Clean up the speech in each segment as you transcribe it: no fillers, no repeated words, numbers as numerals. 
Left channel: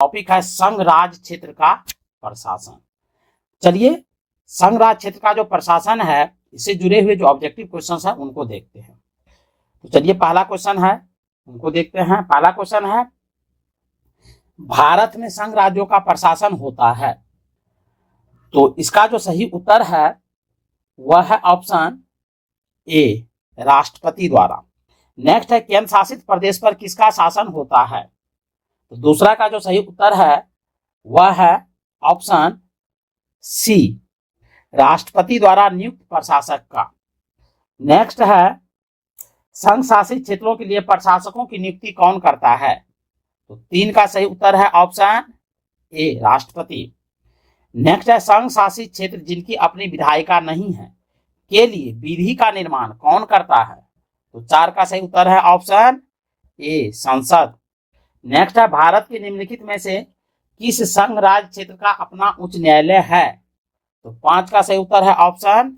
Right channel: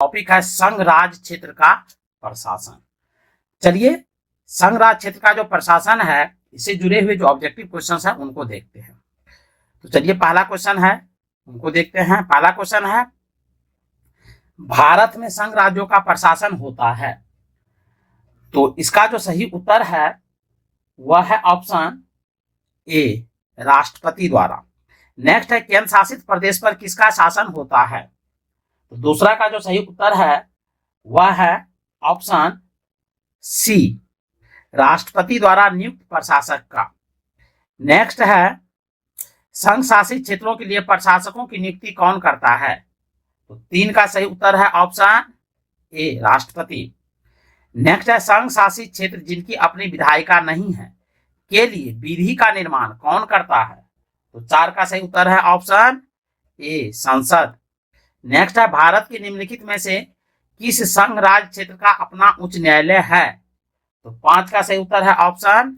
Topic है संघ राज क्षेत्र का प्रशासन। चलिए संघ राज क्षेत्र का जो प्रशासन है इससे जुड़े हुए जो ऑब्जेक्टिव क्वेश्चंस हैं उनको देखते हैं। तो चलिए पहला क्वेश्चन है उनको देखते हैं। पहला क्वेश्चन है भारत में संघ राज्यों का प्रशासन होता है। तो इसका जो सही उत्तर है वह है ऑप्शन ए, राष्ट्रपति द्वारा। नेक्स्ट है केंद्र शासित प्रदेश पर किसका शासन होता है। तो दूसरा का जो सही उत्तर है वह है ऑप्शन सी, राष्ट्रपति द्वारा नियुक्त प्रशासक का। नेक्स्ट है संघ शासित क्षेत्रों के लिए प्रशासकों की नियुक्ति कौन करता है। तो 3 का सही उत्तर है ऑप्शन ए, राष्ट्रपति। नेक्स्ट है संघ शासित क्षेत्र जिनकी अपनी विधायिका नहीं है के लिए विधि का निर्माण कौन करता है। तो 4 का सही उत्तर है ऑप्शन ए, संसद। नेक्स्ट है भारत के निम्नलिखित में से किस संघ राज्य क्षेत्र का अपना उच्च न्यायालय है। तो 5 का सही उत्तर है ऑप्शन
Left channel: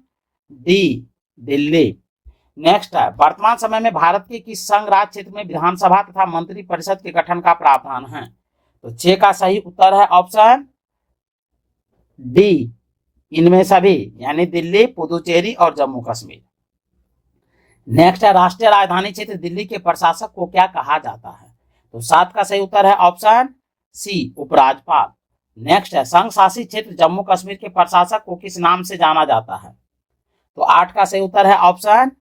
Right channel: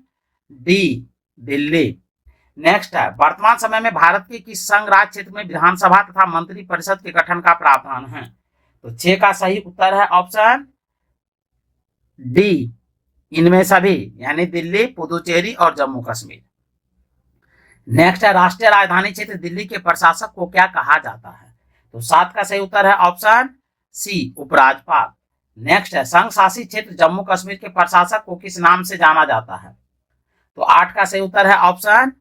डी, दिल्ली। नेक्स्ट है वर्तमान समय में भारत के किस संघ राज्य क्षेत्र में विधानसभा तथा मंत्री परिषद के गठन का प्रावधान है। तो 6 का सही उत्तर है ऑप्शन डी, इनमें सभी, यानी दिल्ली, पुदुचेरी और जम्मू कश्मीर। नेक्स्ट है राष्ट्रीय राजधानी क्षेत्र दिल्ली के प्रशासक को क्या कहा जाता है। तो 7 का सही उत्तर है ऑप्शन सी, उपराज्यपाल। नेक्स्ट है संघ शासित क्षेत्र जम्मू कश्मीर के प्रशासक को किस नाम से जाना जाता है। तो 8 का सही उत्तर है ऑप्शन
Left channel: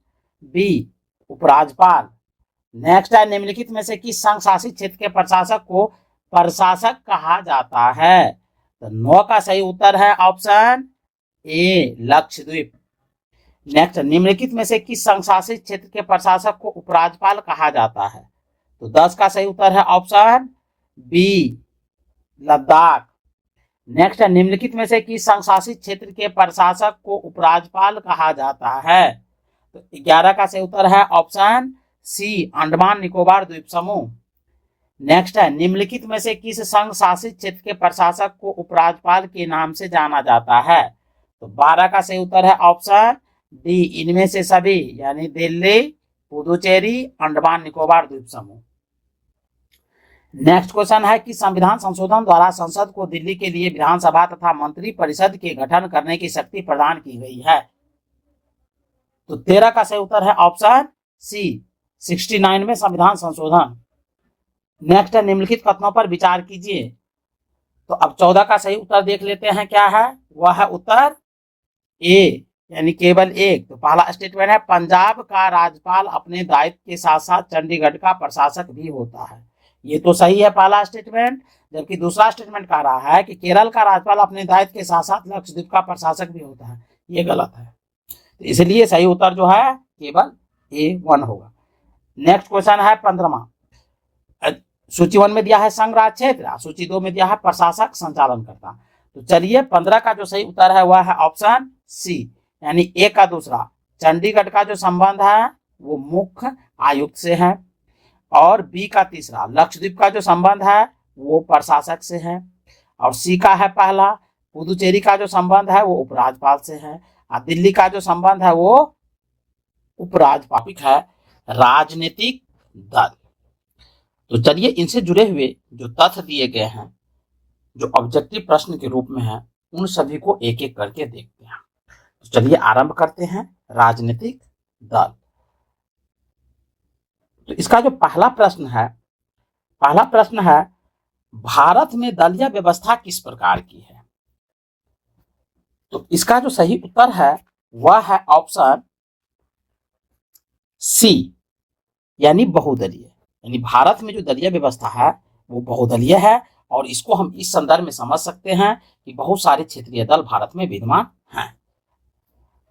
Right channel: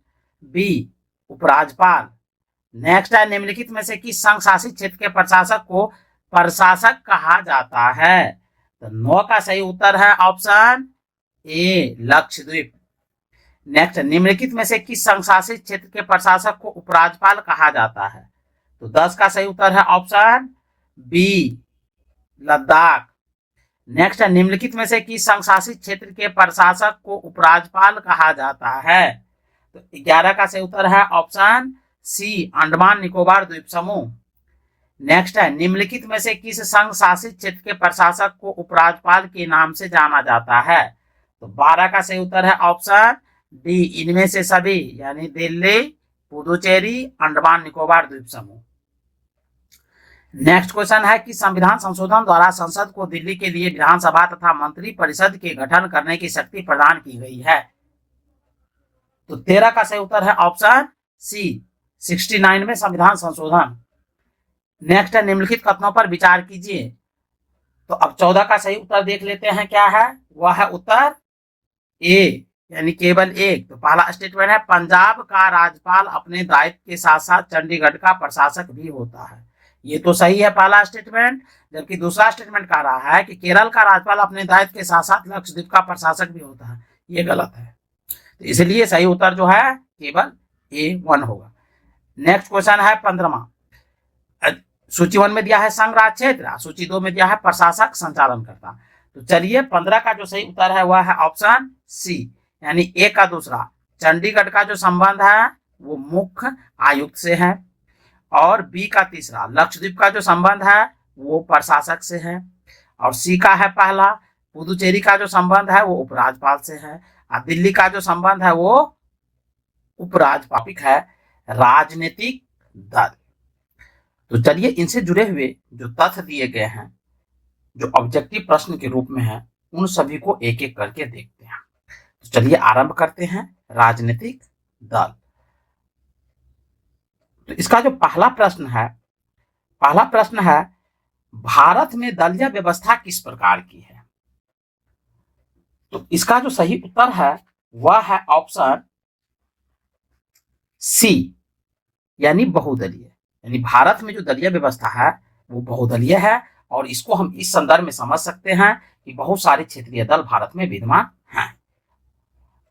बी, उपराज्यपाल। नेक्स्ट है निम्नलिखित में से किस संघ शासित क्षेत्र के प्रशासक को प्रशासक कहा जाता है। तो 9 का सही उत्तर है ऑप्शन ए, लक्षद्वीप। नेक्स्ट निम्नलिखित में से किस संघ शासित क्षेत्र के प्रशासक को उपराज्यपाल कहा जाता है। तो 10 का सही उत्तर है ऑप्शन बी, लद्दाख। नेक्स्ट है निम्नलिखित में से किस संघ शासित क्षेत्र के प्रशासक को उपराज्यपाल कहा जाता है। तो 11 का सही उत्तर है ऑप्शन सी, अंडमान निकोबार द्वीप समूह। नेक्स्ट है निम्नलिखित में से किस संघ शासित क्षेत्र के प्रशासक को उपराज्यपाल के नाम से जाना जाता है। तो 12 का सही उत्तर है ऑप्शन डी, इनमें से सभी, यानी दिल्ली, पुदुचेरी, अंडमान निकोबार द्वीप समूह। नेक्स्ट क्वेश्चन है कि संविधान संशोधन द्वारा संसद को दिल्ली के लिए विधानसभा तथा मंत्री परिषद के गठन करने की शक्ति प्रदान की गई है। तो 13 का सही उत्तर है ऑप्शन सी, 69 में संविधान संशोधन। नेक्स्ट है निम्नलिखित कथनों पर विचार कीजिए। तो अब 14 का सही उत्तर देख लेते हैं क्या है। वह है उत्तर ए, यानी केवल एक। तो पहला स्टेटमेंट है पंजाब का राज्यपाल अपने दायित्व के साथ साथ चंडीगढ़ का प्रशासक भी होता है। ये तो सही है पहला स्टेटमेंट। जबकि दूसरा स्टेटमेंट कह रहा है कि केरल का राज्यपाल अपने दायित्व के साथ साथ लक्षद्वीप का प्रशासक भी होता है। ये गलत है, तो इसलिए सही उत्तर जो है केवल A1 होगा। नेक्स्ट क्वेश्चन है 15वां। सूची 1 में दिया है संघ राज्य क्षेत्र, सूची 2 में दिया है प्रशासक संचालन करता। तो चलिए 15 का जो सही उत्तर है वह है ऑप्शन सी, यानी ए का दूसरा। चंडीगढ़ का जो संबंध है वो मुख्य आयुक्त से है, और बी का तीसरा लक्षद्वीप का जो संबंध है वो प्रशासक से है, और सी का है पहला पुदुचेरी का जो संबंध है वो उपराज्यपाल से है, और दिल्ली का जो संबंध है वो उपराज्यपाल है, राजनीतिक दल। तो चलिए इनसे जुड़े हुए जो तथ्य दिए गए हैं जो ऑब्जेक्टिव प्रश्न के रूप में है उन सभी को एक एक करके देखते हैं। तो चलिए आरंभ करते हैं। राजनीतिक दल, तो इसका जो पहला प्रश्न है भारत में दलीय व्यवस्था किस प्रकार की है। तो इसका जो सही उत्तर है वह है ऑप्शन सी, यानी बहुदलीय। यानी भारत में जो दलीय व्यवस्था है वो बहुदलीय है, और इसको हम इस संदर्भ में समझ सकते हैं कि बहुत सारे क्षेत्रीय दल भारत में विद्यमान हैं।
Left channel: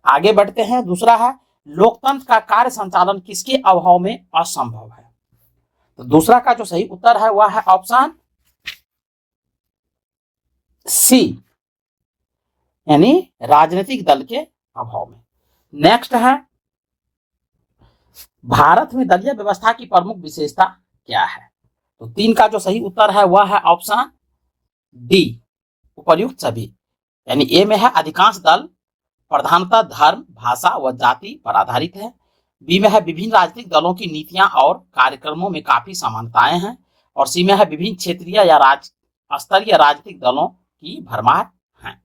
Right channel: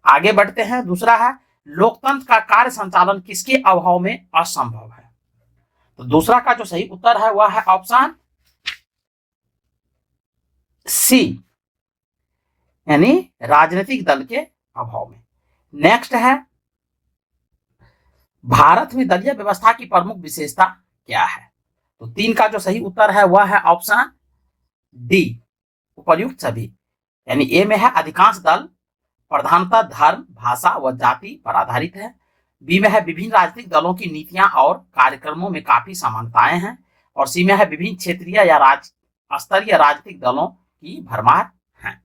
आगे बढ़ते हैं। दूसरा है लोकतंत्र का कार्य संचालन किसके अभाव में असंभव है। तो दूसरा का जो सही उत्तर है वह है ऑप्शन सी, यानी राजनीतिक दल के अभाव में। नेक्स्ट है भारत में दलीय व्यवस्था की प्रमुख विशेषता क्या है। तो 3 का जो सही उत्तर है वह है ऑप्शन डी, उपर्युक्त सभी। यानी ए में है अधिकांश दल प्रधानतः धर्म, भाषा व जाति पर आधारित है। बी में है विभिन्न राजनीतिक दलों की नीतियां और कार्यक्रमों में काफी समानताएं हैं, और सी में है विभिन्न क्षेत्रीय या स्तरीय राजनीतिक दलों की भरमार है।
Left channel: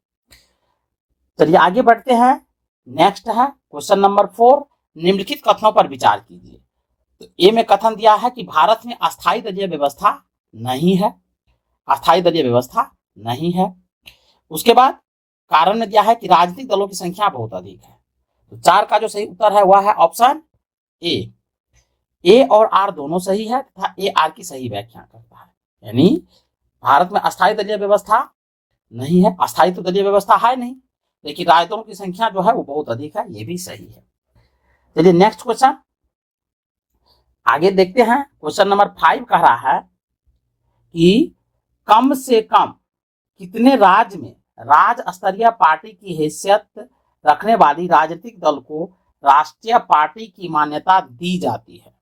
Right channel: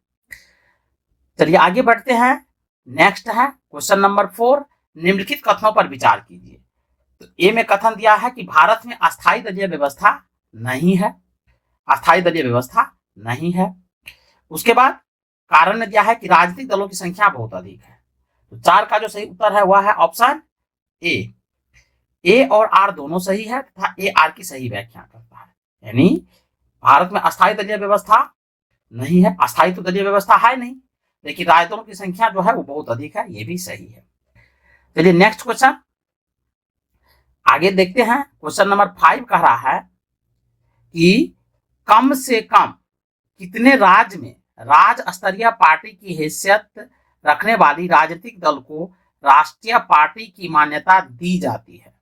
चलिए आगे बढ़ते हैं। नेक्स्ट है क्वेश्चन नंबर 4, निम्नलिखित कथनों पर विचार कीजिए। तो ए में कथन दिया है कि भारत में अस्थायी दलीय व्यवस्था नहीं है, अस्थायी दलीय व्यवस्था नहीं है। उसके बाद कारण दिया है कि राजनीतिक दलों की संख्या बहुत अधिक है। तो 4 का जो सही उत्तर है वह है ऑप्शन ए और आर दोनों सही है तथा ए आर की सही व्याख्या करता है। यानी भारत में अस्थायी दलीय व्यवस्था नहीं है, अस्थायी तो दलीय व्यवस्था है नहीं, लेकिन राजदों की संख्या जो है वो बहुत अधिक है, ये भी सही है। चलिए नेक्स्ट क्वेश्चन आगे देखते हैं। क्वेश्चन नंबर 5 कह रहा है कि कम से कम कितने राज्य में राज्य स्तरीय पार्टी की हैसियत रखने वाली राजनीतिक दल को राष्ट्रीय पार्टी की मान्यता दी जाती है।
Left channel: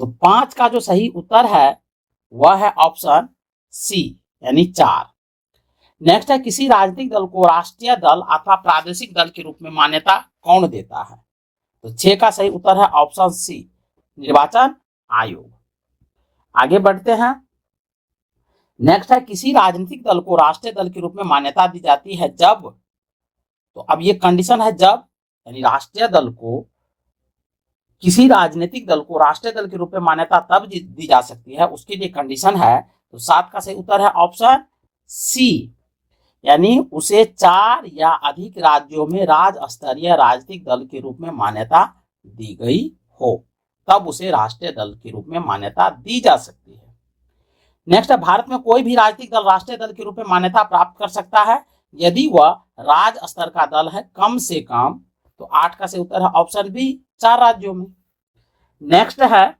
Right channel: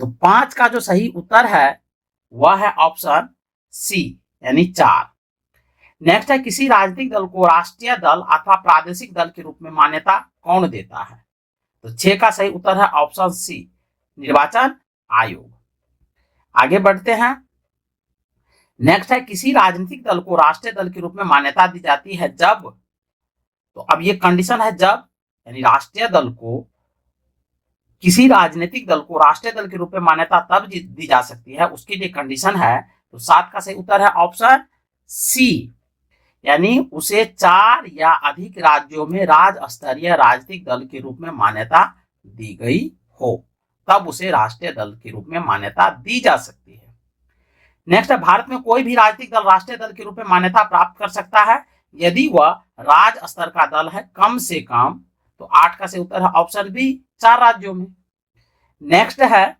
तो 5 का जो सही उत्तर है वह है ऑप्शन सी यानी 4। नेक्स्ट है किसी राजनीतिक दल को राष्ट्रीय दल अथवा प्रादेशिक दल के रूप में मान्यता कौन देता है। तो 6 का सही उत्तर है ऑप्शन सी निर्वाचन आयोग। आगे बढ़ते हैं। नेक्स्ट है किसी राजनीतिक दल को राष्ट्रीय दल के रूप में मान्यता दी जाती है जब, तो अब ये कंडीशन है जब, यानी राष्ट्रीय दल को, किसी राजनीतिक दल को राष्ट्रीय दल के रूप में मान्यता तब दी जा सकती है, उसके लिए कंडीशन है। तो 7 का सही उत्तर है ऑप्शन सी, यानी उसे 4 या अधिक राज्यों में राज्य स्तरीय राजनीतिक दल के रूप में मान्यता दी गई हो, तब उसे राष्ट्रीय दल के रूप में मान्यता दी जा सकती है। नेक्स्ट है भारत में कोई भी राजनीतिक दल राष्ट्रीय दल के रूप में मान्यता प्राप्त कर सकता है यदि वह राज्य स्तर का दल है कम से कम। तो 8 का सही उत्तर है ऑप्शन बी 4 राज्यों में। नेक्स्ट है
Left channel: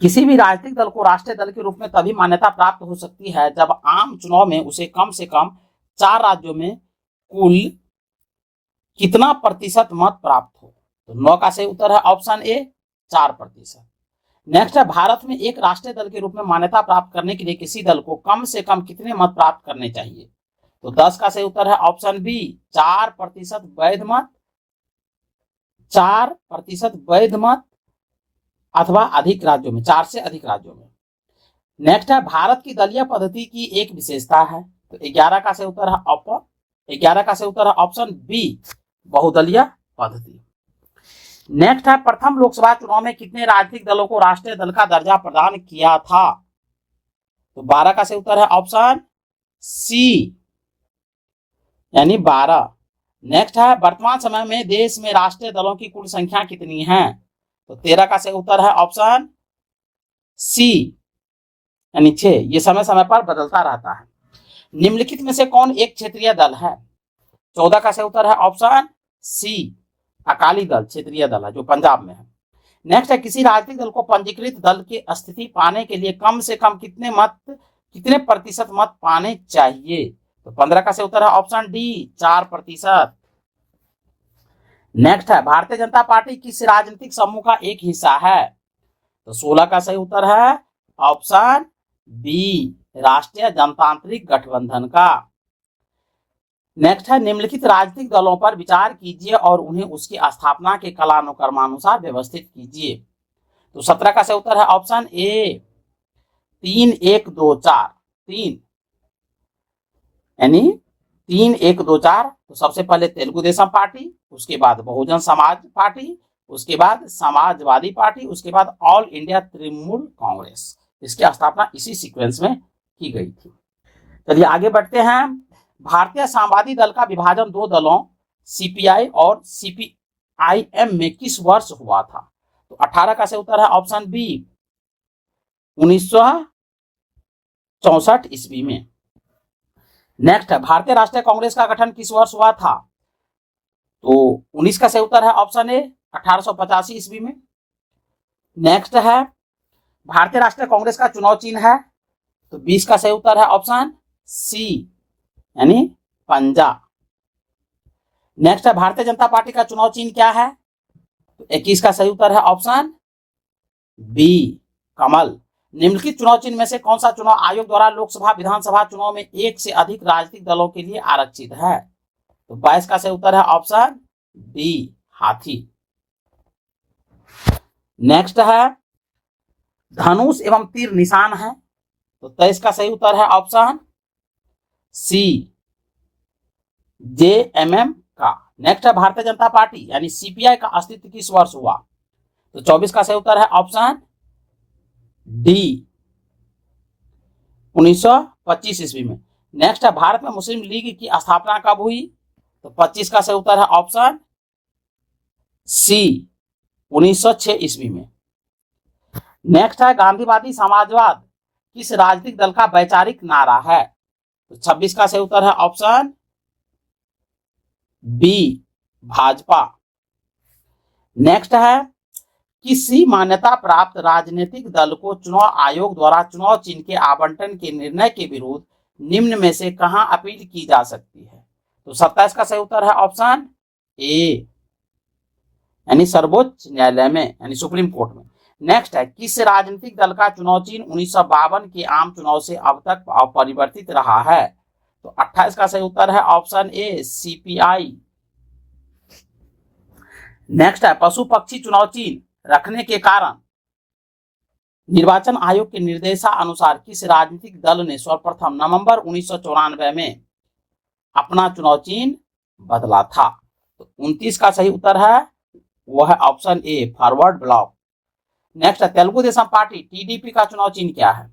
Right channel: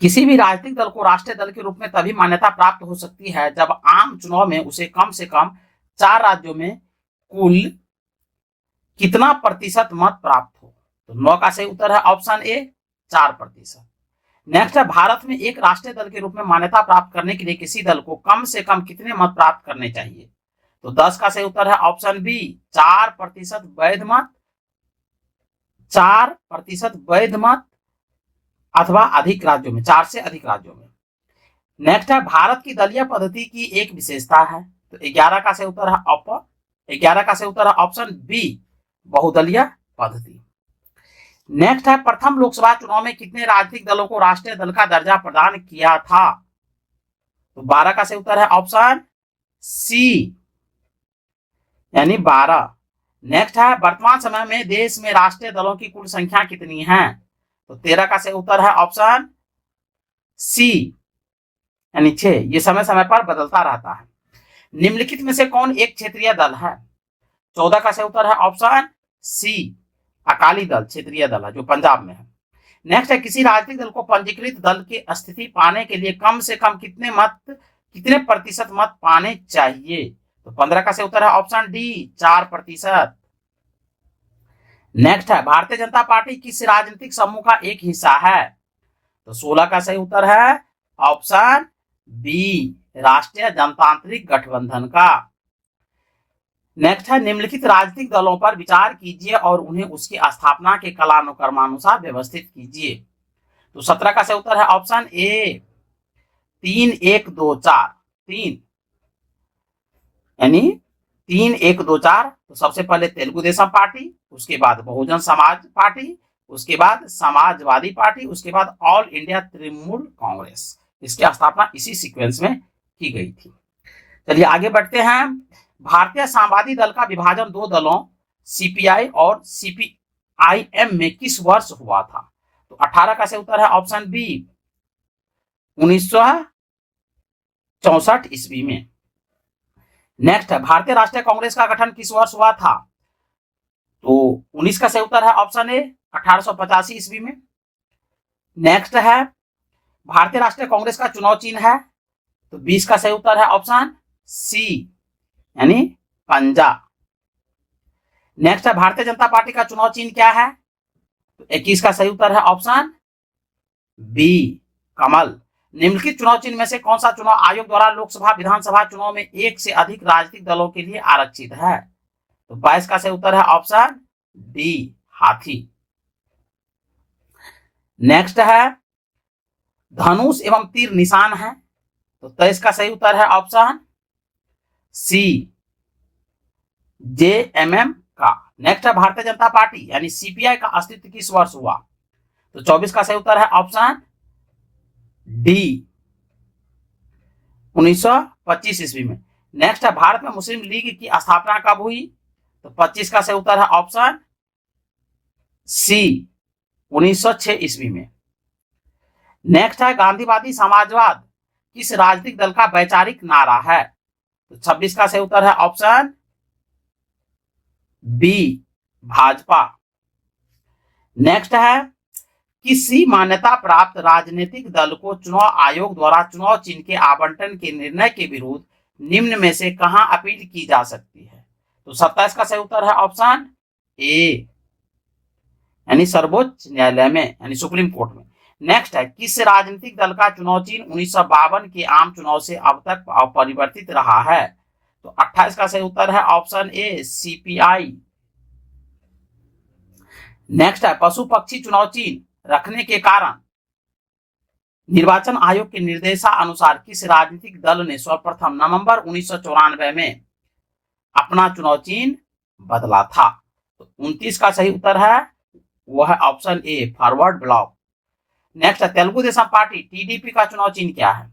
किसी भी राजनीतिक दल को राष्ट्रीय दल के रूप में तभी मान्यता प्राप्त हो सकती है जब आम चुनाव में उसे कम से कम 4 राज्यों में कुल कितना प्रतिशत मत प्राप्त हो। तो 9 का सही उत्तर है ऑप्शन ए 4%। नेक्स्ट है भारत में एक राष्ट्रीय दल के रूप में मान्यता प्राप्त करने के लिए किसी दल को कम से कम कितने मत प्राप्त करने चाहिए। तो 10 का सही उत्तर है ऑप्शन बी 4% वैध मत, 4% वैध मत अथवा अधिक राज्यों में, 4 से अधिक राज्यों में। नेक्स्ट है भारत की दलीय पद्धति की एक विशेषता है। तो 11 का सही उत्तर है ऑप्शन बी बहुदलीय पद्धति। नेक्स्ट है प्रथम लोकसभा चुनाव में कितने राजनीतिक दलों को राष्ट्रीय दल का दर्जा प्रदान किया था। तो 12 का सही उत्तर है ऑप्शन सी यानी 12। नेक्स्ट है वर्तमान समय में देश में राष्ट्रीय दलों की कुल संख्या कितनी है। तो 13 का सही उत्तर है ऑप्शन सी यानी 6। ये समय समय पर बदलता रहता है। निम्नलिखित में से कौन एक क्षेत्रीय दल है। 14 का सही उत्तर है ऑप्शन सी अकाली दल क्षेत्रीय दल है जो पंजाब में है। नेक्स्ट है किसी राजनीतिक दल को पंजीकृत दल की स्थिति पाने के लिए कम से कम कितने प्रतिशत मत पाने चाहिए। तो 15 का सही उत्तर है ऑप्शन डी 4%। नेक्स्ट है भारतीय जनता पार्टी किस राजनीतिक समूह का एक हिस्सा है। तो 16 का सही उत्तर है ऑप्शन बी राष्ट्रीय जनतांत्रिक गठबंधन का। नेक्स्ट है निम्नलिखित राजनीतिक दलों पर विचार कीजिए और उन्हें उसकी स्थापना के कालानुक्रमानुसार व्यवस्थित कीजिए। तो 17 का सही उत्तर है ऑप्शन ए 3 1 2 4 3 यानी 3 1 2 4। तो सबसे पहले तेलुगु देशम पार्टी, उसके बाद बहुजन समाज पार्टी, उसके बाद समाजवादी पार्टी, उसके बाद ऑल इंडिया तृणमूल कांग्रेस। इसकी स्थापना इसी सीक्वेंस में की गई थी। चलिए आगे बढ़ते हैं। भारतीय साम्यवादी दल का विभाजन 2 दलों सीपीआई और सीपीआईएम में किस वर्ष हुआ था। तो 18 का सही उत्तर है ऑप्शन बी 1964 ईस्वी में। नेक्स्ट है भारतीय राष्ट्रीय कांग्रेस का गठन किस वर्ष हुआ था। तो 19 का सही उत्तर है ऑप्शन ए 1885 ईस्वी में। नेक्स्ट है भारतीय राष्ट्रीय कांग्रेस का चुनाव चिन्ह है। तो 20 का सही उत्तर है ऑप्शन सी यानी पंजा। नेक्स्ट है भारतीय जनता पार्टी का चुनाव चिन्ह क्या है। तो 21 का सही उत्तर है ऑप्शन बी कमल। निम्नलिखित चुनाव चिन्ह में से कौन सा चुनाव आयोग द्वारा लोकसभा विधानसभा चुनाव में एक से अधिक राजनीतिक दलों के लिए आरक्षित है। तो 22 का सही उत्तर है ऑप्शन डी हाथी। नेक्स्ट है धनुष एवं तीर निशान है तो 23 का सही उत्तर है ऑप्शन सी, JMM का। नेक्स्ट है भारतीय जनता पार्टी यानी CPI का अस्तित्व किस वर्ष हुआ? तो 24 का सही उत्तर है ऑप्शन डी, 1925 ईस्वी में। नेक्स्ट है भारत में मुस्लिम लीग की स्थापना कब हुई? तो 25 का सही उत्तर है ऑप्शन सी, 1906 ईस्वी में। नेक्स्ट है गांधीवादी समाजवाद किस राजनीतिक दल का वैचारिक नारा है? तो 26 का सही उत्तर है ऑप्शन बी, भाजपा। नेक्स्ट है किसी मान्यता प्राप्त राजनीतिक दल को चुनाव आयोग द्वारा चुनाव चिन्ह के आवंटन के निर्णय के विरोध निम्न में से कहां अपील की जा सकती है? तो 27 का सही उत्तर है ऑप्शन ए, यानी सर्वोच्च न्यायालय में यानी सुप्रीम कोर्ट में। नेक्स्ट है किस राजनीतिक दल का चुनाव चिन्ह 1952 के आम चुनाव से अब तक अपरिवर्तित रहा है? तो 28 का सही उत्तर है ऑप्शन ए, CPI। नेक्स्ट है पशु पक्षी चुनाव चिन्ह रखने के कारण निर्वाचन आयोग के निर्देशानुसार किस राजनीतिक दल ने सर्वप्रथम नवंबर 1994 में अपना चुनाव चिन्ह बदला था? तो 29 का सही उत्तर है वह है ऑप्शन ए, फॉरवर्ड ब्लॉक। नेक्स्ट है तेलुगु देशम पार्टी TDP का चुनाव चिन्ह क्या है?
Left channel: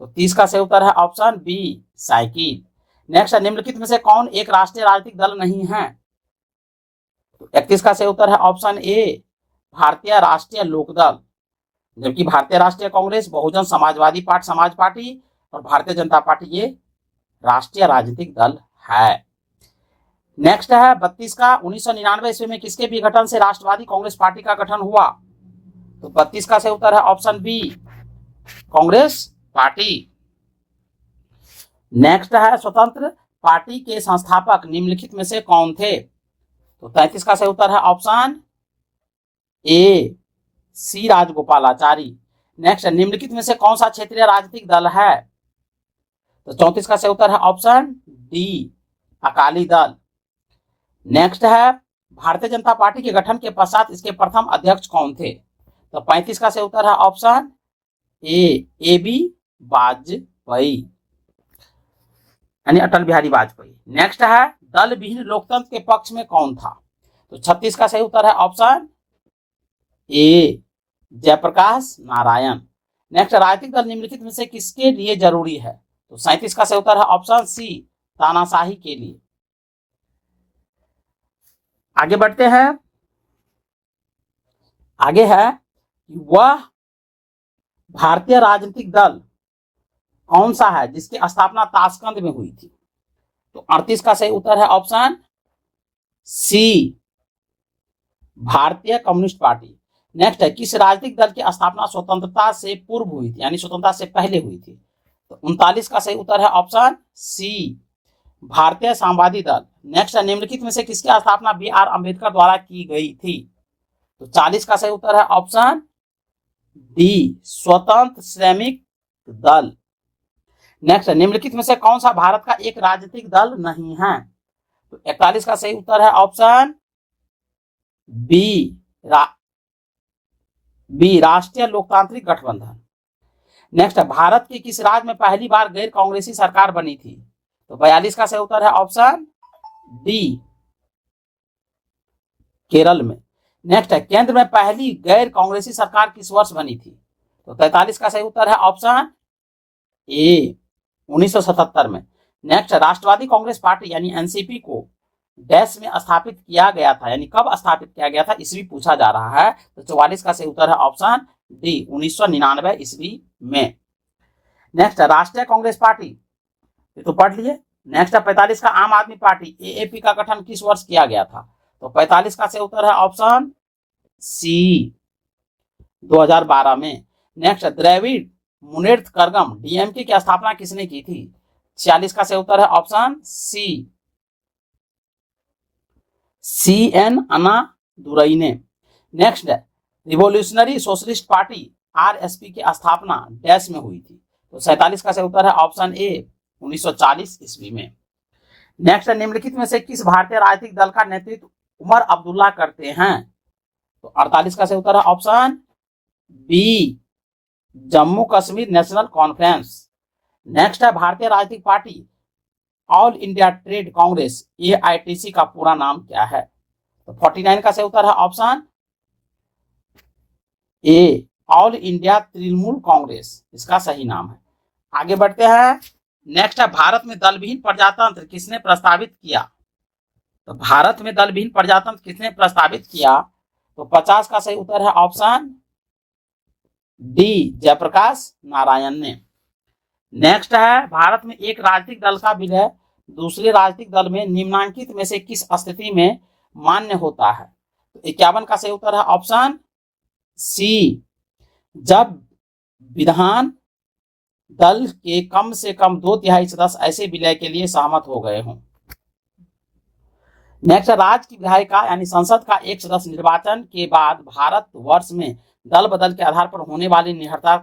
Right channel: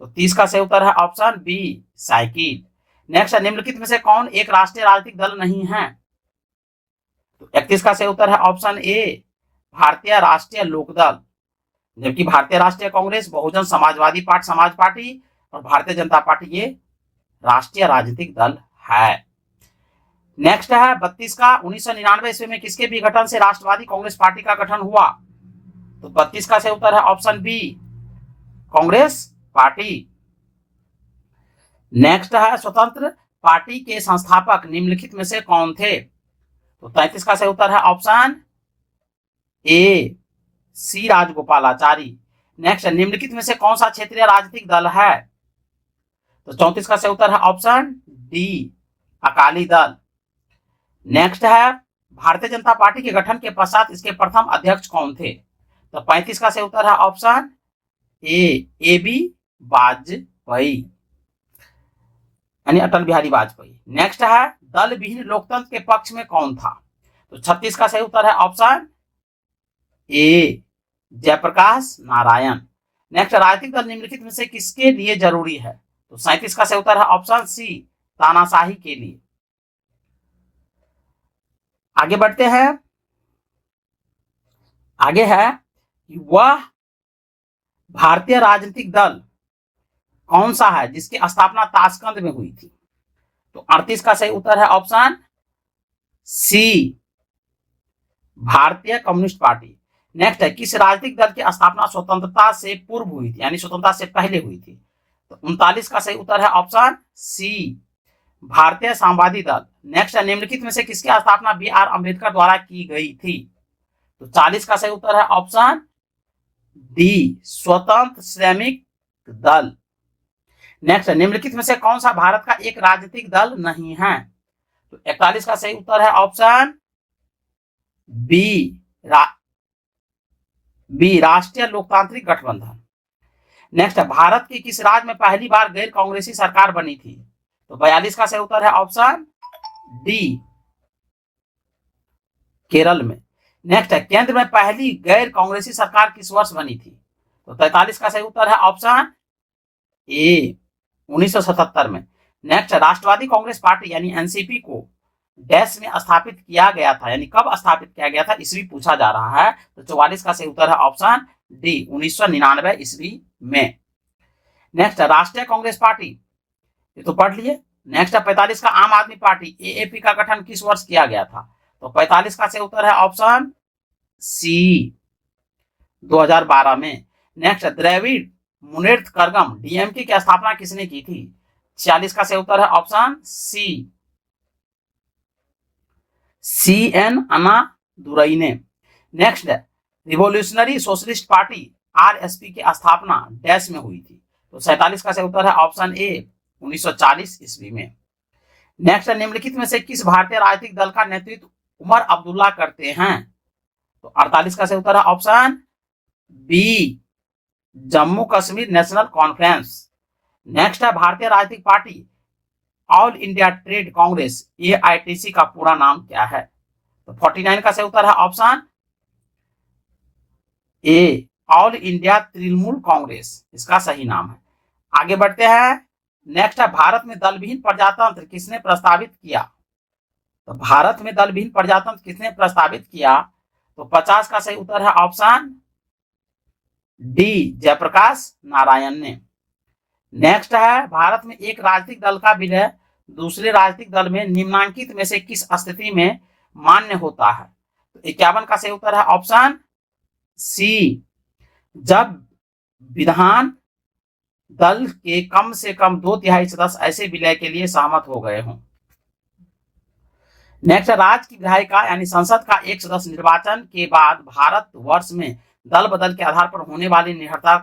तो 30 का सही उत्तर है ऑप्शन बी, साइकिल। नेक्स्ट है निम्नलिखित में से कौन एक राष्ट्रीय राजनीतिक दल नहीं है? तो 31 का सही उत्तर है ऑप्शन ए, भारतीय राष्ट्रीय लोकदल। जबकि भारतीय राष्ट्रीय कांग्रेस, बहुजन समाजवादी पार्टी समाज पार्टी और भारतीय जनता पार्टी ये राष्ट्रीय राजनीतिक दल है। नेक्स्ट है 32 का 1999 ईस्वी में किसके विघटन से राष्ट्रवादी कांग्रेस पार्टी का गठन हुआ? तो 32 का सही उत्तर है option B, Congress Party. Next है स्वतंत्र पार्टी के संस्थापक निम्नलिखित में से कौन थे? तो 33 का सही उत्तर है option A, C Rajagopalachari. Next निम्नलिखित में से कौन सा क्षेत्रीय राजनीतिक दल है? तो 34 का सही उत्तर है option D, Akali Dal. Next है भारतीय जनता पार्टी के गठन के पश्चात इसके प्रथम अध्यक्ष कौन थे? तो 35 का सही उत्तर है ऑप्शन ए, AB वाजपेयी यानी अटल बिहारी वाजपेयी। नेक्स्ट है दल विहीन लोकतंत्र के पक्ष में कौन था? तो 36 का सही उत्तर है option A, Jayaprakash Narayan. Next राजनीतिक दल निम्नलिखित में से किसके लिए जरूरी है? तो 37 का सही उत्तर है ऑप्शन सी, तानाशाही के लिए। आगे बढ़ते हैं। आगे है कि वह भारतीय राजनीतिक दल कौन सा है जिसकी स्थापना ताशकंद में हुई थी? तो 38 का सही उत्तर है ऑप्शन सी, भारतीय कम्युनिस्ट पार्टी। नेक्स्ट है किस राजनीतिक दल की स्थापना स्वतंत्रता से पूर्व हुई थी यानी स्वतंत्रता से पहले हुई थी? तो 39 का सही उत्तर है ऑप्शन सी, भारतीय साम्यवादी दल। नेक्स्ट है निम्नलिखित में से किसकी स्थापना BR अम्बेडकर द्वारा की गई थी? तो 40 का सही उत्तर है ऑप्शन डी, स्वतंत्र श्रमिक दल। नेक्स्ट निम्नलिखित में से कौन सा भारत का एक राजनीतिक दल नहीं है? तो 41 का सही उत्तर है ऑप्शन बी, राष्ट्रीय लोकतांत्रिक गठबंधन। नेक्स्ट भारत के किस राज्य में पहली बार गैर कांग्रेसी सरकार बनी थी? तो 42 का सही उत्तर है ऑप्शन डी, केरल में। नेक्स्ट है केंद्र में पहली गैर कांग्रेसी सरकार किस वर्ष बनी थी? तो 43 का सही उत्तर है ऑप्शन ए, 1977 में। नेक्स्ट राष्ट्रवादी कांग्रेस पार्टी यानी NCP को डैश में स्थापित किया गया था यानी कब स्थापित किया गया था ईस्वी पूछा जा रहा है। तो 44 का सही उत्तर है ऑप्शन डी, 1999 ईस्वी में। नेक्स्ट राष्ट्रीय कांग्रेस पार्टी, ये तो पढ़ लिए। नेक्स्ट है 45 का आम आदमी पार्टी AAP का गठन किस वर्ष किया गया था? तो 45 का सही उत्तर है ऑप्शन सी, 2012 में। नेक्स्ट द्रविड़ मुनेत्र कड़गम DMK की स्थापना किसने की थी? 46 का सही उत्तर है ऑप्शन सी, CN अन्नादुरई ने। Next revolutionary socialist party RSP की स्थापना डैश में हुई थी? तो 47 का सही उत्तर है ऑप्शन ए, 1940 ईस्वी में। नेक्स्ट निम्नलिखित में से किस भारतीय राजनीतिक दल का नेतृत्व उमर अब्दुल्ला करते हैं? तो 48 का सही उत्तर है option B, Jammu Kashmir National Conference. Next है भारतीय राजनीतिक पार्टी All India Trade Congress AITC का पूरा नाम क्या है? तो 49 का सही उत्तर है ऑप्शन ए, ऑल इंडिया तृणमूल कांग्रेस इसका सही नाम है। आगे बढ़ते हैं। नेक्स्ट है भारत में दलविहीन प्रजातंत्र किसने प्रस्तावित किया? तो भारत में दलविहीन प्रजातंत्र किसने प्रस्तावित किया? तो 50 का सही उत्तर है ऑप्शन डी, जयप्रकाश नारायण ने। नेक्स्ट है भारत में एक राजनीतिक दल का विलय दूसरे राजनीतिक दल में निम्नलिखित में से किस स्थिति में मान्य होता है? तो 51 का सही उत्तर है ऑप्शन सी, जब विधान दल के कम से कम 2/3 सदस्य ऐसे विलय के लिए सहमत हो गए हों। नेक्स्ट, राज्य की विधायिका यानी संसद का एक सदस्य निर्वाचन के बाद भारत वर्ष में दल बदल के आधार पर होने वाली निहरता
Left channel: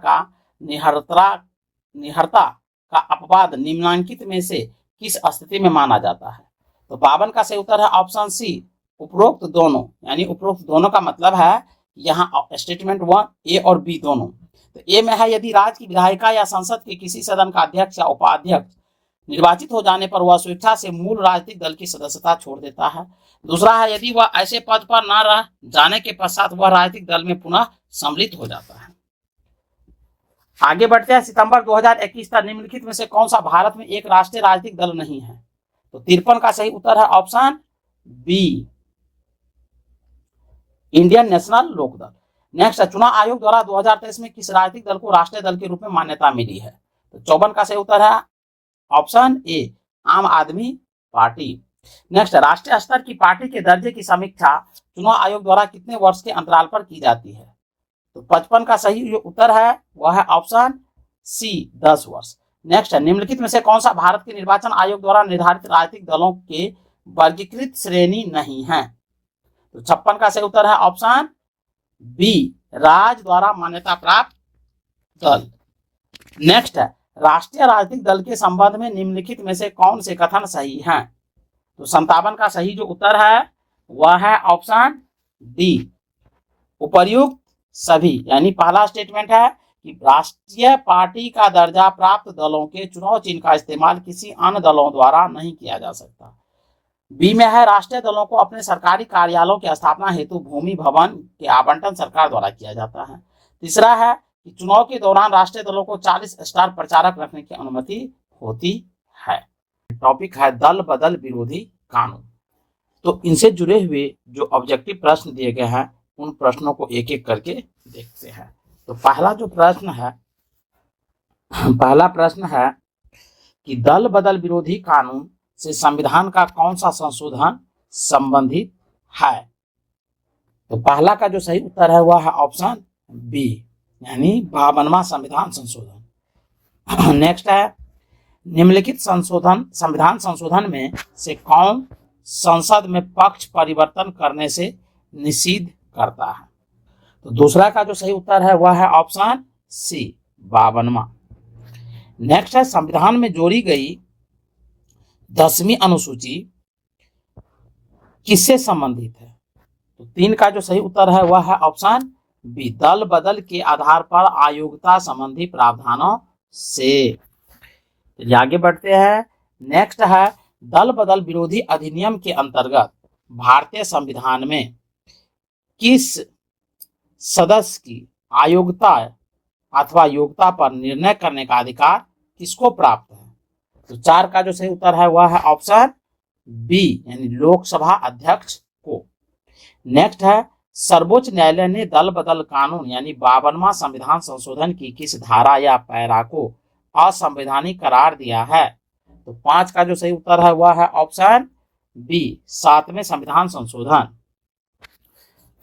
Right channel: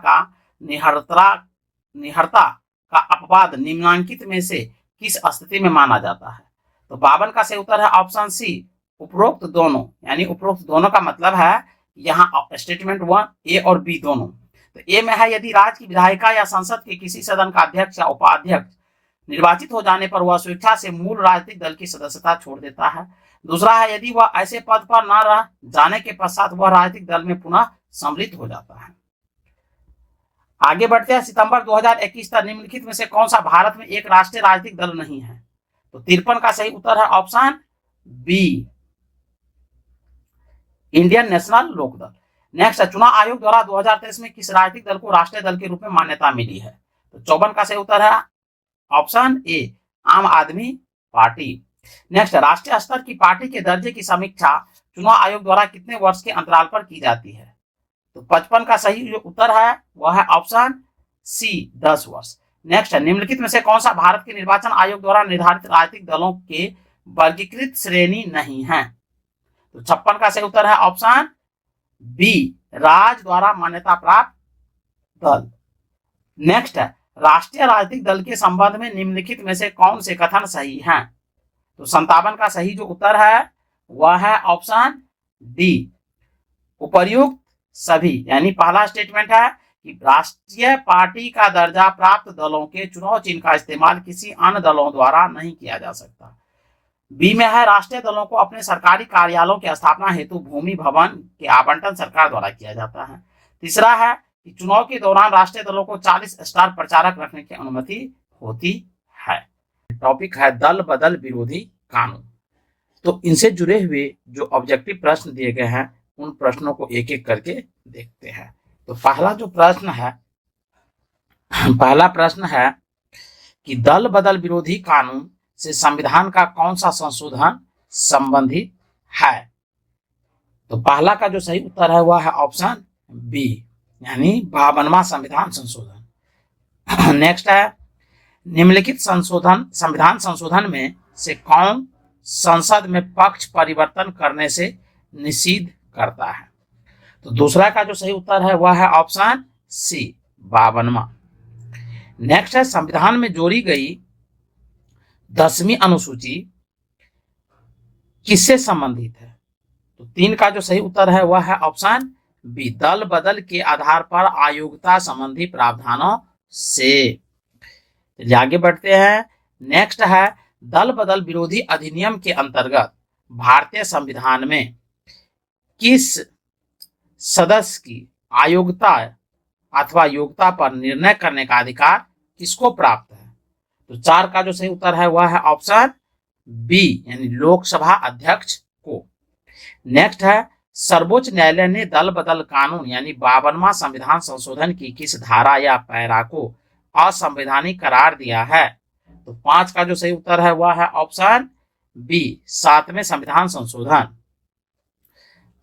का अपवाद निम्नलिखित में से किस स्थिति में माना जाता है? तो 52 का सही उत्तर है ऑप्शन सी, उपरोक्त दोनों। यानी उपरोक्त दोनों का मतलब है यहाँ स्टेटमेंट 1 ए और बी दोनों। तो ए में है यदि राज्य की विधायिका या संसद के किसी सदन का अध्यक्ष या उपाध्यक्ष निर्वाचित हो जाने पर वह स्वेच्छा से मूल राजनीतिक दल की सदस्यता छोड़ देता है। दूसरा है यदि वह ऐसे पद पर न रह जाने के पश्चात वह राजनीतिक दल में पुनः सम्मिलित हो जाता है। आगे बढ़ते हैं। सितंबर 2021 तक निम्नलिखित में से कौन सा भारत में एक राष्ट्रीय राजनीतिक दल नहीं है? तो 53 का सही उत्तर है option B, Indian National Lokdal. Next है चुनाव आयोग द्वारा 2023 में किस राजनीतिक दल को राष्ट्रीय दल के रूप में मान्यता मिली है? तो 54 का सही उत्तर है ऑप्शन ए, आम आदमी पार्टी। नेक्स्ट, राष्ट्रीय स्तर की पार्टी के दर्जे की समीक्षा चुनाव आयोग द्वारा कितने वर्ष के अंतराल पर की जाती है? तो 55 का सही जो उत्तर है वह है ऑप्शन सी, 10 वर्ष। नेक्स्ट है निम्नलिखित में से कौन सा भारत के निर्वाचन आयोग द्वारा निर्धारित राजनीतिक दलों के वर्गीकृत श्रेणी नहीं है? तो 56 का सही उत्तर है ऑप्शन बी, राज्य द्वारा मान्यता प्राप्त दल। नेक्स्ट है राष्ट्रीय राजनीतिक दल के संबंध में निम्नलिखित में से कौन से कथन सही हैं? तो 57 का सही जो उत्तर है वह है ऑप्शन डी, उपर्युक्त सभी। यानी पहला स्टेटमेंट है कि राष्ट्रीय पार्टी का दर्जा प्राप्त दलों के चुनाव चिन्ह का इस्तेमाल किसी अन्य दलों द्वारा नहीं किया जा सकता। बी में है राष्ट्रीय दलों को अपने सरकारी कार्यालयों की स्थापना हेतु भूमि भवन के आवंटन सरकार द्वारा किया जाता है। तीसरा है कि चुनाव के दौरान राष्ट्रीय दलों को 40 स्टार प्रचारक रखने की अनुमति होती है। टॉपिक है दल बदल विरोधी कानून। तो इनसे जुड़े हुए जो ऑब्जेक्टिव प्रश्न दिए गए हैं उन प्रश्नों को एक एक करके देखते हैं। तो पहला प्रश्न है कि दल बदल विरोधी कानून से संविधान का कौन सा संशोधन संबंधित है? तो पहला का जो सही उत्तर है वह है ऑप्शन बी, यानी 52वां संविधान संशोधन। नेक्स्ट है निम्नलिखित संविधान संशोधन में से कौन संसद में पक्ष परिवर्तन करने से निषिद्ध करता है? तो दूसरा का जो सही उत्तर है वह है ऑप्शन सी, 52वां। नेक्स्ट है संविधान में जोड़ी गई 10वीं अनुसूची किससे संबंधित है? तो 3 का जो सही उत्तर है वह है ऑप्शन बी, दल बदल के आधार पर अयोग्यता संबंधी प्रावधानों से। आगे बढ़ते हैं। नेक्स्ट है दल बदल विरोधी अधिनियम के अंतर्गत भारतीय संविधान में किस सदस्य की अयोग्यता अथवा योग्यता पर निर्णय करने का अधिकार किसको प्राप्त है? तो 4 का जो सही उत्तर है वह है ऑप्शन बी, यानी लोकसभा अध्यक्ष को। नेक्स्ट है सर्वोच्च न्यायालय ने दल बदल कानून यानी 52वां संविधान संशोधन की किस धारा या पैरा को असंवैधानिक करार दिया है? तो 5 का जो सही उत्तर है वह है ऑप्शन बी, 7वें संविधान संशोधन।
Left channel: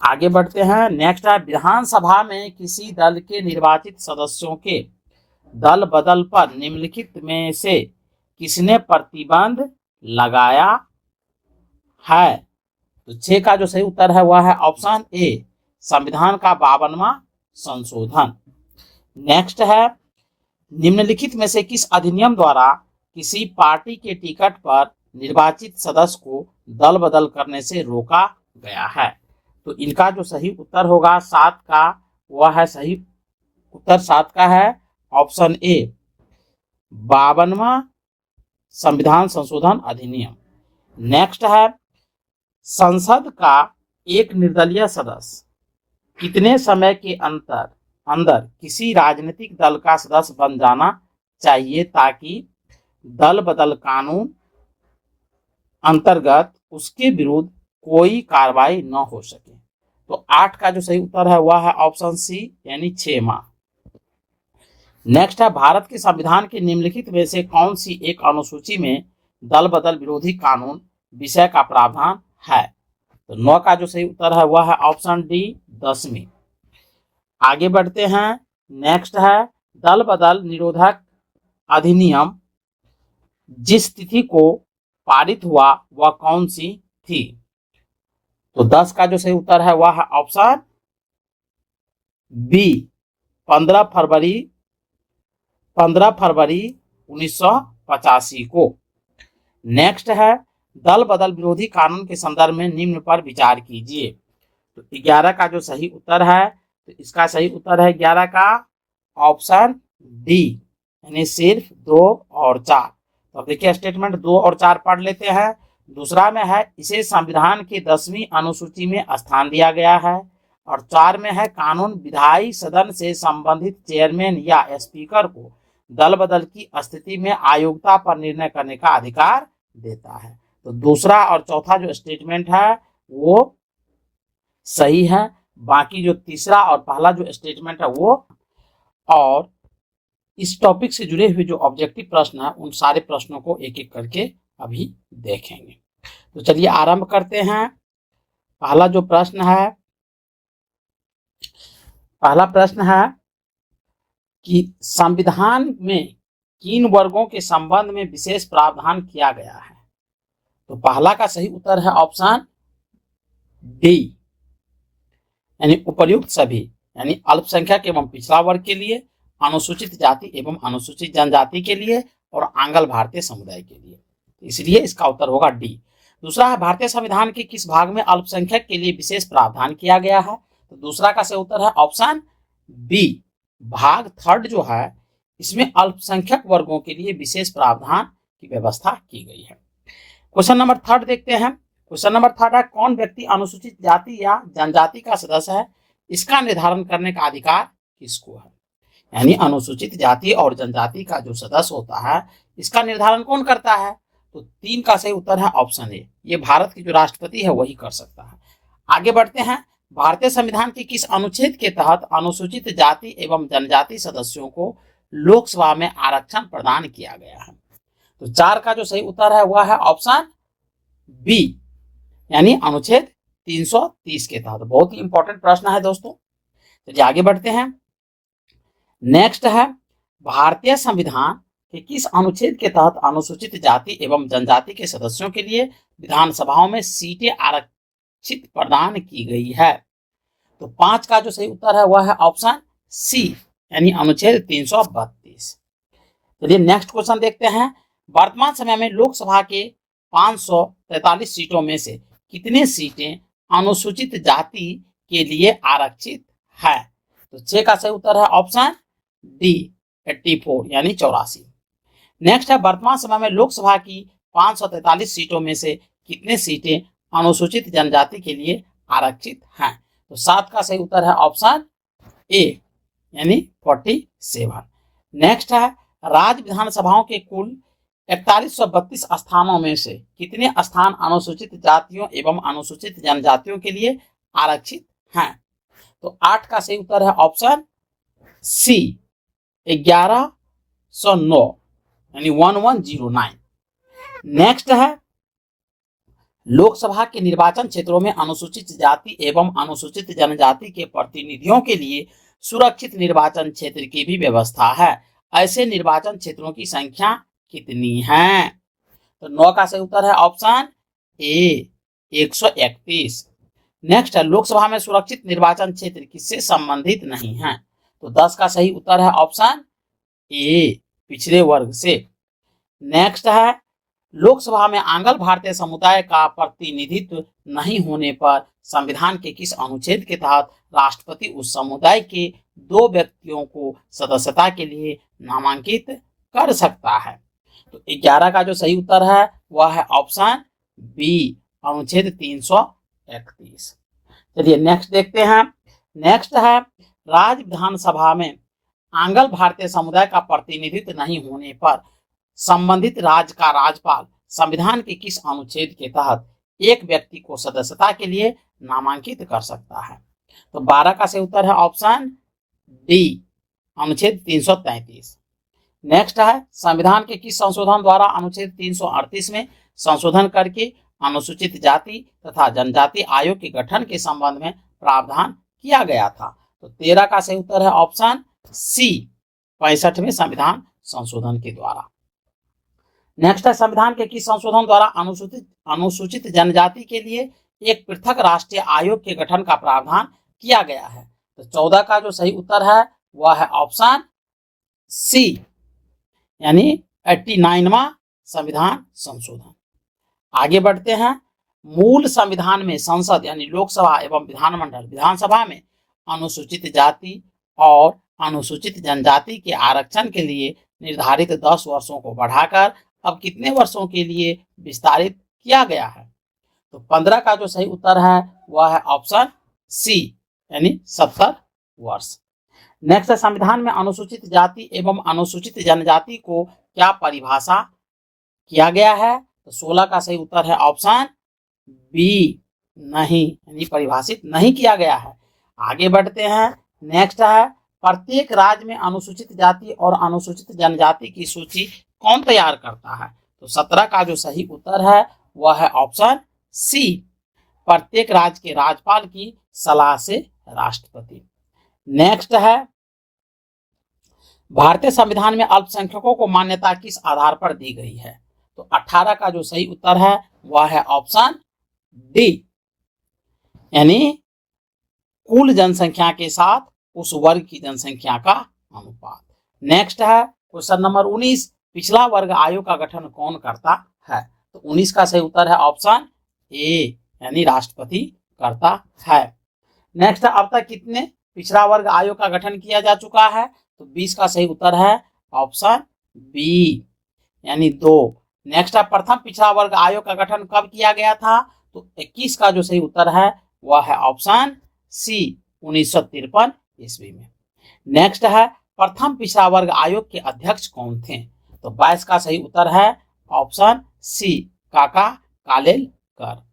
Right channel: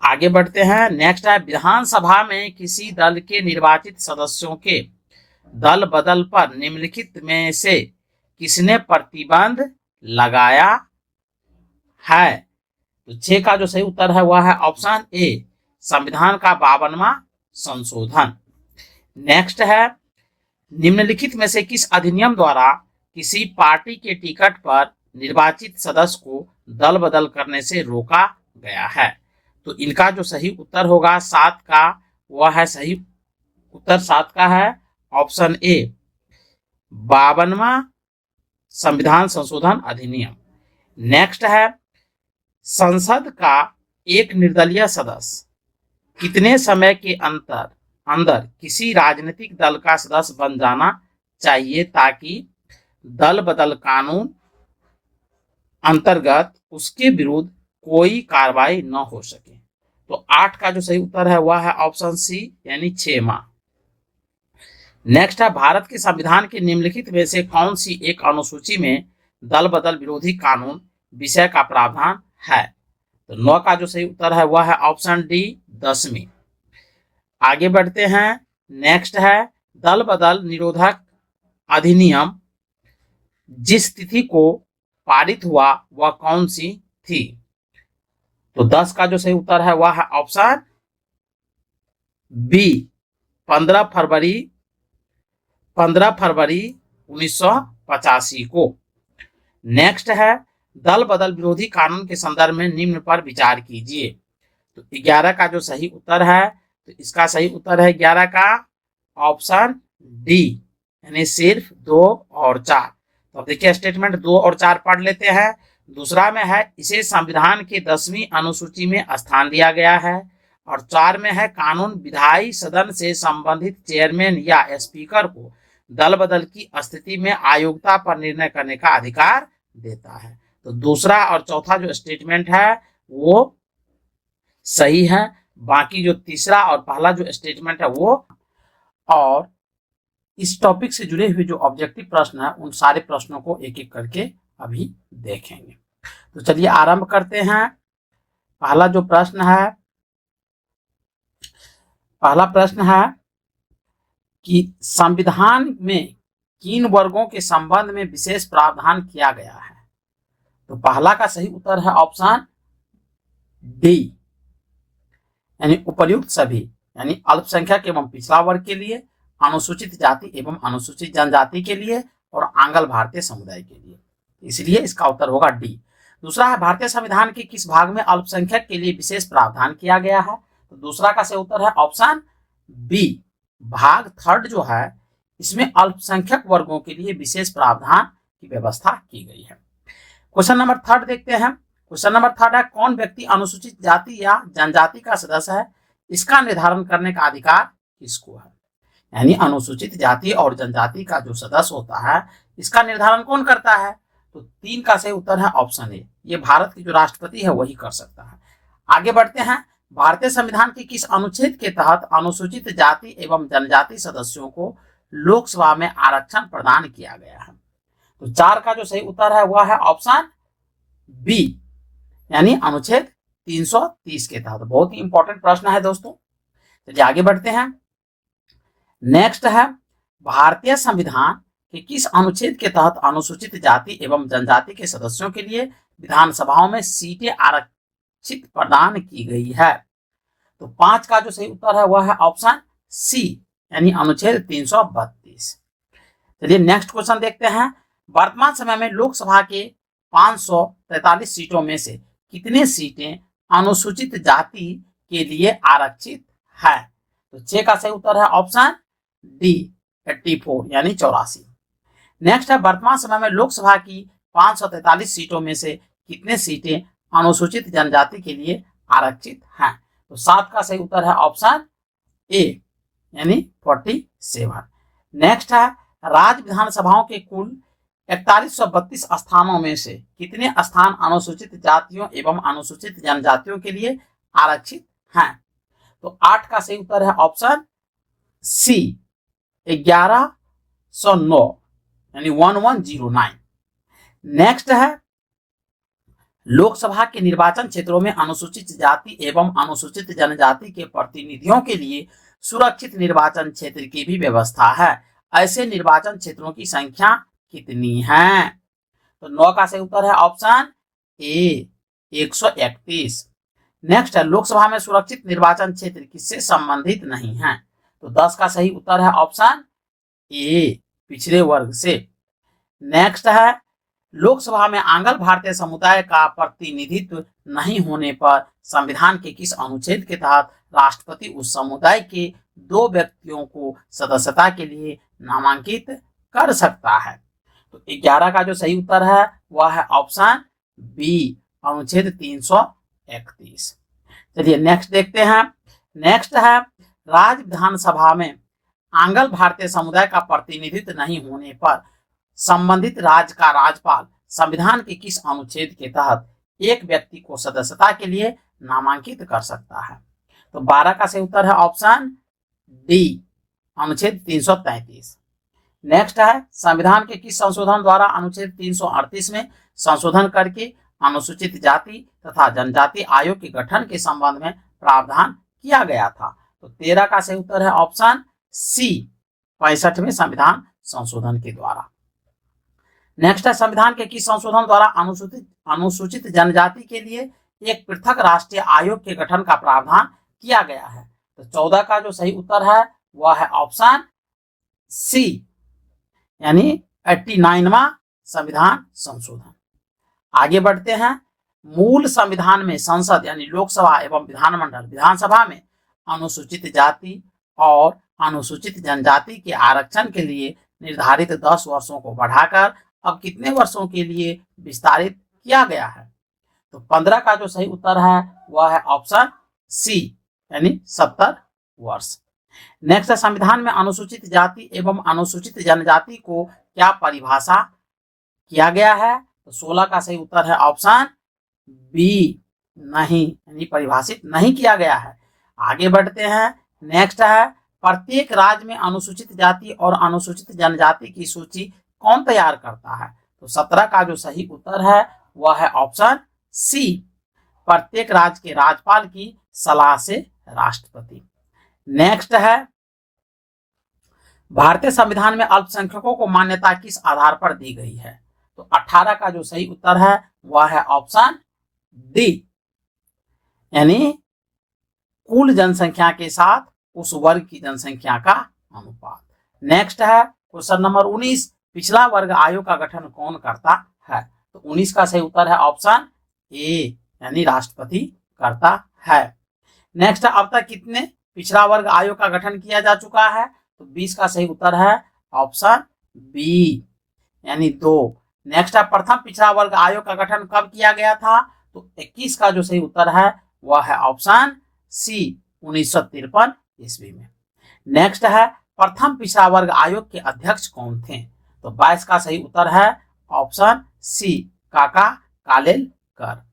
आगे बढ़ते हैं। नेक्स्ट है विधानसभा में किसी दल के निर्वाचित सदस्यों के दल बदल पर निम्नलिखित में से किसने प्रतिबंध लगाया है? तो 6 का जो सही उत्तर है वह है ऑप्शन ए, संविधान का 52वां संशोधन। नेक्स्ट है निम्नलिखित में से किस अधिनियम द्वारा किसी पार्टी के टिकट पर निर्वाचित सदस्य को दल बदल करने से रोका गया है? तो इनका जो सही उत्तर होगा 7 का, वह है सही उत्तर 7 का है ऑप्शन ए, 52वां संविधान संशोधन अधिनियम। नेक्स्ट है संसद का एक निर्दलीय सदस्य कितने समय के अंदर किसी राजनीतिक दल का सदस्य बन जाना चाहिए ताकि दल बदल कानून अंतर्गत उसके विरुद्ध कोई कार्रवाई न हो सके। तो 8 का जो सही उत्तर है वह है ऑप्शन सी यानी 6 माह। नेक्स्ट है भारत के संविधान के निम्नलिखित में से कौन सी एक अनुसूची में दल बदल विरोधी कानून विषय का प्रावधान है। तो 9 का जो सही उत्तर है वह है ऑप्शन डी 10वीं। आगे बढ़ते हैं। नेक्स्ट है दल बदल निरोधक अधिनियम जिस तिथि को पारित हुआ वह कौन सी थी। तो 10 का जो सही उत्तर है वह है ऑप्शन बी 15 फरवरी 1985 को। नेक्स्ट है दल बदल विरोधी कानून के संदर्भ में निम्न पर विचार कीजिए। तो 11 का जो सही उत्तर है तो इसका सही उत्तर है 11 का ऑप्शन डी यानी सिर्फ 2 और 4। तो अब देखिए स्टेटमेंट 2 और 4 पढ़ लेते हैं। दूसरा में है इसे संविधान की 10वीं अनुसूची में स्थान दिया गया है और 4 में है कानून विधायी सदन से संबंधित चेयरमैन या स्पीकर को दल बदल की स्थिति में अयोग्यता पर निर्णय करने का अधिकार देता है। तो दूसरा और चौथा जो स्टेटमेंट है वो सही है, बाकी जो तीसरा और पहला जो स्टेटमेंट है वो। और इस टॉपिक से जुड़े हुए जो ऑब्जेक्टिव प्रश्न है उन सारे प्रश्नों को एक एक करके अभी देखेंगे। तो चलिए आरंभ करते हैं। पहला प्रश्न है कि संविधान में किन वर्गों के संबंध में विशेष प्रावधान किया गया है। तो पहला का सही उत्तर है ऑप्शन डी यानी उपर्युक्त सभी यानी अल्पसंख्यक एवं पिछड़ा वर्ग के लिए, अनुसूचित जाति एवं अनुसूचित जनजाति के लिए और आंग्ल भारतीय समुदाय के लिए। इसलिए इसका उत्तर होगा डी। दूसरा है भारतीय संविधान के किस भाग में अल्पसंख्यक के लिए विशेष प्रावधान किया गया है। तो दूसरा का सही उत्तर है ऑप्शन बी भाग 3 जो है इसमें अल्पसंख्यक वर्गों के लिए विशेष प्रावधान की व्यवस्था की गई है। क्वेश्चन नंबर 3 देखते हैं। क्वेश्चन नंबर 3 है कौन व्यक्ति अनुसूचित जाति या जनजाति का सदस्य है, इसका निर्धारण करने का अधिकार किसको है। यानी अनुसूचित जाति और जनजाति का जो सदस्य होता है इसका निर्धारण कौन करता है। तो 3 का सही उत्तर है ऑप्शन ए, ये भारत की जो राष्ट्रपति है वही कर सकता है। आगे बढ़ते हैं। भारतीय संविधान के किस अनुच्छेद के तहत अनुसूचित जाति एवं जनजाति सदस्यों को लोकसभा में आरक्षण प्रदान किया गया है। तो 4 का जो सही उत्तर है वह है ऑप्शन बी यानी अनुच्छेद 330 के तहत। बहुत ही इंपॉर्टेंट प्रश्न है दोस्तों। चलिए आगे बढ़ते हैं। नेक्स्ट है भारतीय संविधान के किस अनुच्छेद के तहत अनुसूचित जाति एवं जनजाति के सदस्यों के लिए विधानसभाओं में सीटें आरक्षित प्रदान की गई है। तो 5 का जो सही उत्तर है वह है ऑप्शन सी यानी अनुच्छेद 332। चलिए नेक्स्ट क्वेश्चन देखते हैं। वर्तमान समय में लोकसभा के 543 सीटों में से कितनी सीटें अनुसूचित जाति के लिए आरक्षित हैं। तो 6 का सही उत्तर है ऑप्शन डी 84 यानी 84। नेक्स्ट है वर्तमान समय में लोकसभा की 543 सीटों में से कितने सीटें अनुसूचित जनजाति के लिए आरक्षित हैं। तो 7 का सही उत्तर है ऑप्शन ए यानी 47। नेक्स्ट है राज्य विधानसभाओं के कुल 4132 स्थानों में से कितने स्थान अनुसूचित जातियों एवं अनुसूचित जनजातियों के लिए आरक्षित हैं। तो 8 का सही उत्तर है ऑप्शन सी 1109 यानी 1109। नेक्स्ट है लोकसभा के निर्वाचन क्षेत्रों में अनुसूचित जाति एवं अनुसूचित जनजाति के प्रतिनिधियों के लिए सुरक्षित निर्वाचन क्षेत्र की भी व्यवस्था है। ऐसे निर्वाचन क्षेत्रों की संख्या कितनी है। तो 9 का सही उत्तर है ऑप्शन ए 131। नेक्स्ट है लोकसभा में सुरक्षित निर्वाचन क्षेत्र किससे संबंधित नहीं है। तो 10 का सही उत्तर है ऑप्शन ए पिछड़े वर्ग से। नेक्स्ट है लोकसभा में आंग्ल भारतीय समुदाय का प्रतिनिधित्व नहीं होने पर संविधान के किस अनुच्छेद के तहत राष्ट्रपति उस समुदाय के 2 व्यक्तियों को सदस्यता के लिए नामांकित कर सकता है। तो 11 का जो सही उत्तर है वह है ऑप्शन बी, अनुच्छेद 331। चलिए नेक्स्ट देखते हैं। नेक्स्ट है, राज्य विधानसभा में आंग्ल भारतीय समुदाय का प्रतिनिधित्व नहीं होने पर संबंधित राज्य का राज्यपाल संविधान के किस अनुच्छेद के तहत एक व्यक्ति को सदस्यता के लिए नामांकित कर सकता है? तो 12 का सही उत्तर है ऑप्शन डी, अनुच्छेद 333। नेक्स्ट है, संविधान के किस संशोधन द्वारा अनुच्छेद 338 में संशोधन करके अनुसूचित जाति तथा जनजाति आयोग के गठन के संबंध में प्रावधान किया गया था? तो 13 का सही उत्तर है ऑप्शन सी, 65वें संविधान संशोधन के द्वारा। नेक्स्ट है, संविधान के किस संशोधन द्वारा अनुसूचित जनजाति के लिए एक पृथक राष्ट्रीय आयोग के गठन का प्रावधान किया गया है? तो 14 का जो सही उत्तर है वह है ऑप्शन सी, यानी 89वां संविधान संशोधन। आगे बढ़ते हैं। मूल संविधान में संसद यानी लोकसभा एवं विधानमंडल विधानसभा में अनुसूचित जाति और अनुसूचित जनजाति के आरक्षण के लिए निर्धारित 10 वर्षों को बढ़ाकर अब कितने वर्षों के लिए विस्तारित किया गया है? तो 15 का जो सही उत्तर है वह है ऑप्शन सी, यानी 70 वर्ष। नेक्स्ट है, संविधान में अनुसूचित जाति एवं अनुसूचित जनजाति को क्या परिभाषा किया गया है? तो 16 का सही उत्तर है ऑप्शन बी, नहीं, यानी परिभाषित नहीं किया गया है। आगे बढ़ते हैं। नेक्स्ट है, प्रत्येक राज्य में अनुसूचित जाति और अनुसूचित जनजाति की सूची कौन तैयार करता है? तो 17 का जो सही उत्तर है वह है ऑप्शन सी, प्रत्येक राज्य के राज्यपाल की सलाह से राष्ट्रपति। नेक्स्ट है, भारतीय संविधान में अल्पसंख्यकों को मान्यता किस आधार पर दी गई है? तो 18 का जो सही उत्तर है वह है ऑप्शन डी, यानी कुल जनसंख्या के साथ उस वर्ग की जनसंख्या का अनुपात। नेक्स्ट है क्वेश्चन नंबर 19, पिछड़ा वर्ग आयोग का गठन कौन करता है? तो 19 का सही उत्तर है ऑप्शन ए, यानी राष्ट्रपति करता है। नेक्स्ट है, अब तक कितने पिछड़ा वर्ग आयोग का गठन किया जा चुका है? तो 20 का सही उत्तर है ऑप्शन बी, यानी 2। नेक्स्ट है, प्रथम पिछड़ा वर्ग आयोग का गठन कब किया गया था? तो 21 का जो सही उत्तर है वह है ऑप्शन सी, 1953 ईस्वी में। नेक्स्ट है, प्रथम पिछड़ा वर्ग आयोग के अध्यक्ष कौन थे? तो 22 का सही उत्तर है ऑप्शन सी, काका कालेलकर।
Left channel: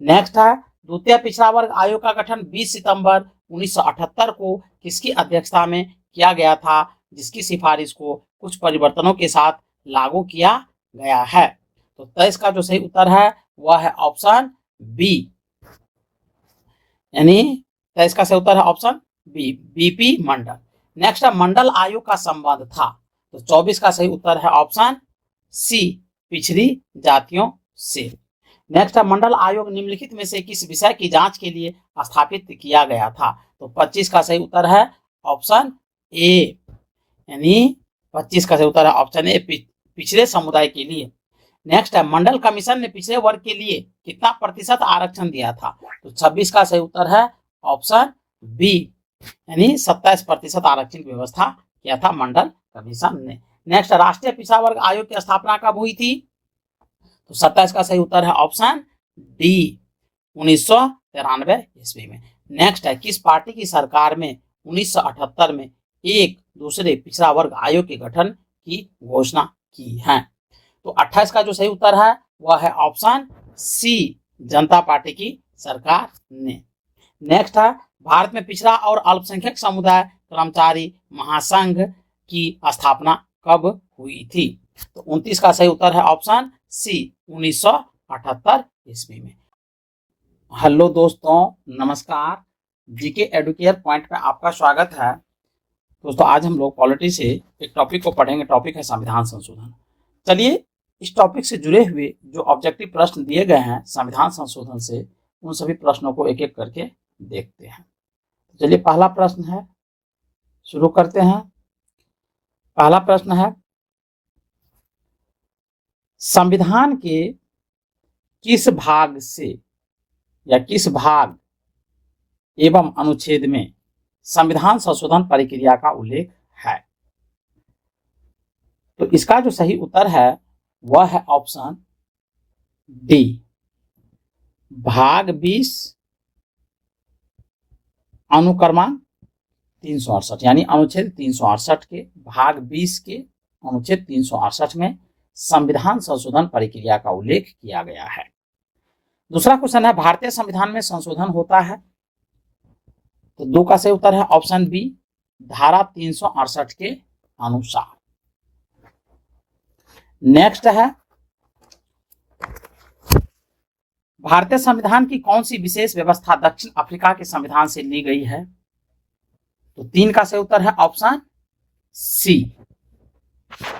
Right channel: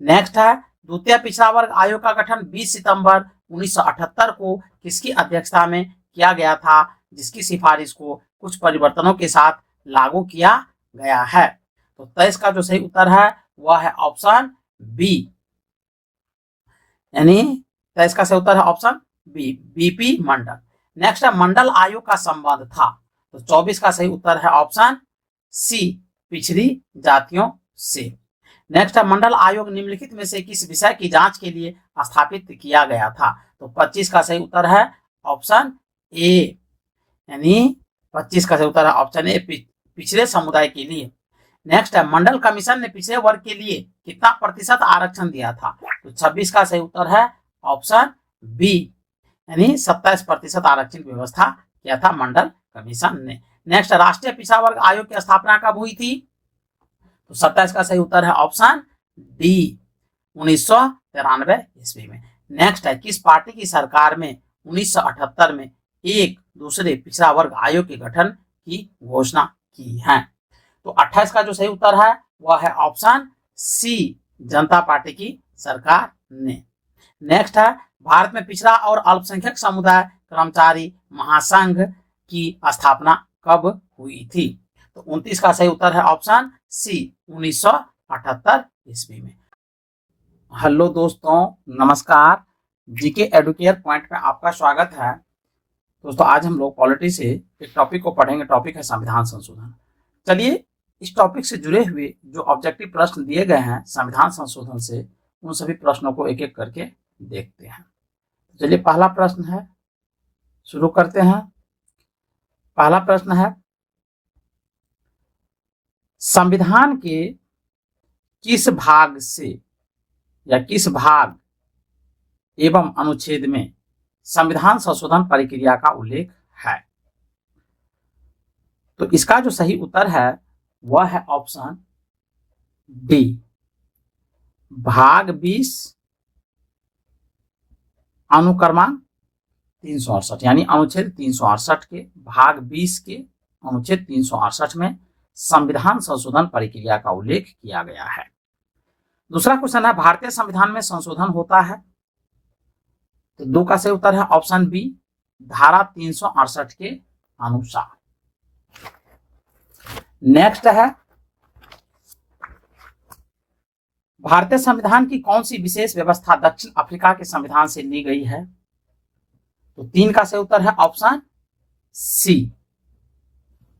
नेक्स्ट है, द्वितीय पिछड़ा वर्ग आयोग का गठन 20 सितंबर 1978 को किसकी अध्यक्षता में किया गया था, जिसकी सिफारिश को कुछ परिवर्तनों के साथ लागू किया गया है? तो 23 का जो सही उत्तर है वह है ऑप्शन बी, यानी 23 का सही उत्तर है ऑप्शन बी, बीपी मंडल। नेक्स्ट है, मंडल आयोग का संबंध था? तो 24 का सही उत्तर है ऑप्शन सी, पिछड़ी जातियों से। नेक्स्ट है, मंडल आयोग निम्नलिखित में से किस विषय की जांच के लिए स्थापित किया गया था? तो 25 का सही उत्तर है ऑप्शन ए, यानी 25 का सही उत्तर है ऑप्शन ए, पिछड़े समुदाय के लिए। नेक्स्ट है, मंडल कमीशन ने पिछड़े वर्ग के लिए कितना प्रतिशत आरक्षण दिया था? तो 26 का सही उत्तर है ऑप्शन बी, यानी 27% आरक्षण की व्यवस्था किया था मंडल कमीशन ने। नेक्स्ट, राष्ट्रीय पिछड़ा वर्ग आयोग की स्थापना कब हुई थी? तो 27 का सही उत्तर है ऑप्शन डी, 1993 ईस्वी में। नेक्स्ट है, किस पार्टी की सरकार में 1978 में एक दूसरे पिछड़ा वर्ग आयोग के गठन की घोषणा की है? तो 28 का जो सही उत्तर है वह है ऑप्शन सी, जनता पार्टी की सरकार ने। नेक्स्ट है, भारत में पिछड़ा और अल्पसंख्यक समुदाय कर्मचारी महासंघ की स्थापना कब हुई थी? तो 29 का सही उत्तर है ऑप्शन सी, 1978 ईस्वी में। हेलो दोस्तों, नमस्कार। जीके एडुकेयर पॉइंट पे आपका स्वागत है। दोस्तों, आज हम लोग पॉलिटी से एक टॉपिक को पढ़ेंगे। टॉपिक है संविधान संशोधन। चलिए, इस टॉपिक से जुड़े हुए जो ऑब्जेक्टिव प्रश्न दिए गए हैं संविधान संशोधन से, उन सभी प्रश्नों को एक एक करके देखते हैं। चलिए, पहला प्रश्न है, शुरू करते हैं। पहला प्रश्न है, संविधान के किस भाग से या किस भाग एवं अनुच्छेद में संविधान संशोधन प्रक्रिया का उल्लेख है? तो इसका जो सही उत्तर है वह है ऑप्शन डी, भाग 20 अनुक्रमांक 368, यानी अनुच्छेद 368 के भाग 20 के अनुच्छेद 368 में संविधान संशोधन प्रक्रिया का उल्लेख किया गया है। दूसरा क्वेश्चन है, भारतीय संविधान में संशोधन होता है? तो 2 का सही उत्तर है ऑप्शन बी, धारा 368 के अनुसार। नेक्स्ट है, भारतीय संविधान की कौन सी विशेष व्यवस्था दक्षिण अफ्रीका के संविधान से ली गई है? तो 3 का सही उत्तर है ऑप्शन सी,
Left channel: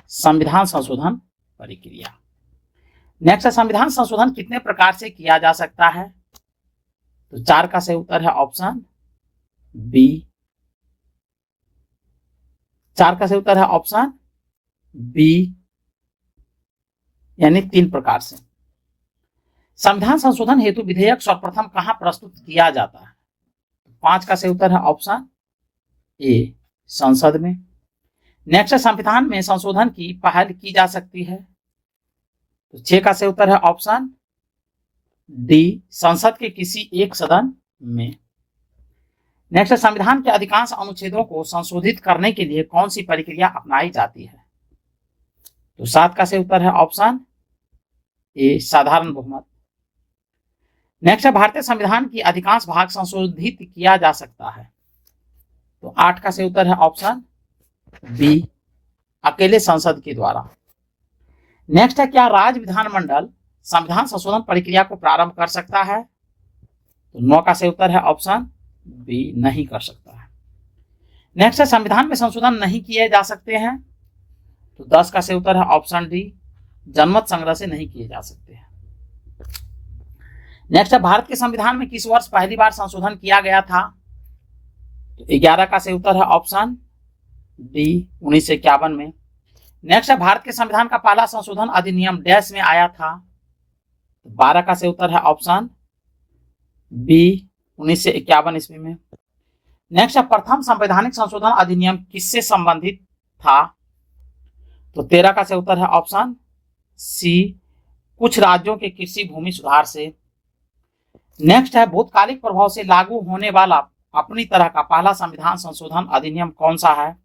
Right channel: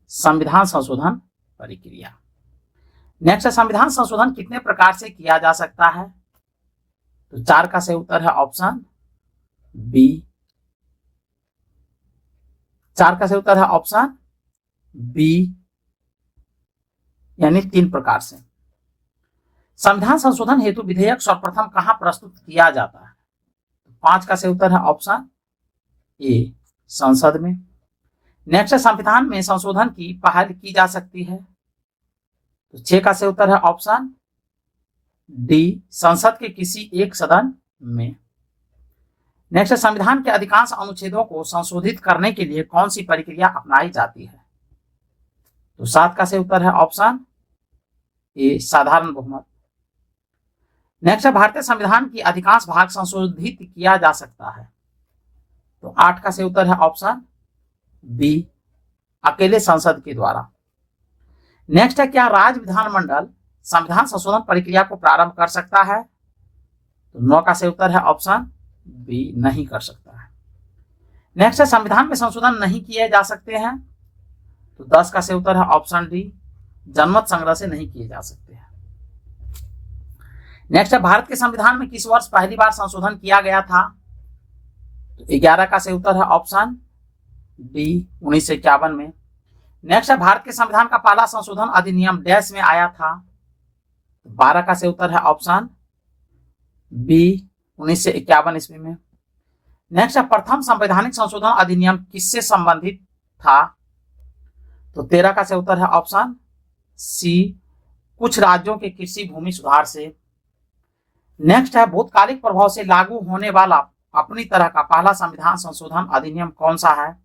संविधान संशोधन प्रक्रिया। नेक्स्ट, संविधान संशोधन कितने प्रकार से किया जा सकता है? तो 4 का सही उत्तर है ऑप्शन बी, 4 का सही उत्तर है ऑप्शन बी, यानी 3 प्रकार से। संविधान संशोधन हेतु विधेयक सर्वप्रथम कहां प्रस्तुत किया जाता है? 5 का सही उत्तर है ऑप्शन ए, संसद में। नेक्स्ट, संविधान में संशोधन की पहल की जा सकती है? तो 6 का सही उत्तर है ऑप्शन डी, संसद के किसी एक सदन में। नेक्स्ट, संविधान के अधिकांश अनुच्छेदों को संशोधित करने के लिए कौन सी प्रक्रिया अपनाई जाती है? तो 7 का सही उत्तर है ऑप्शन ए, साधारण बहुमत। नेक्स्ट, भारतीय संविधान की अधिकांश भाग संशोधित किया जा सकता है? तो 8 का सही उत्तर है ऑप्शन बी, अकेले संसद के द्वारा। नेक्स्ट है, क्या राज्य विधानमंडल संविधान संशोधन प्रक्रिया को प्रारंभ कर सकता है? तो 9 का सही उत्तर है ऑप्शन बी, नहीं कर सकता है। नेक्स्ट है, संविधान में संशोधन नहीं किए जा सकते हैं? तो 10 का सही उत्तर है ऑप्शन डी, जनमत संग्रह से नहीं किए जा सकते हैं। नेक्स्ट है, भारत के संविधान में किस वर्ष पहली बार संशोधन किया गया था? तो 11 का सही उत्तर है ऑप्शन डी, 1951 में। नेक्स्ट है, भारत के संविधान का पहला संशोधन अधिनियम डैश में आया था? 12 का सही उत्तर है ऑप्शन बी, 1951 ईस्वी में। नेक्स्ट है, प्रथम संवैधानिक संशोधन अधिनियम किससे संबंधित था? तो 13 का सही उत्तर है ऑप्शन सी, कुछ राज्यों के कृषि भूमि सुधार से। नेक्स्ट है, भूतकालिक प्रभाव से लागू होने वाला अपनी तरह का पहला संविधान संशोधन अधिनियम कौन सा है?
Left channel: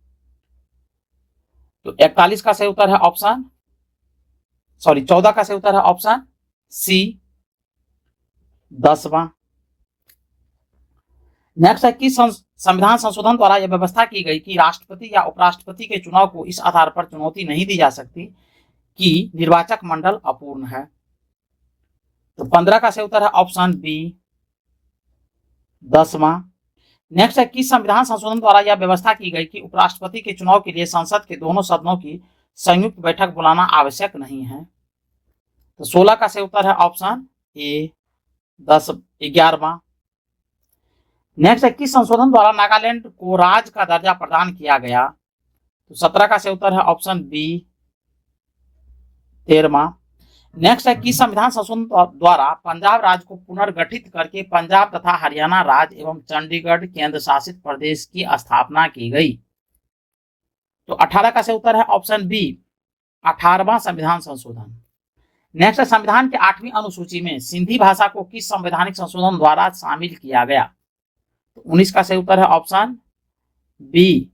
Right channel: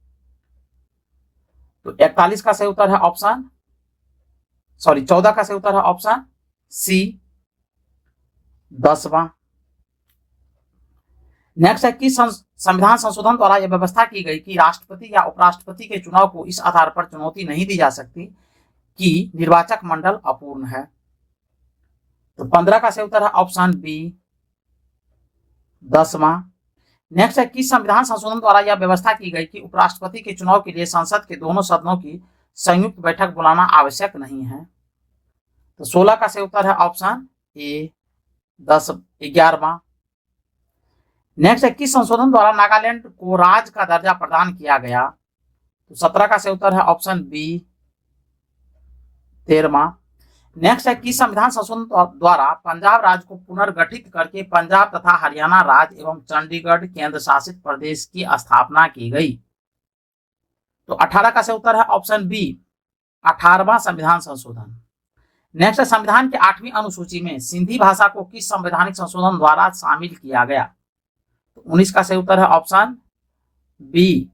तो 41 का सही उत्तर है ऑप्शन 14 का सही उत्तर है ऑप्शन सी, 10वां। नेक्स्ट है, किस संविधान संशोधन द्वारा यह व्यवस्था की गई कि राष्ट्रपति या उपराष्ट्रपति के चुनाव को इस आधार पर चुनौती नहीं दी जा सकती कि निर्वाचक मंडल अपूर्ण है? तो 15 का सही उत्तर है ऑप्शन बी, 10वां। नेक्स्ट है, किस संविधान संशोधन द्वारा यह व्यवस्था की गई कि उपराष्ट्रपति के चुनाव के लिए संसद के दोनों सदनों की संयुक्त बैठक बुलाना आवश्यक नहीं है? तो 16 का सही उत्तर है ऑप्शन ए, 11वां। नेक्स्ट है, किस संशोधन द्वारा नागालैंड को राज्य का दर्जा प्रदान किया गया? तो 17 का सही उत्तर है ऑप्शन बी, 13वां। नेक्स्ट है, किस संविधान संशोधन द्वारा पंजाब राज्य को पुनर्गठित करके पंजाब तथा हरियाणा राज्य एवं चंडीगढ़ केंद्र शासित प्रदेश की स्थापना की गई? तो 18 का सही उत्तर है ऑप्शन बी, 18वां संविधान संशोधन। नेक्स्ट है, संविधान के 8वीं अनुसूची में सिंधी भाषा को किस संवैधानिक संशोधन द्वारा शामिल किया गया? तो 19 का सही उत्तर है ऑप्शन बी,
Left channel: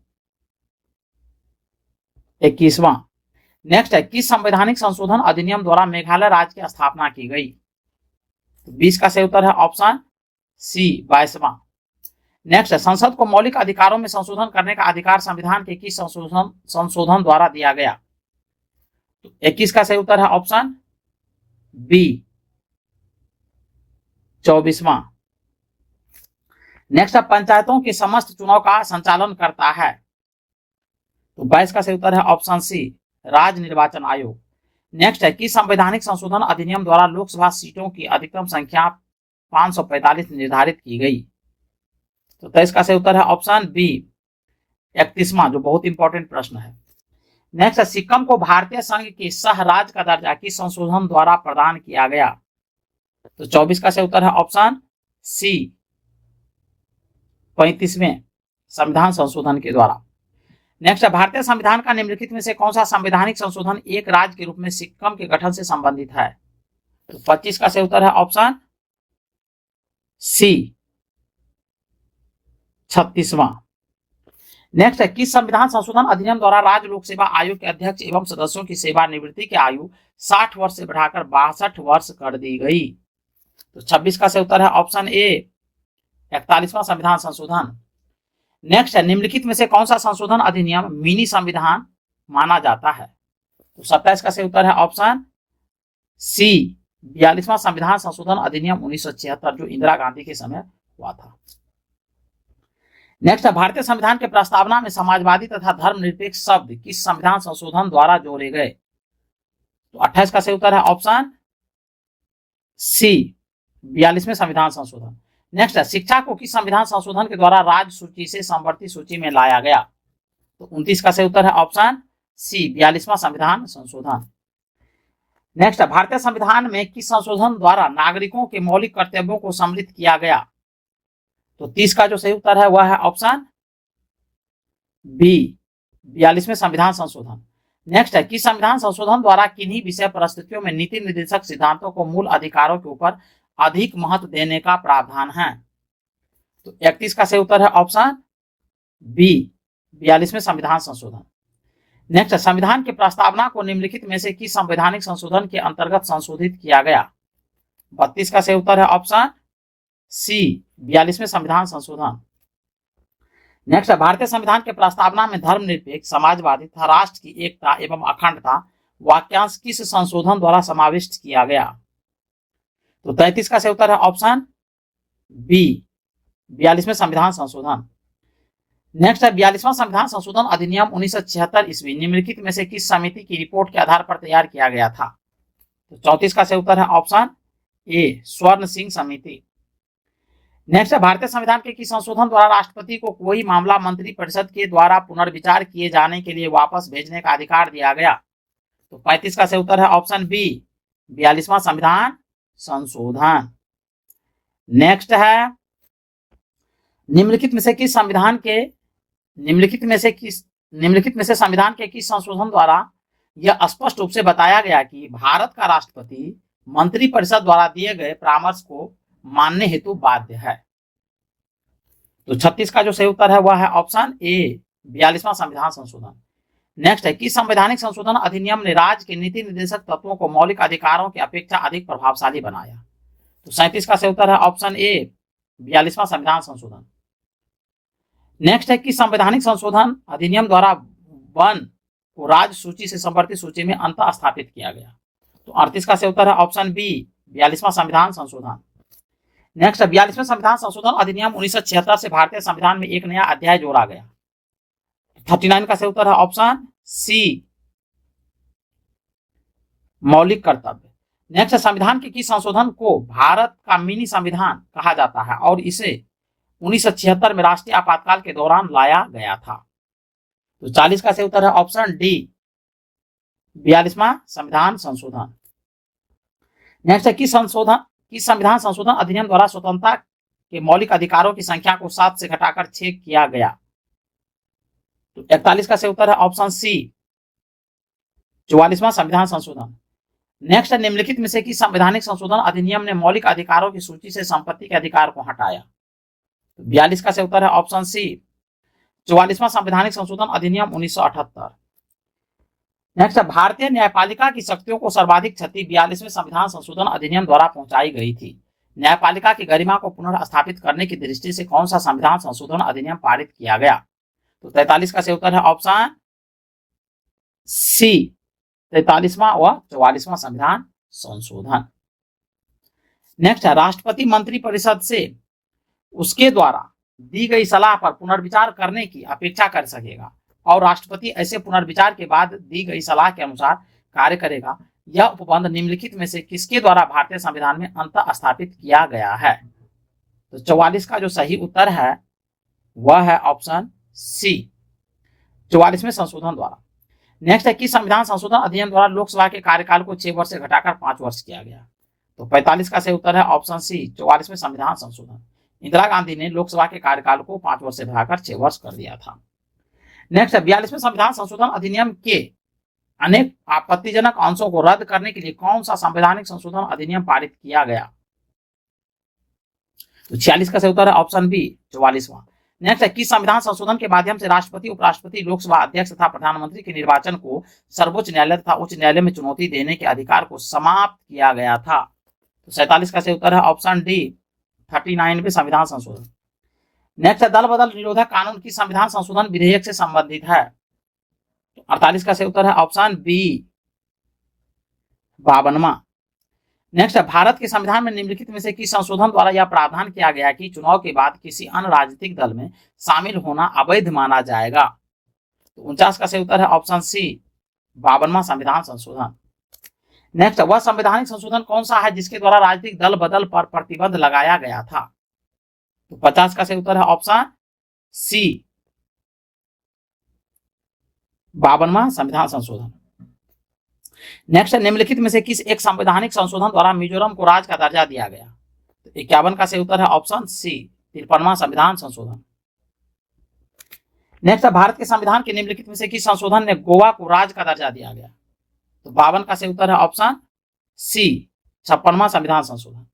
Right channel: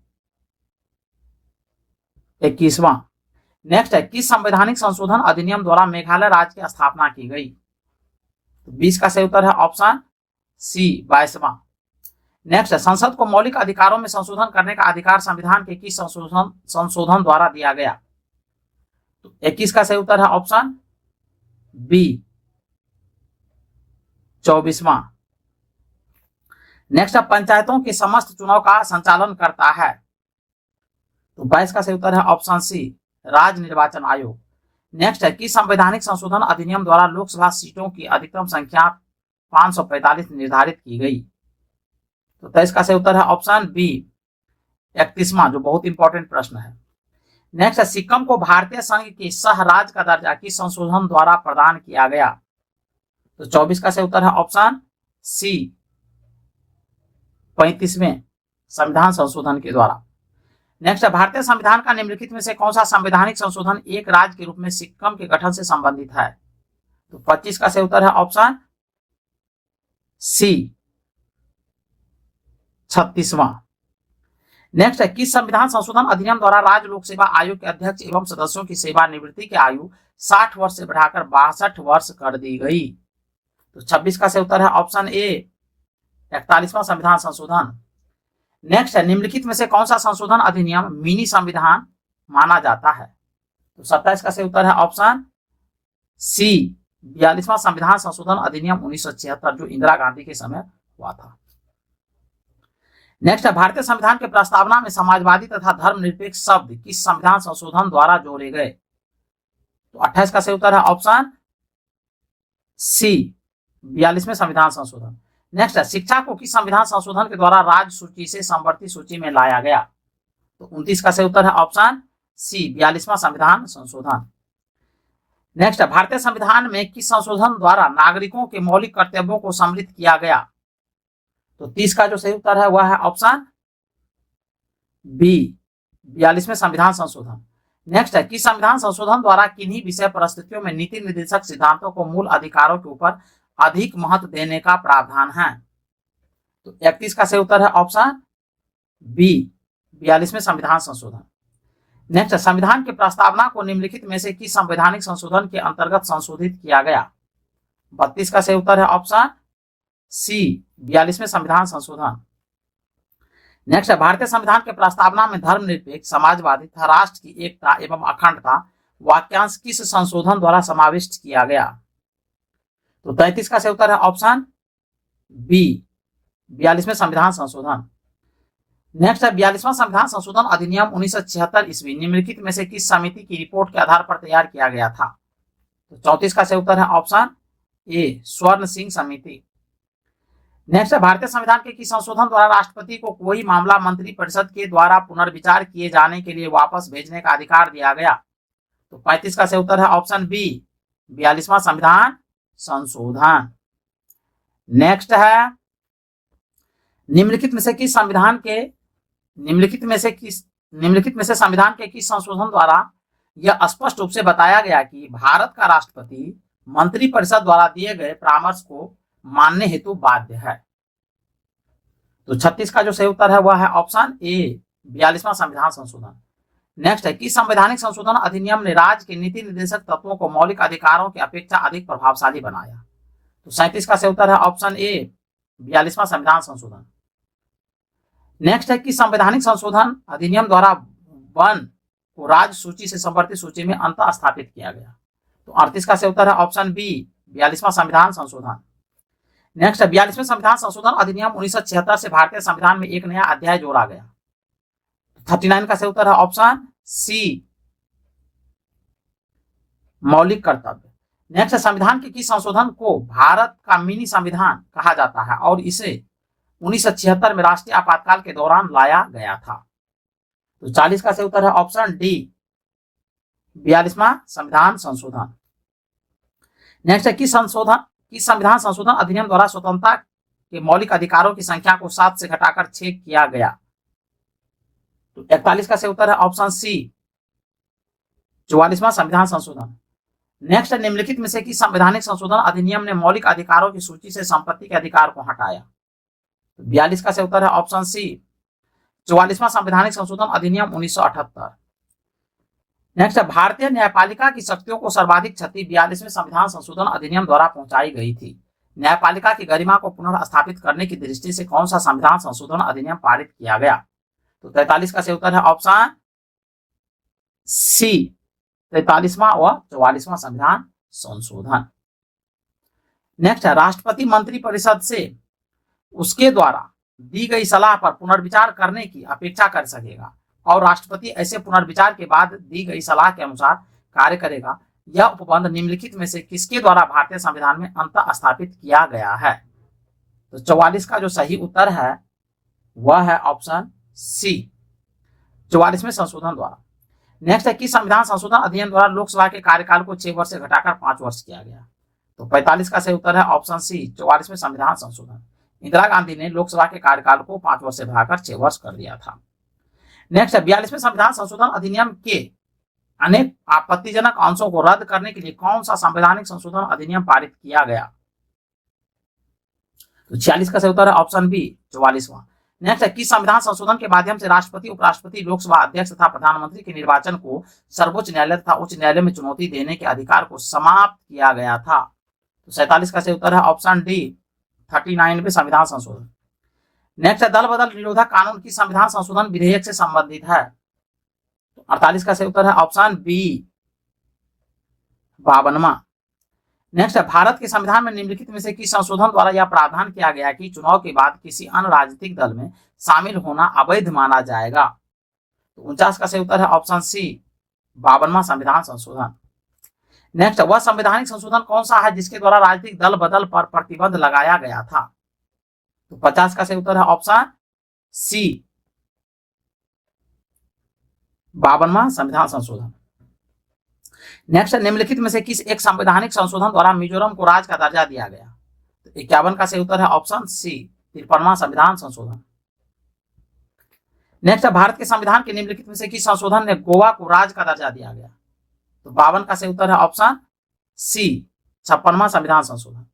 21वां। नेक्स्ट है, किस संवैधानिक संशोधन अधिनियम द्वारा मेघालय राज्य की स्थापना की गई? तो 20 का सही उत्तर है ऑप्शन सी, 22वां। नेक्स्ट है, संसद को मौलिक अधिकारों में संशोधन करने का अधिकार संविधान के किस संशोधन द्वारा दिया गया? तो 21 का सही उत्तर है ऑप्शन बी, 24वां। नेक्स्ट है, पंचायतों के समस्त चुनाव का संचालन करता है? तो 22 का सही उत्तर है ऑप्शन सी, राज्य निर्वाचन आयोग। नेक्स्ट है, किस संवैधानिक संशोधन अधिनियम द्वारा लोकसभा सीटों की अधिकतम संख्या 545 निर्धारित की गई? तो 23 का सही उत्तर है ऑप्शन बी, 31वां, जो बहुत इंपॉर्टेंट प्रश्न है। नेक्स्ट है, सिक्किम को भारतीय संघ के सह राज्य का दर्जा किस संशोधन द्वारा प्रदान किया गया? तो 24 का सही उत्तर है ऑप्शन सी, 35वें संविधान संशोधन के द्वारा। नेक्स्ट है भारतीय संविधान का निम्नलिखित में से कौन सा संवैधानिक संशोधन एक राज्य के रूप में सिक्किम के गठन से संबंधित है? तो 25 का सही उत्तर है ऑप्शन सी 36वां। नेक्स्ट है किस संविधान संशोधन अधिनियम द्वारा राज्य लोक सेवा आयोग के अध्यक्ष एवं सदस्यों की सेवानिवृत्ति की आयु 60 वर्ष से बढ़ाकर 62 वर्ष कर दी गई? तो 26 का सही उत्तर है ऑप्शन ए 41वां संविधान संशोधन। नेक्स्ट है निम्नलिखित में से कौन सा संशोधन अधिनियम मिनी संविधान माना जाता है? तो 27 का सही उत्तर है ऑप्शन सी 42वां संविधान संशोधन अधिनियम 1976 जो इंदिरा गांधी के समय हुआ था। नेक्स्ट है भारतीय संविधान के प्रस्तावना में समाजवादी तथा धर्मनिरपेक्ष शब्द किस संविधान संशोधन द्वारा जोड़े गए? तो 28 का सही उत्तर है ऑप्शन सी 42वें संविधान संशोधन। नेक्स्ट है शिक्षा को किस संविधान संशोधन के द्वारा राज्य सूची से समवर्ती सूची में लाया गया? तो 29 का सही उत्तर है ऑप्शन सी 42वां संविधान संशोधन। नेक्स्ट है भारतीय संविधान में किस संशोधन द्वारा नागरिकों के मौलिक कर्तव्यों को सम्मिलित किया गया? तो 30 का जो सही उत्तर है वह है ऑप्शन बी 42वें संविधान संशोधन। नेक्स्ट है किस संविधान संशोधन द्वारा किन्हीं विषय परिस्थितियों में नीति निर्देशक सिद्धांतों को मूल अधिकारों के ऊपर अधिक महत्व देने का प्रावधान है? तो 31 का सही उत्तर है ऑप्शन बी 42वें संविधान संशोधन। नेक्स्ट संविधान के प्रस्तावना को निम्नलिखित में से किस संवैधानिक संशोधन के अंतर्गत संशोधित किया गया? 32 का सही उत्तर है ऑप्शन सी 42वें संविधान संशोधन। नेक्स्ट भारतीय संविधान के प्रस्तावना में धर्मनिरपेक्ष समाजवादी तथा राष्ट्र की एकता एवं अखंडता वाक्यांश किस संशोधन द्वारा समाविष्ट किया गया? तो 33 का सही उत्तर है ऑप्शन बी 42वें संविधान संशोधन। नेक्स्ट है 42वां संविधान संशोधन अधिनियम 1976 ईस्वी निम्नलिखित में से किस समिति की रिपोर्ट के आधार पर तैयार किया गया था? तो 34 का सही उत्तर है ऑप्शन ए स्वर्ण सिंह समिति। नेक्स्ट है भारतीय संविधान के किस संशोधन द्वारा राष्ट्रपति को कोई मामला मंत्रिपरिषद के द्वारा पुनर्विचार किए जाने के लिए वापस भेजने का अधिकार दिया गया? तो 35 का सही उत्तर है ऑप्शन बी 42वां संविधान संशोधन। नेक्स्ट है निम्नलिखित में से संविधान के किस संशोधन द्वारा यह स्पष्ट रूप से बताया गया कि भारत का राष्ट्रपति मंत्रिपरिषद द्वारा दिए गए परामर्श को मानने हेतु बाध्य है? तो 36 का जो सही उत्तर है वह है ऑप्शन ए 42वां संविधान संशोधन। नेक्स्ट है किस संवैधानिक संशोधन अधिनियम ने राज्य के नीति निर्देशक तत्वों को मौलिक अधिकारों की अपेक्षा अधिक प्रभावशाली बनाया? तो 37 का सही उत्तर है ऑप्शन ए 42वां संविधान संशोधन। नेक्स्ट है किस संवैधानिक संशोधन अधिनियम द्वारा वन को राज्य सूची से समवर्ती सूची में अंत स्थापित किया गया? तो 38 का सही उत्तर है ऑप्शन बी 42वां संविधान संशोधन। नेक्स्ट 42वें संविधान संशोधन अधिनियम 1976 से भारतीय संविधान में एक नया अध्याय जोड़ा गया? 39 का सही उत्तर है ऑप्शन सी मौलिक कर्तव्य। नेक्स्ट संविधान के किस संशोधन को भारत का मिनी संविधान कहा जाता है और इसे 1976 में राष्ट्रीय आपातकाल के दौरान लाया गया था? तो 40 का सही उत्तर है ऑप्शन डी 42वां संविधान संशोधन। नेक्स्ट है किस संविधान संशोधन अधिनियम द्वारा स्वतंत्रता के मौलिक अधिकारों की संख्या को 7 से घटाकर 6 किया गया? तो 41 का सही उत्तर है ऑप्शन सी 44वां संविधान संशोधन। नेक्स्ट निम्नलिखित में से किस संवैधानिक संशोधन अधिनियम ने मौलिक अधिकारों की सूची से संपत्ति के अधिकार को हटाया? तो 42 का सही उत्तर है ऑप्शन सी 44वां संवैधानिक संशोधन अधिनियम 1978। नेक्स्ट भारतीय न्यायपालिका की शक्तियों को सर्वाधिक क्षति 42वें संविधान संशोधन अधिनियम द्वारा पहुंचाई गई थी। न्यायपालिका की गरिमा को पुनर्स्थापित करने की दृष्टि से कौन सा संविधान संशोधन अधिनियम पारित किया गया? तो 43 का सही उत्तर है ऑप्शन सी 43वां व 44वां संविधान संशोधन। नेक्स्ट है राष्ट्रपति मंत्रिपरिषद से उसके द्वारा दी गई सलाह पर पुनर्विचार करने की अपेक्षा कर सकेगा और राष्ट्रपति ऐसे पुनर्विचार के बाद दी गई सलाह के अनुसार कार्य करेगा। यह उपबंध निम्नलिखित में से किसके द्वारा भारतीय संविधान में अंत स्थापित किया गया है? तो 44 का जो सही उत्तर है वह है ऑप्शन सी 44वें संशोधन द्वारा। नेक्स्ट है किस संविधान संशोधन अधिनियम द्वारा लोकसभा के कार्यकाल को 6 वर्ष से घटाकर 5 वर्ष किया गया? तो 45 का सही उत्तर है ऑप्शन सी 44वें संविधान संशोधन। इंदिरा गांधी ने लोकसभा के कार्यकाल को 5 वर्ष से बढ़ाकर 6 वर्ष कर दिया था। नेक्स्ट है 42वें संविधान संशोधन अधिनियम के अनेक आपत्तिजनक अंशों को रद्द करने के लिए कौन सा संवैधानिक संशोधन अधिनियम पारित किया गया? तो 46 का सही उत्तर है ऑप्शन बी 44वां। नेक्स्ट है किस संविधान संशोधन के माध्यम से राष्ट्रपति, उपराष्ट्रपति, लोकसभा अध्यक्ष तथा प्रधानमंत्री के निर्वाचन को सर्वोच्च न्यायालय तथा उच्च न्यायालय में चुनौती देने के अधिकार को समाप्त किया गया था? तो 47 का सही उत्तर है ऑप्शन डी 39वें संविधान संशोधन। नेक्स्ट है दल बदल निरोधक कानून किस संविधान संशोधन विधेयक से संबंधित है? तो 48 का सही उत्तर है ऑप्शन बी 52वां। नेक्स्ट है भारत के संविधान में निम्नलिखित में से किस संशोधन द्वारा यह प्रावधान किया गया कि चुनाव के बाद किसी अन्य राजनीतिक दल में शामिल होना अवैध माना जाएगा? तो 49 का सही उत्तर है ऑप्शन सी 52वां संविधान संशोधन। नेक्स्ट वह संवैधानिक संशोधन कौन सा है जिसके द्वारा राजनीतिक दल बदल पर प्रतिबंध लगाया गया था? तो 50 का सही उत्तर है ऑप्शन सी 52वां संविधान संशोधन। नेक्स्ट निम्नलिखित में से किस एक संवैधानिक संशोधन द्वारा मिजोरम को राज्य का दर्जा दिया गया? तो 51 का सही उत्तर है ऑप्शन सी 53वां संविधान संशोधन। नेक्स्ट भारत के संविधान के निम्नलिखित में से किस संशोधन ने गोवा को राज्य का दर्जा दिया गया? तो 52 का सही उत्तर है ऑप्शन सी 56वां संविधान संशोधन।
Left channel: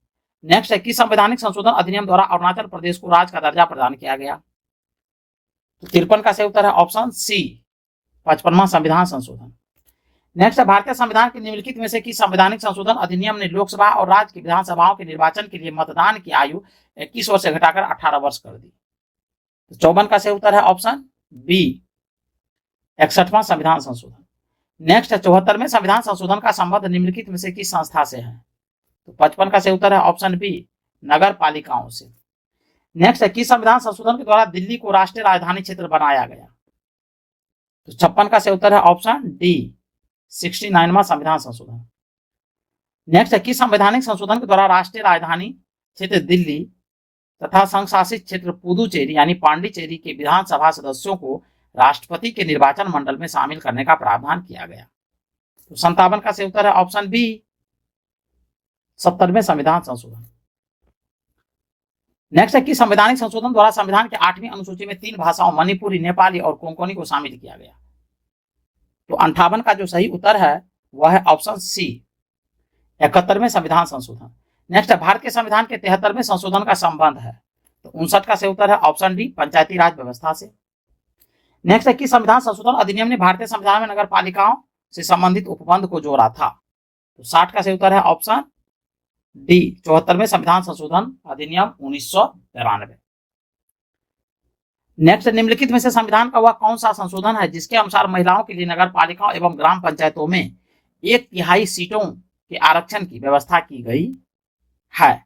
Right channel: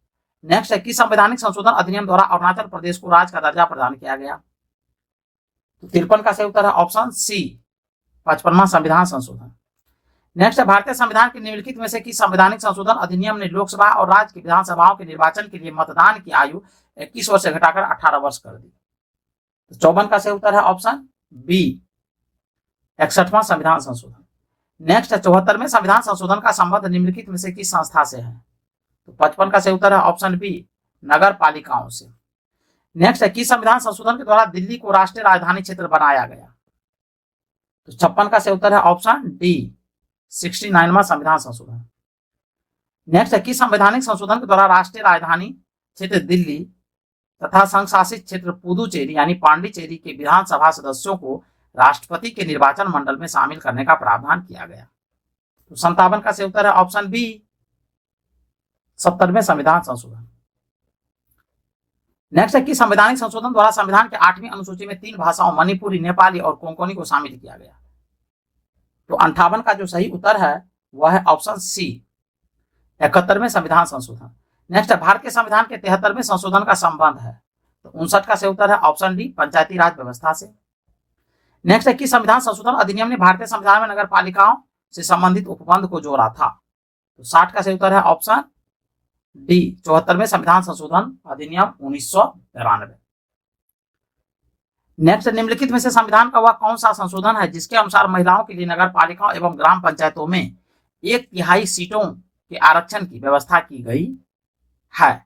नेक्स्ट है किस संवैधानिक संशोधन अधिनियम द्वारा अरुणाचल प्रदेश को राज्य का दर्जा प्रदान किया गया? तो 53 का सही उत्तर है ऑप्शन सी 55वां संविधान संशोधन। नेक्स्ट है भारतीय संविधान के निम्नलिखित में से किस संवैधानिक संशोधन अधिनियम ने लोकसभा और राज्य की विधानसभाओं के निर्वाचन के लिए मतदान की आयु 21 वर्ष से घटाकर 18 वर्ष कर दी? 54 का सही उत्तर है ऑप्शन बी 61वां संविधान संशोधन। नेक्स्ट है 74वें संविधान संशोधन का संबंध निम्नलिखित में से किस संस्था से है? तो 55 का सही उत्तर है ऑप्शन बी नगर पालिकाओं से। नेक्स्ट है किस संविधान संशोधन के द्वारा दिल्ली को राष्ट्रीय राजधानी क्षेत्र बनाया गया? तो 56 का सही उत्तर है ऑप्शन डी 69वां संविधान संशोधन। नेक्स्ट है किस संवैधानिक संशोधन के द्वारा राष्ट्रीय राजधानी क्षेत्र दिल्ली तथा संघ शासित क्षेत्र पुदुचेरी यानी पांडिचेरी के विधानसभा सदस्यों को राष्ट्रपति के निर्वाचन मंडल में शामिल करने का प्रावधान किया गया? तो 57 का सही उत्तर है ऑप्शन बी 70वें संविधान संशोधन। नेक्स्ट है किस संवैधानिक संशोधन द्वारा संविधान के 8वीं अनुसूची में 3 भाषाओं मणिपुरी, नेपाली और कोंकणी को शामिल किया गया? तो 58 का जो सही उत्तर है वह है ऑप्शन सी 71वें संविधान संशोधन। नेक्स्ट है भारत के संविधान के 73वें संशोधन का संबंध है? तो 59 का सही उत्तर है ऑप्शन डी पंचायती राज व्यवस्था से। नेक्स्ट है कि संविधान संशोधन अधिनियम ने भारतीय संविधान में नगर पालिकाओं से संबंधित उपबंध को जोड़ा था? तो 60 का सही उत्तर है ऑप्शन डी 74वें संविधान संशोधन अधिनियम 1993। नेक्स्ट निम्नलिखित में से संविधान का वह कौन सा संशोधन है जिसके अनुसार महिलाओं के लिए नगर पालिकाओं एवं ग्राम पंचायतों में 1/3 सीटों के आरक्षण की व्यवस्था की गई है?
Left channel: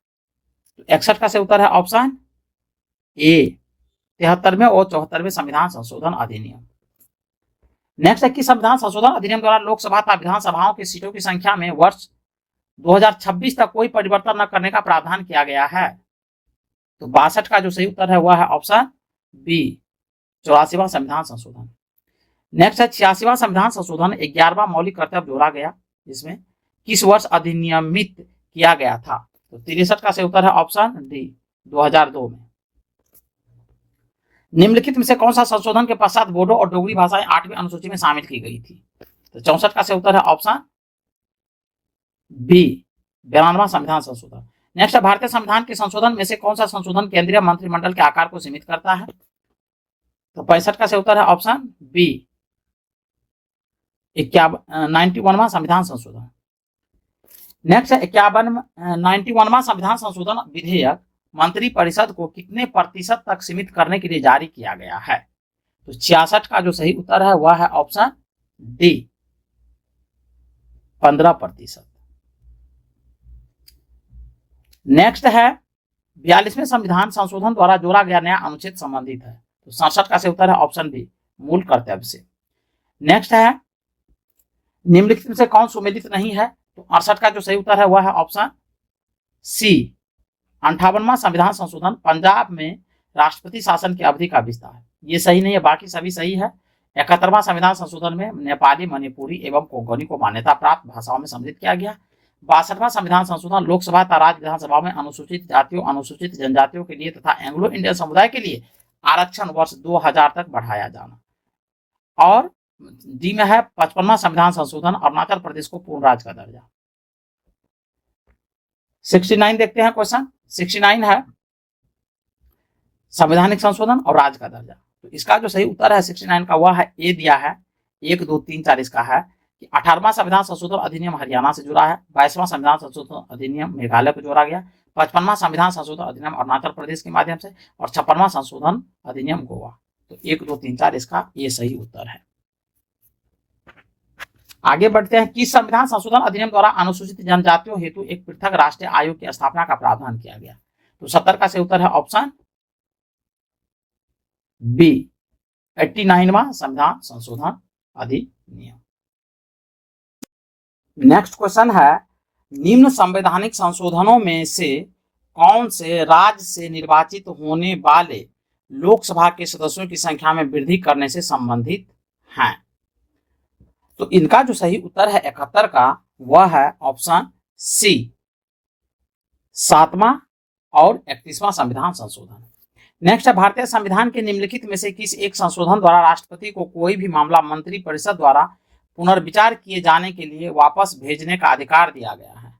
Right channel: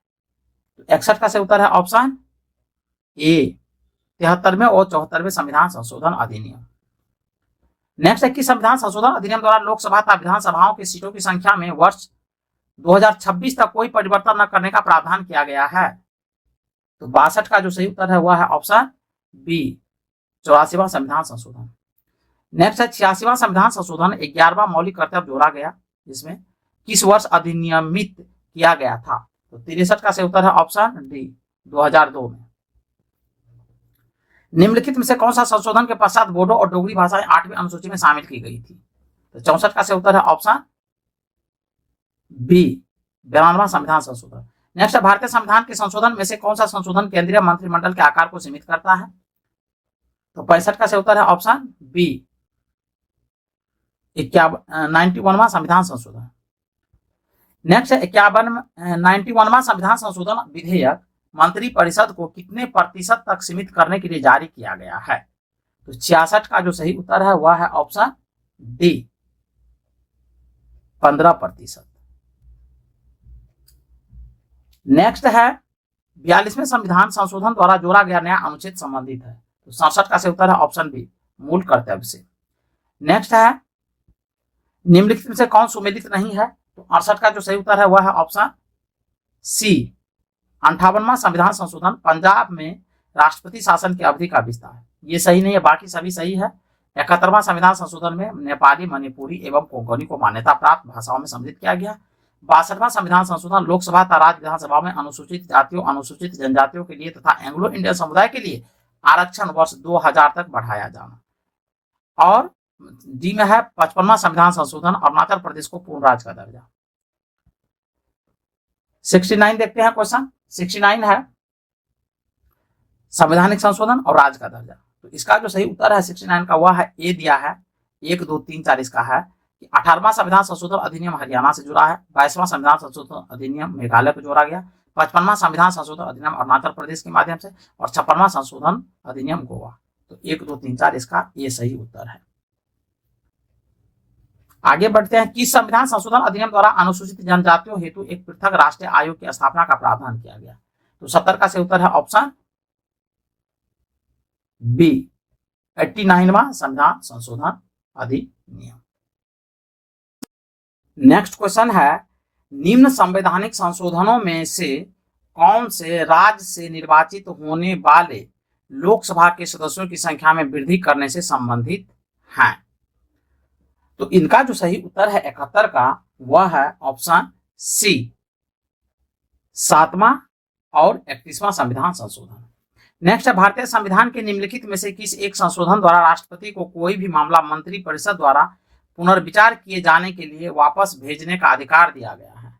61 का सही उत्तर है ऑप्शन ए 73वें और 74वें संविधान संशोधन अधिनियम। नेक्स्ट है कि संविधान संशोधन अधिनियम द्वारा लोकसभा तथा विधानसभाओं की सीटों की संख्या में वर्ष 2026 तक कोई परिवर्तन न करने का प्रावधान किया गया है? तो 62 का जो सही उत्तर है वह है ऑप्शन बी 84वां संविधान संशोधन। नेक्स्ट है 86वां संविधान संशोधन 11वां मौलिक कर्तव्य जोड़ा गया, इसमें किस वर्ष अधिनियमित किया गया था? तो 63 का सही उत्तर है ऑप्शन डी 2002 में। निम्नलिखित में से कौन सा संशोधन के पश्चात बोडो और डोगरी भाषाएं 8वीं अनुसूची में शामिल की गई थी? तो 64 का सही उत्तर है ऑप्शन बी 92वां संविधान संशोधन। नेक्स्ट भारतीय संविधान के संशोधन में से कौन सा संशोधन केंद्रीय मंत्रिमंडल के आकार को सीमित करता है? तो 65 का सही उत्तर है ऑप्शन बी 91वां संविधान संशोधन। नेक्स्ट 91वां संविधान संशोधन विधेयक मंत्री परिषद को कितने प्रतिशत तक सीमित करने के लिए जारी किया गया है? तो 66 का जो सही उत्तर है वह है ऑप्शन डी 15%। नेक्स्ट है 42वें संविधान संशोधन द्वारा जोड़ा गया नया अनुच्छेद संबंधित है? तो 67 का सही उत्तर है ऑप्शन बी मूल कर्तव्य से। नेक्स्ट है निम्नलिखित में से कौन सुमेलित नहीं है? तो 68 का जो सही उत्तर है वह है ऑप्शन सी 58वां संविधान संशोधन पंजाब में राष्ट्रपति शासन की अवधि का विस्तार। ये सही नहीं है, बाकी सभी सही है। 71वां संविधान संशोधन में नेपाली, मणिपुरी एवं कोंकणी को मान्यता प्राप्त भाषाओं में सम्मिलित किया गया। 62वां संविधान संशोधन लोकसभा तथा राज्य विधानसभा में अनुसूचित जातियों, अनुसूचित जनजातियों के लिए तथा एंग्लो इंडियन समुदाय के लिए आरक्षण वर्ष 2000 तक बढ़ाया जाना। और डी में है 55वां संविधान संशोधन, अरुणाचल प्रदेश को पूर्ण राज्य का दर्जा। 69 देखते हैं क्वेश्चन। 69 है संवैधानिक संशोधन और राज्य का दर्जा। तो इसका जो सही उत्तर है 69 का वह है ए दिया है। 1 2 3 4 इसका है कि 18वां संविधान संशोधन अधिनियम हरियाणा से जुड़ा है, 22वां संविधान संशोधन अधिनियम मेघालय को जोड़ा गया, 55वां संविधान संशोधन अधिनियम अरुणाचल प्रदेश के माध्यम से और 56वां संशोधन अधिनियम गोवा। तो 1 2 3 4 इसका ये सही उत्तर है। आगे बढ़ते हैं। किस संविधान संशोधन अधिनियम द्वारा अनुसूचित जनजातियों हेतु एक पृथक राष्ट्रीय आयोग की स्थापना का प्रावधान किया गया? तो 70 का सही उत्तर है ऑप्शन बी 89वां संविधान संशोधन अधिनियम। नेक्स्ट क्वेश्चन है, निम्न संवैधानिक संशोधनों में से कौन से राज्य से निर्वाचित होने वाले लोकसभा के सदस्यों की संख्या में वृद्धि करने से संबंधित हैं? तो इनका जो सही उत्तर है 71 का वह है ऑप्शन सी 7वां और 31वां संविधान संशोधन। नेक्स्ट है, भारतीय संविधान के निम्नलिखित में से किस एक संशोधन द्वारा राष्ट्रपति को कोई भी मामला मंत्रिपरिषद द्वारा पुनर्विचार किए जाने के लिए वापस भेजने का अधिकार दिया गया है?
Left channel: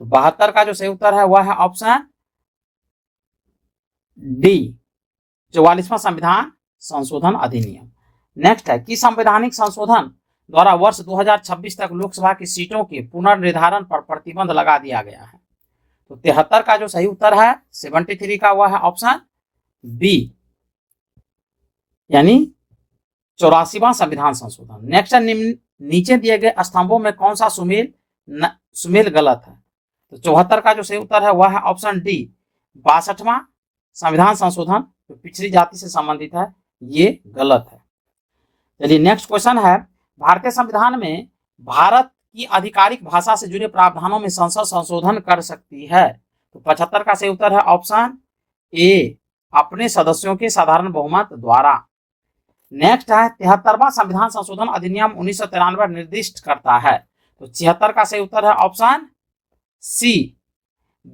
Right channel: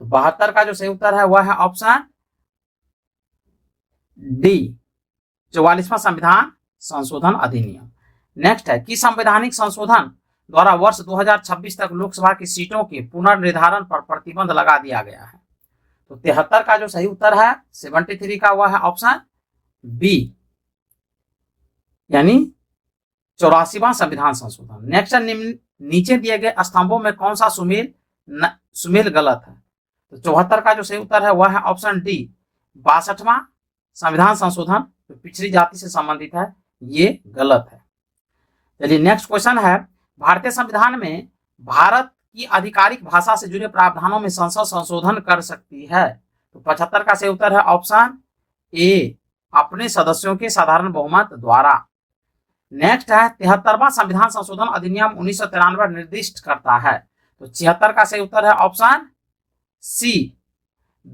तो 72 का जो सही उत्तर है वह है ऑप्शन डी 44वां संविधान संशोधन अधिनियम। नेक्स्ट है, किस संवैधानिक संशोधन द्वारा वर्ष 2026 तक लोकसभा की सीटों के पुनर्निर्धारण पर प्रतिबंध लगा दिया गया है? तो 73 का जो सही उत्तर है 73 का वह है ऑप्शन बी यानी 84वां संविधान संशोधन। नेक्स्ट है, नीचे दिए गए स्तंभों में कौन सा सुमेल गलत है? तो 74 का जो सही उत्तर है वह है ऑप्शन डी 62वां संविधान संशोधन, तो पिछड़ी जाति से संबंधित है, ये गलत है। चलिए नेक्स्ट क्वेश्चन है, भारतीय संविधान में भारत की आधिकारिक भाषा से जुड़े प्रावधानों में संसद संशोधन कर सकती है? तो 75 का सही उत्तर है ऑप्शन ए अपने सदस्यों के साधारण बहुमत द्वारा। नेक्स्ट है, 73वां संविधान संशोधन अधिनियम 1993 निर्दिष्ट करता है? तो 76 का सही उत्तर है ऑप्शन सी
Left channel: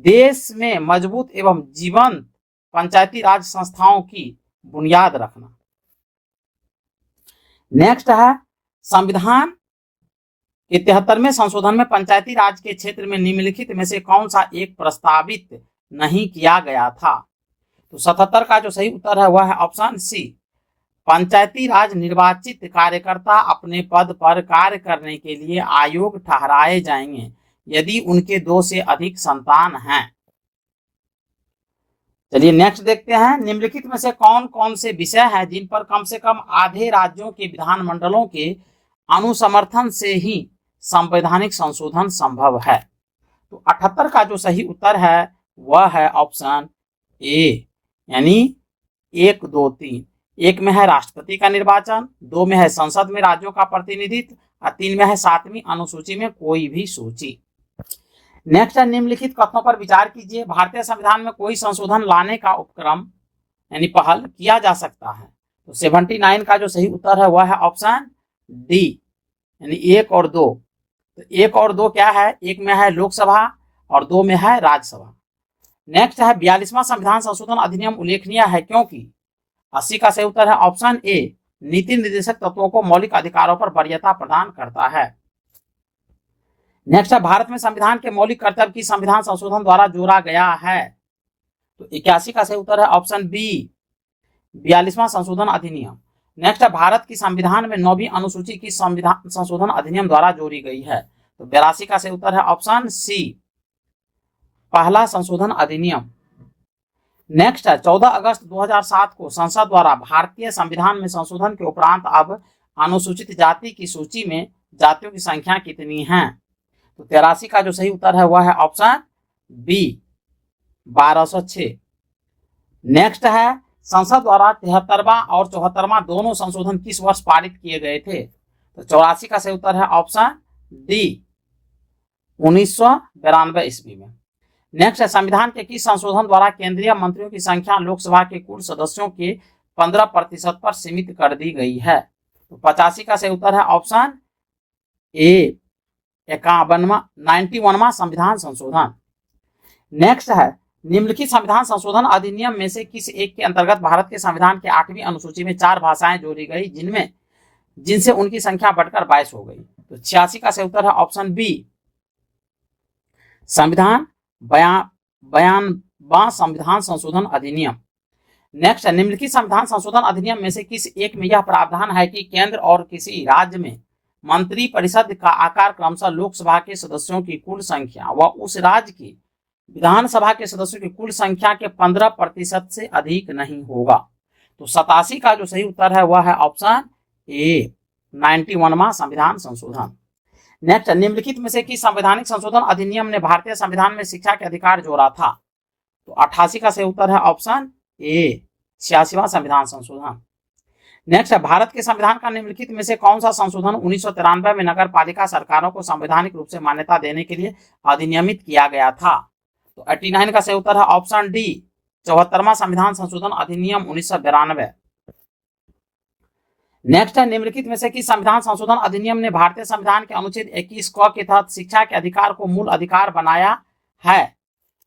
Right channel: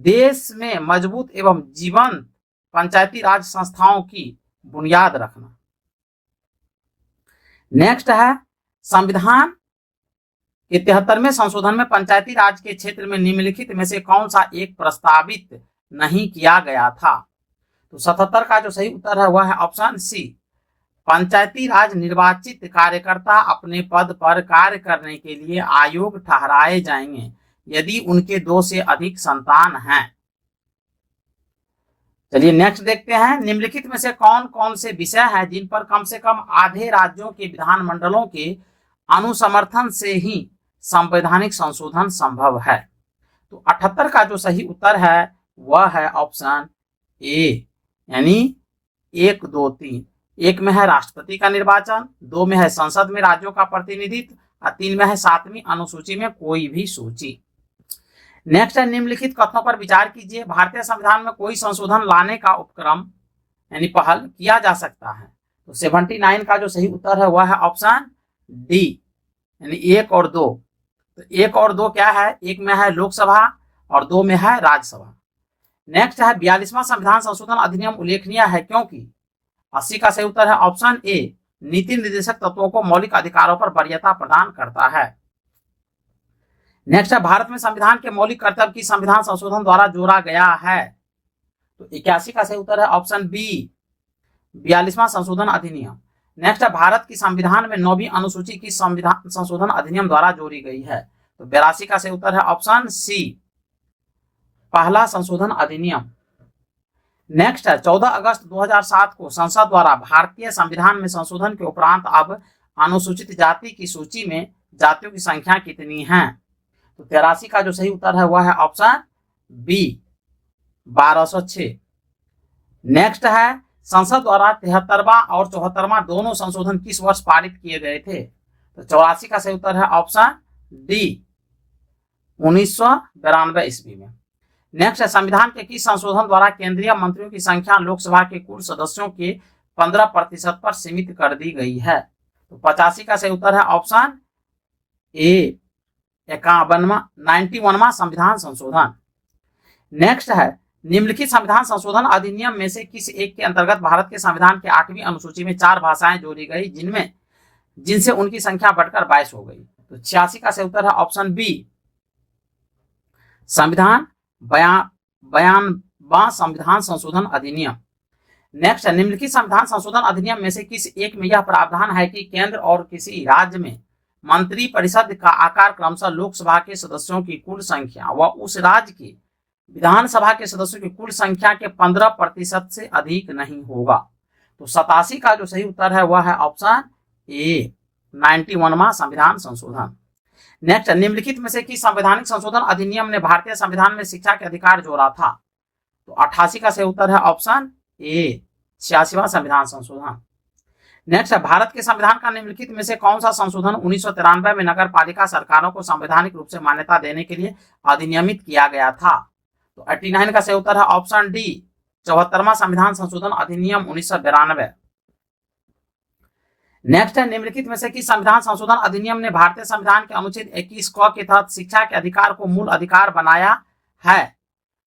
देश में मजबूत एवं जीवंत पंचायती राज संस्थाओं की बुनियाद रखना। नेक्स्ट है, संविधान के 73वें संशोधन में पंचायती राज के क्षेत्र में निम्नलिखित में से कौन सा एक प्रस्तावित नहीं किया गया था? तो 77 का जो सही उत्तर है वह है ऑप्शन सी पंचायती राज निर्वाचित कार्यकर्ता अपने पद पर कार्य करने के लिए आयोग ठहराए जाएंगे यदि उनके 2 से अधिक संतान हैं। चलिए नेक्स्ट देखते हैं, निम्नलिखित में से कौन कौन से विषय हैं जिन पर कम से कम आधे राज्यों के विधानमंडलों के अनुसमर्थन से ही संवैधानिक संशोधन संभव है? तो 78 का जो सही उत्तर है वह है ऑप्शन ए यानी 1 2 3। 1 में है राष्ट्रपति का निर्वाचन, 2 में है संसद में राज्यों का प्रतिनिधित्व और 3 में है 7वीं अनुसूची में कोई भी सूची। नेक्स्ट है, निम्नलिखित कथनों पर विचार कीजिए। भारतीय संविधान में कोई संशोधन लाने का उपक्रम यानी पहल किया जा सकता है? तो 79 का जो सही उत्तर है वह है ऑप्शन डी यानी 1 और 2। तो 1 और 2 क्या है? 1 में है लोकसभा और 2 में है राज्यसभा। नेक्स्ट है, 42वां संविधान संशोधन अधिनियम उल्लेखनीय है क्योंकि? 80 का सही उत्तर है ऑप्शन ए नीति निर्देशक तत्वों को मौलिक अधिकारों पर वरीयता प्रदान करता है। नेक्स्ट है, भारत में संविधान के मौलिक कर्तव्य की संविधान संशोधन द्वारा जोड़ा गया है? तो 81 का सही उत्तर है ऑप्शन बी 42वां संशोधन अधिनियम। नेक्स्ट है, भारत की संविधान में 9वीं अनुसूची की संविधान संशोधन अधिनियम द्वारा जोड़ी गई है? तो 82 का सही उत्तर है ऑप्शन सी पहला संशोधन अधिनियम। नेक्स्ट है, 14 अगस्त 2007 को संसद द्वारा भारतीय संविधान में संशोधन के उपरांत अब अनुसूचित जाति की सूची में जातियों की संख्या कितनी है? तो 83 का जो सही उत्तर है वह है ऑप्शन बी 1206। नेक्स्ट है, संसद द्वारा 73वां और 74वां दोनों संशोधन किस वर्ष पारित किए गए थे? तो 84 का सही उत्तर है ऑप्शन डी 1992 ईस्वी में। नेक्स्ट है, संविधान के किस संशोधन द्वारा केंद्रीय मंत्रियों की संख्या लोकसभा के कुल सदस्यों के 15% पर सीमित कर दी गई है? तो 85 का सही उत्तर है ऑप्शन ए 91वां संविधान संशोधन। नेक्स्ट है, निम्नलिखित संविधान संशोधन अधिनियम में से किस एक के अंतर्गत भारत के संविधान के 8वीं अनुसूची में 4 भाषाएं जोड़ी गई जिनमें जिनसे उनकी संख्या बढ़कर 22 हो गई। तो 86 का सही उत्तर है ऑप्शन बी, संविधान 92वां संविधान संशोधन अधिनियम। नेक्स्ट है, निम्नलिखित संविधान संशोधन अधिनियम में से किस एक में यह प्रावधान है कि केंद्र और किसी राज्य में मंत्री परिषद का आकार क्रमशः लोकसभा के सदस्यों की कुल संख्या व उस राज्य की विधानसभा के सदस्यों की कुल संख्या के 15% से अधिक नहीं होगा। तो 87 का जो सही उत्तर है वह है ऑप्शन ए, 91वां संविधान संशोधन। नेक्स्ट, निम्नलिखित में से किस संवैधानिक संशोधन अधिनियम ने भारतीय संविधान में शिक्षा के अधिकार जोड़ा था? तो 88 का सही उत्तर है ऑप्शन ए, 86वां संविधान संशोधन। नेक्स्ट है, भारत के संविधान का निम्नलिखित में से कौन सा संशोधन 1993 में नगर पालिका सरकारों को संवैधानिक रूप से मान्यता देने के लिए अधिनियमित किया गया था? तो 89 का सही उत्तर है ऑप्शन डी, 74वां संविधान संशोधन अधिनियम 1992। नेक्स्ट है, निम्नलिखित में से किस संविधान संशोधन अधिनियम ने भारतीय संविधान के अनुच्छेद 21 क के तहत शिक्षा के अधिकार को मूल अधिकार बनाया है?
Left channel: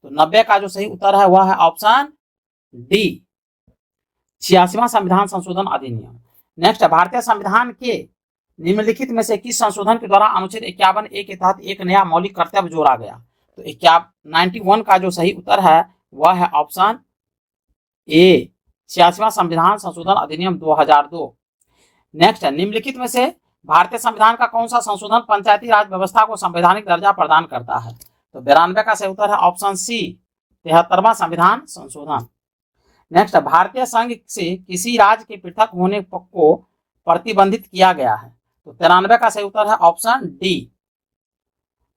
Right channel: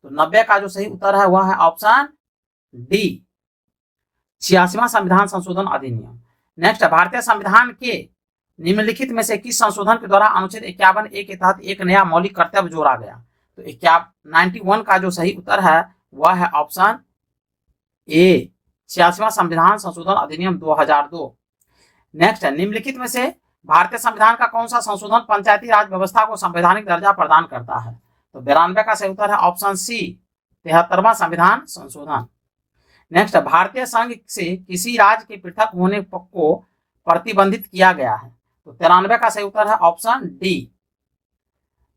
तो 90 का जो सही उत्तर है वह है ऑप्शन डी, 86वां संविधान संशोधन अधिनियम। नेक्स्ट, भारतीय संविधान के निम्नलिखित में से किस संशोधन के द्वारा अनुच्छेद 51A के तहत एक नया मौलिक कर्तव्य जोड़ा गया? तो 91 का जो सही उत्तर है वह है ऑप्शन ए, 86वां संविधान संशोधन अधिनियम 2002। नेक्स्ट है, निम्नलिखित में से भारतीय संविधान का कौन सा संशोधन पंचायती राज व्यवस्था को संवैधानिक दर्जा प्रदान करता है? तो 92 का सही उत्तर है ऑप्शन सी, 73वां संविधान संशोधन। नेक्स्ट, भारतीय संघ से किसी राज्य के पृथक होने को प्रतिबंधित किया गया है? तो 93 का सही उत्तर है ऑप्शन डी,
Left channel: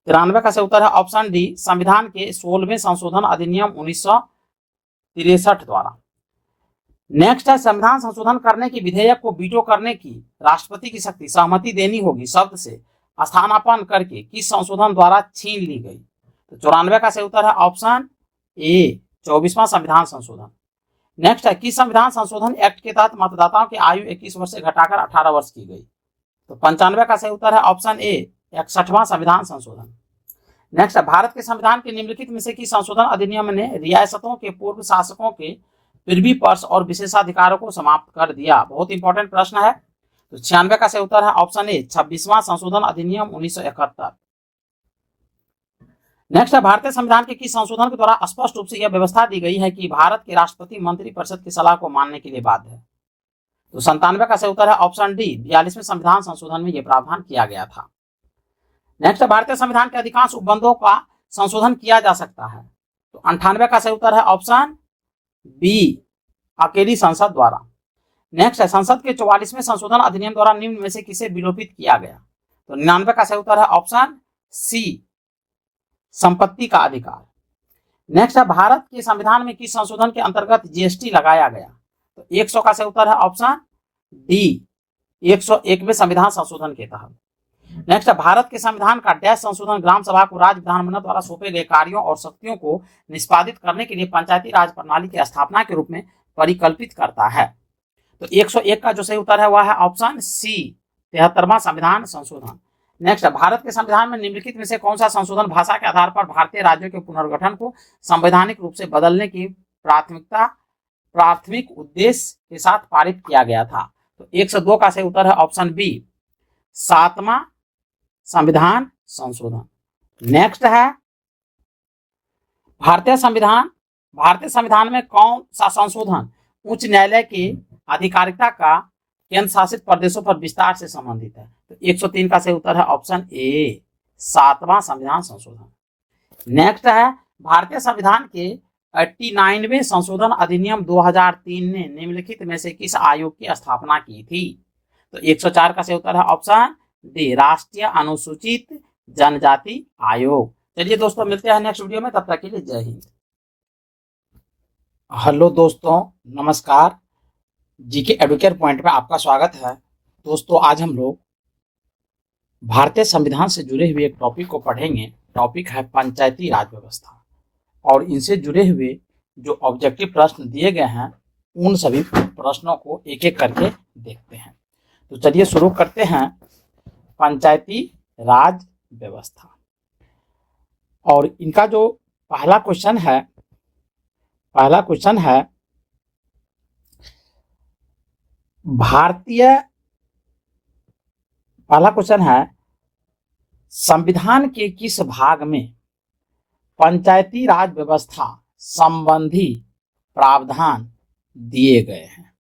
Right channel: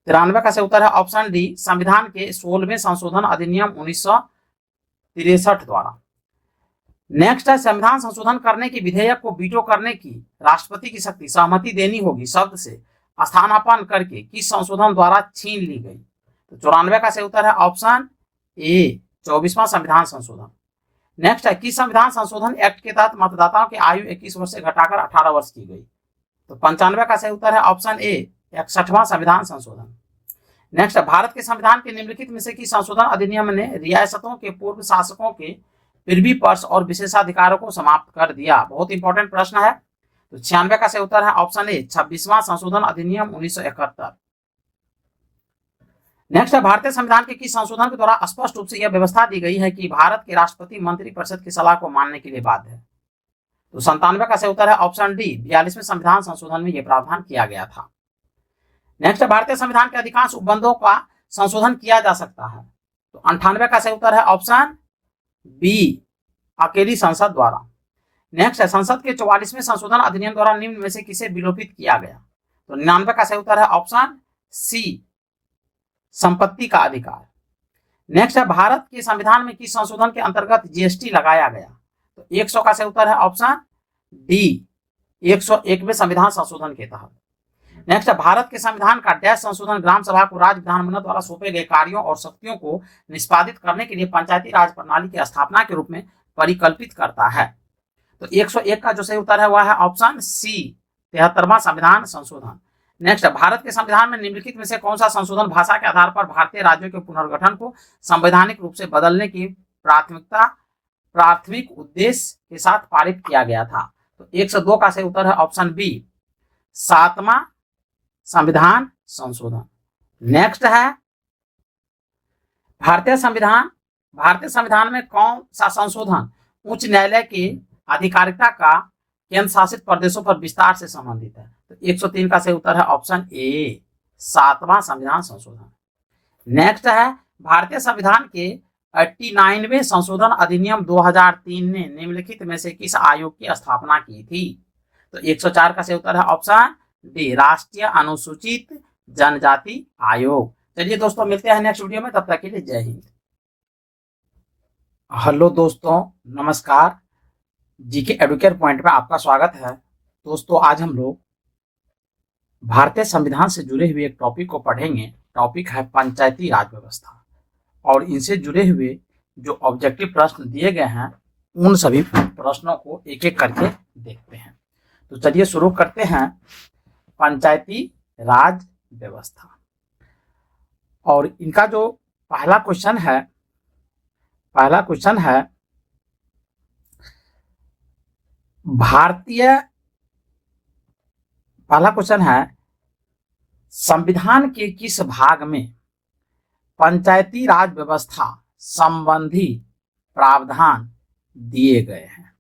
93 का सही उत्तर है ऑप्शन डी, संविधान के 16वें संशोधन अधिनियम 1963 द्वारा। नेक्स्ट है, संविधान संशोधन करने के विधेयक को वीटो करने की राष्ट्रपति की शक्ति सहमति देनी होगी शब्द से स्थानापन्न करके किस संशोधन द्वारा छीन ली गई? तो 94 का सही उत्तर है ऑप्शन ए, 24वां संविधान संशोधन। नेक्स्ट है, किस संविधान संशोधन एक्ट के तहत मतदाताओं की आयु 21 वर्ष से घटाकर 18 वर्ष की गई? तो 95 का सही उत्तर है ऑप्शन ए, 61वां संविधान संशोधन। नेक्स्ट, भारत के संविधान के निम्नलिखित में से किस संशोधन अधिनियम ने रियासतों के पूर्व शासकों के प्रिवी पर्स और विशेषाधिकारों को समाप्त कर दिया? बहुत इंपॉर्टेंट प्रश्न है। तो 96 का सही उत्तर है ऑप्शन ए, 26वां संशोधन अधिनियम 1971। नेक्स्ट है, भारतीय संविधान के किस संशोधन के द्वारा स्पष्ट रूप से यह व्यवस्था दी गई है कि भारत के राष्ट्रपति मंत्रिपरिषद की सलाह को मानने के लिए बाध्य है? तो 97 का सही उत्तर है ऑप्शन डी, 42वें संविधान संशोधन में यह प्रावधान किया गया था। नेक्स्ट, भारतीय संविधान के अधिकांश उपबंधों का संशोधन किया जा सकता है? तो 98 का सही उत्तर है ऑप्शन बी, अकेली संसद द्वारा। नेक्स्ट है, संसद के 44वें संशोधन अधिनियम द्वारा निम्न में से किसे विलोपित किया गया? तो 99 का सही उत्तर है ऑप्शन सी, संपत्ति का अधिकार। नेक्स्ट है, भारत के संविधान में किस संशोधन के अंतर्गत जीएसटी लगाया गया? तो 100 का सही उत्तर है ऑप्शन डी, 101वें संविधान संशोधन के तहत। नेक्स्ट है, भारत के संविधान का डैश संशोधन ग्राम सभा को राज्य विधानमंडल द्वारा सौंपे गए कार्यों और शक्तियों को निष्पादित करने के लिए पंचायती राज प्रणाली की स्थापना के रूप में परिकल्पित करता है? तो 101 का जो सही उत्तर है वह है ऑप्शन सी, 73वां संविधान संशोधन। नेक्स्ट, भारत के संविधान में निम्नलिखित में से कौन सा संशोधन भाषा के आधार पर भारतीय राज्यों के पुनर्गठन को संवैधानिक रूप से बदलने की प्राथमिक उद्देश्य के साथ पारित किया गया था? तो 102 का सही उत्तर है ऑप्शन बी, 7वां संविधान संशोधन। नेक्स्ट है, भारतीय संविधान में कौन सा संशोधन उच्च न्यायालय की आधिकारिकता का केंद्र शासित प्रदेशों पर विस्तार से संबंधित है? तो 103 का सही उत्तर है ऑप्शन ए, 7वां संविधान संशोधन। नेक्स्ट है, भारतीय संविधान के 89वें संशोधन अधिनियम 2003 ने निम्नलिखित में से किस आयोग की स्थापना की थी? तो 104 का सही उत्तर है ऑप्शन डी, राष्ट्रीय अनुसूचित जनजाति आयोग। चलिए दोस्तों, मिलते हैं नेक्स्ट वीडियो में, तब तक के लिए जय हिंद। हेलो दोस्तों, नमस्कार। जीके एडुकेट पॉइंट में आपका स्वागत है। दोस्तों, आज हम लोग भारतीय संविधान से जुड़े हुए एक टॉपिक को पढ़ेंगे। टॉपिक है पंचायती राज व्यवस्था, और इनसे जुड़े हुए जो ऑब्जेक्टिव प्रश्न दिए गए हैं उन सभी प्रश्नों को एक एक करके देखते हैं। तो चलिए शुरू करते हैं पंचायती राज व्यवस्था। और इनका जो पहला क्वेश्चन है भारतीय पहला क्वेश्चन है, संविधान के किस भाग में पंचायती राज व्यवस्था संबंधी प्रावधान दिए गए हैं?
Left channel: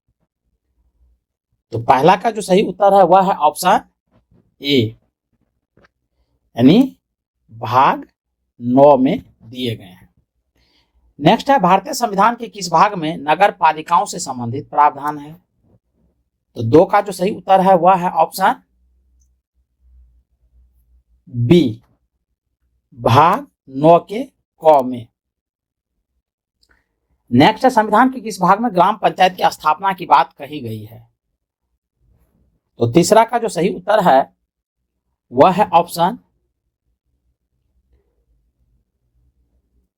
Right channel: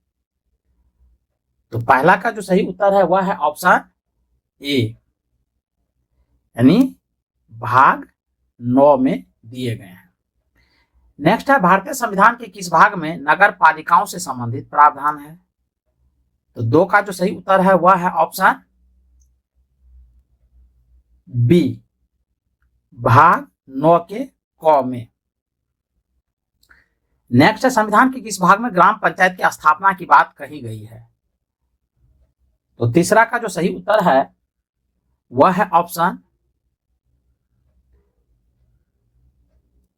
तो पहला का जो सही उत्तर है वह है ऑप्शन ए, यानी भाग 9 में दिए गए हैं। नेक्स्ट है, भारतीय संविधान के किस भाग में नगर पालिकाओं से संबंधित प्रावधान है? तो 2 का जो सही उत्तर है वह है ऑप्शन बी, भाग 9 के क में। नेक्स्ट है, संविधान के किस भाग में ग्राम पंचायत की स्थापना की बात कही गई है? तो तीसरा का जो सही उत्तर है वह है ऑप्शन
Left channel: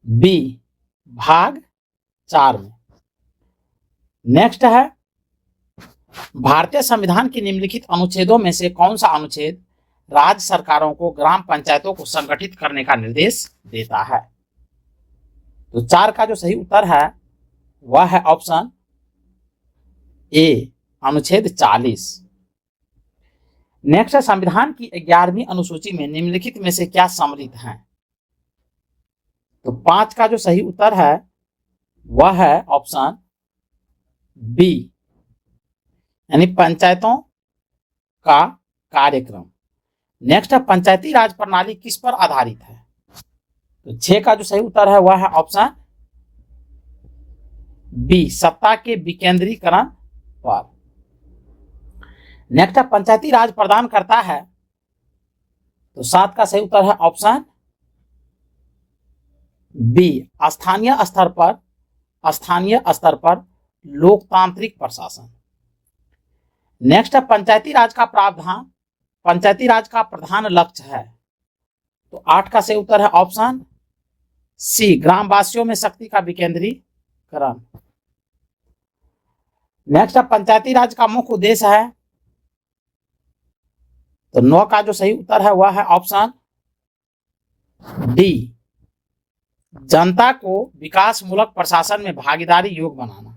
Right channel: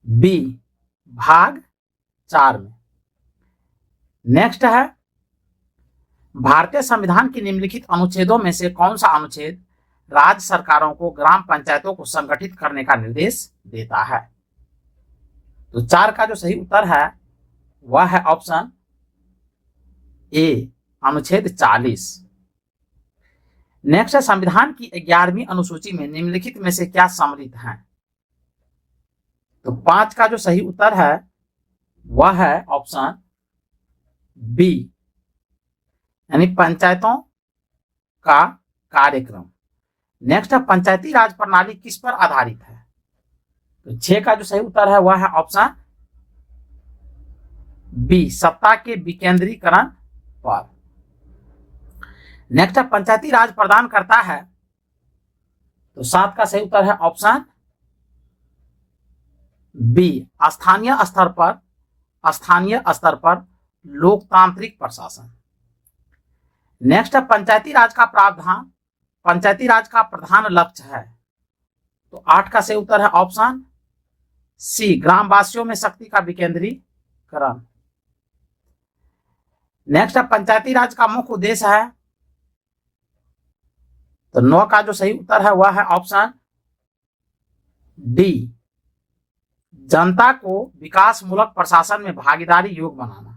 बी, भाग 4 में। नेक्स्ट है, भारतीय संविधान के निम्नलिखित अनुच्छेदों में से कौन सा अनुच्छेद राज्य सरकारों को ग्राम पंचायतों को संगठित करने का निर्देश देता है? तो 4 का जो सही उत्तर है वह है ऑप्शन ए, अनुच्छेद 40। नेक्स्ट है, संविधान की 11वीं अनुसूची में निम्नलिखित में से क्या सम्मिलित है? तो 5 का जो सही उत्तर है वह है ऑप्शन बी, यानी पंचायतों का कार्यक्रम। नेक्स्ट है, पंचायती राज प्रणाली किस पर आधारित है? तो 6 का जो सही उत्तर है वह है ऑप्शन बी, सत्ता के विकेंद्रीकरण पर। नेक्स्ट है, पंचायती राज प्रदान करता है? तो 7 का सही उत्तर है ऑप्शन बी, स्थानीय स्तर पर लोकतांत्रिक प्रशासन। नेक्स्ट है, पंचायती राज का प्रधान लक्ष्य है? तो 8 का सही उत्तर है ऑप्शन सी, ग्रामवासियों में शक्ति का विकेंद्रीकरण। नेक्स्ट है, पंचायती राज का मुख्य उद्देश्य है? तो 9 का जो सही उत्तर है वह है ऑप्शन डी, जनता को विकास मूलक प्रशासन में भागीदारी योग बनाना।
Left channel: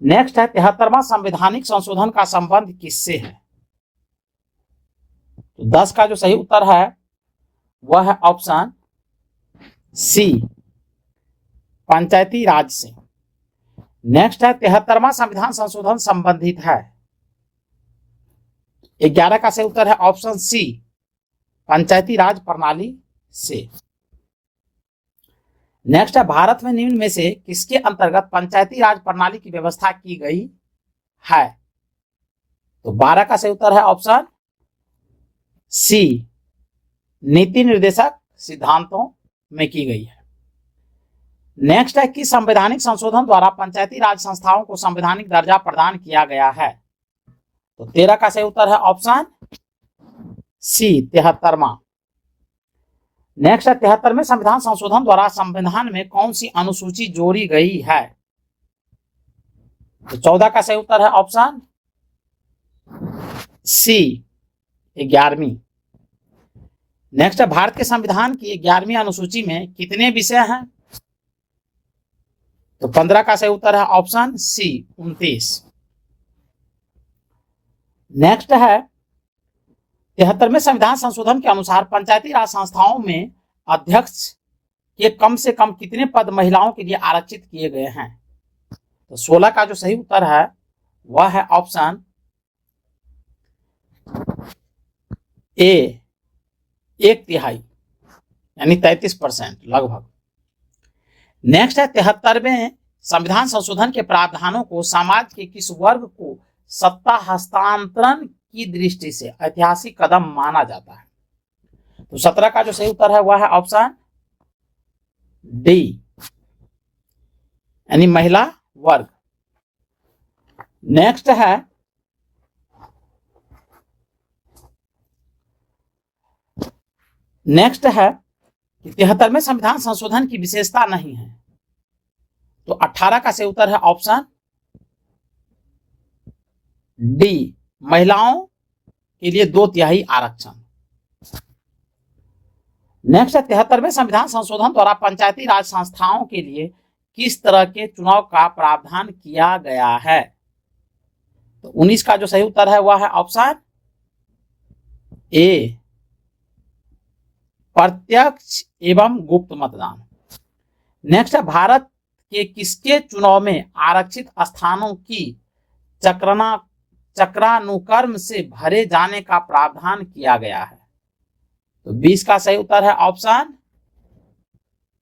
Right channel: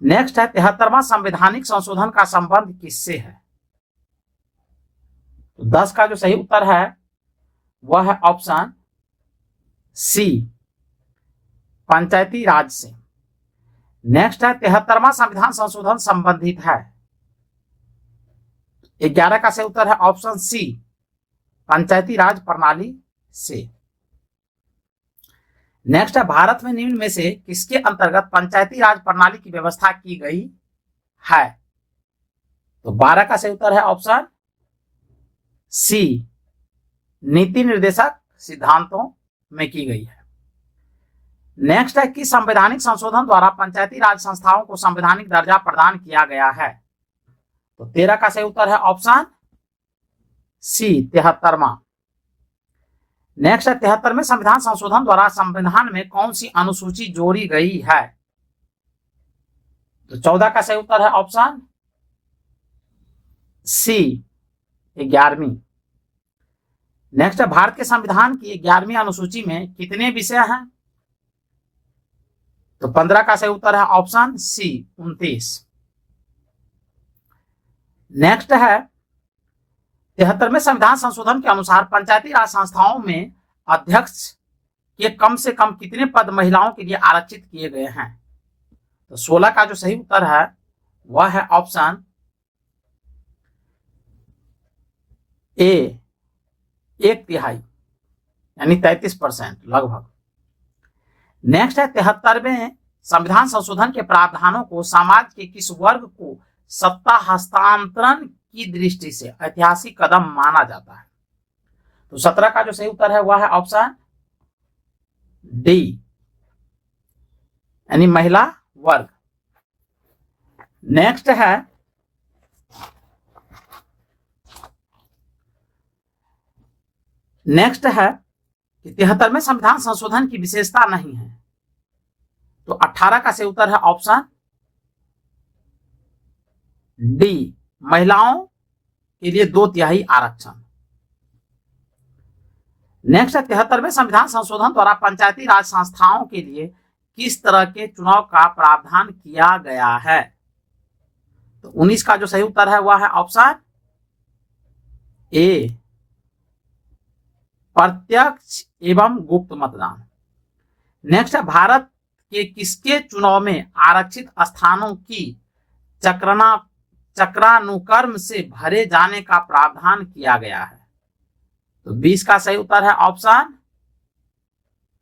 नेक्स्ट है, 73वां संवैधानिक संशोधन का संबंध किससे है? तो 10 का जो सही उत्तर है वह है ऑप्शन सी, पंचायती राज से। नेक्स्ट है, 73वां संविधान संशोधन संबंधित है? 11 का सही उत्तर है ऑप्शन सी, पंचायती राज प्रणाली से। नेक्स्ट है, भारत में निम्न में से किसके अंतर्गत पंचायती राज प्रणाली की व्यवस्था की गई है? तो 12 का सही उत्तर है ऑप्शन सी, नीति निर्देशक सिद्धांतों में की गई है। नेक्स्ट है, कि संवैधानिक संशोधन द्वारा पंचायती राज संस्थाओं को संवैधानिक दर्जा प्रदान किया गया है? तो 13 का सही उत्तर है ऑप्शन सी, 73वां। नेक्स्ट है, 73वें संविधान संशोधन द्वारा संविधान में कौन सी अनुसूची जोड़ी गई है? तो 14 का सही उत्तर है ऑप्शन सी, 11वीं। नेक्स्ट है, भारत के संविधान की 11वीं अनुसूची में कितने विषय हैं? तो 15 का सही उत्तर है ऑप्शन सी, 29। नेक्स्ट है, 73वें संविधान संशोधन के अनुसार पंचायती राज संस्थाओं में अध्यक्ष के कम से कम कितने पद महिलाओं के लिए आरक्षित किए गए हैं? तो 16 का जो सही उत्तर है वह है ऑप्शन ए, 1/3, यानी 33% लगभग। नेक्स्ट है, 73वें संविधान संशोधन के प्रावधानों को समाज के किस वर्ग को सत्ता हस्तांतरण की दृष्टि से ऐतिहासिक कदम माना जाता है? तो 17 का जो सही उत्तर है वह है ऑप्शन डी, यानी महिला वर्ग। नेक्स्ट है, नेक्स्ट है 73वें संविधान संशोधन की विशेषता नहीं है? तो 18 का सही उत्तर है ऑप्शन डी, महिलाओं के लिए 2/3 आरक्षण। नेक्स्ट है, 73वें संविधान संशोधन द्वारा पंचायती राज संस्थाओं के लिए किस तरह के चुनाव का प्रावधान किया गया है? तो 19 का जो सही उत्तर है वह है ऑप्शन ए, प्रत्यक्ष एवं गुप्त मतदान। नेक्स्ट है, भारत के किसके चुनाव में आरक्षित स्थानों की चक्रानुक्रम से भरे जाने का प्रावधान किया गया है? तो 20 का सही उत्तर है ऑप्शन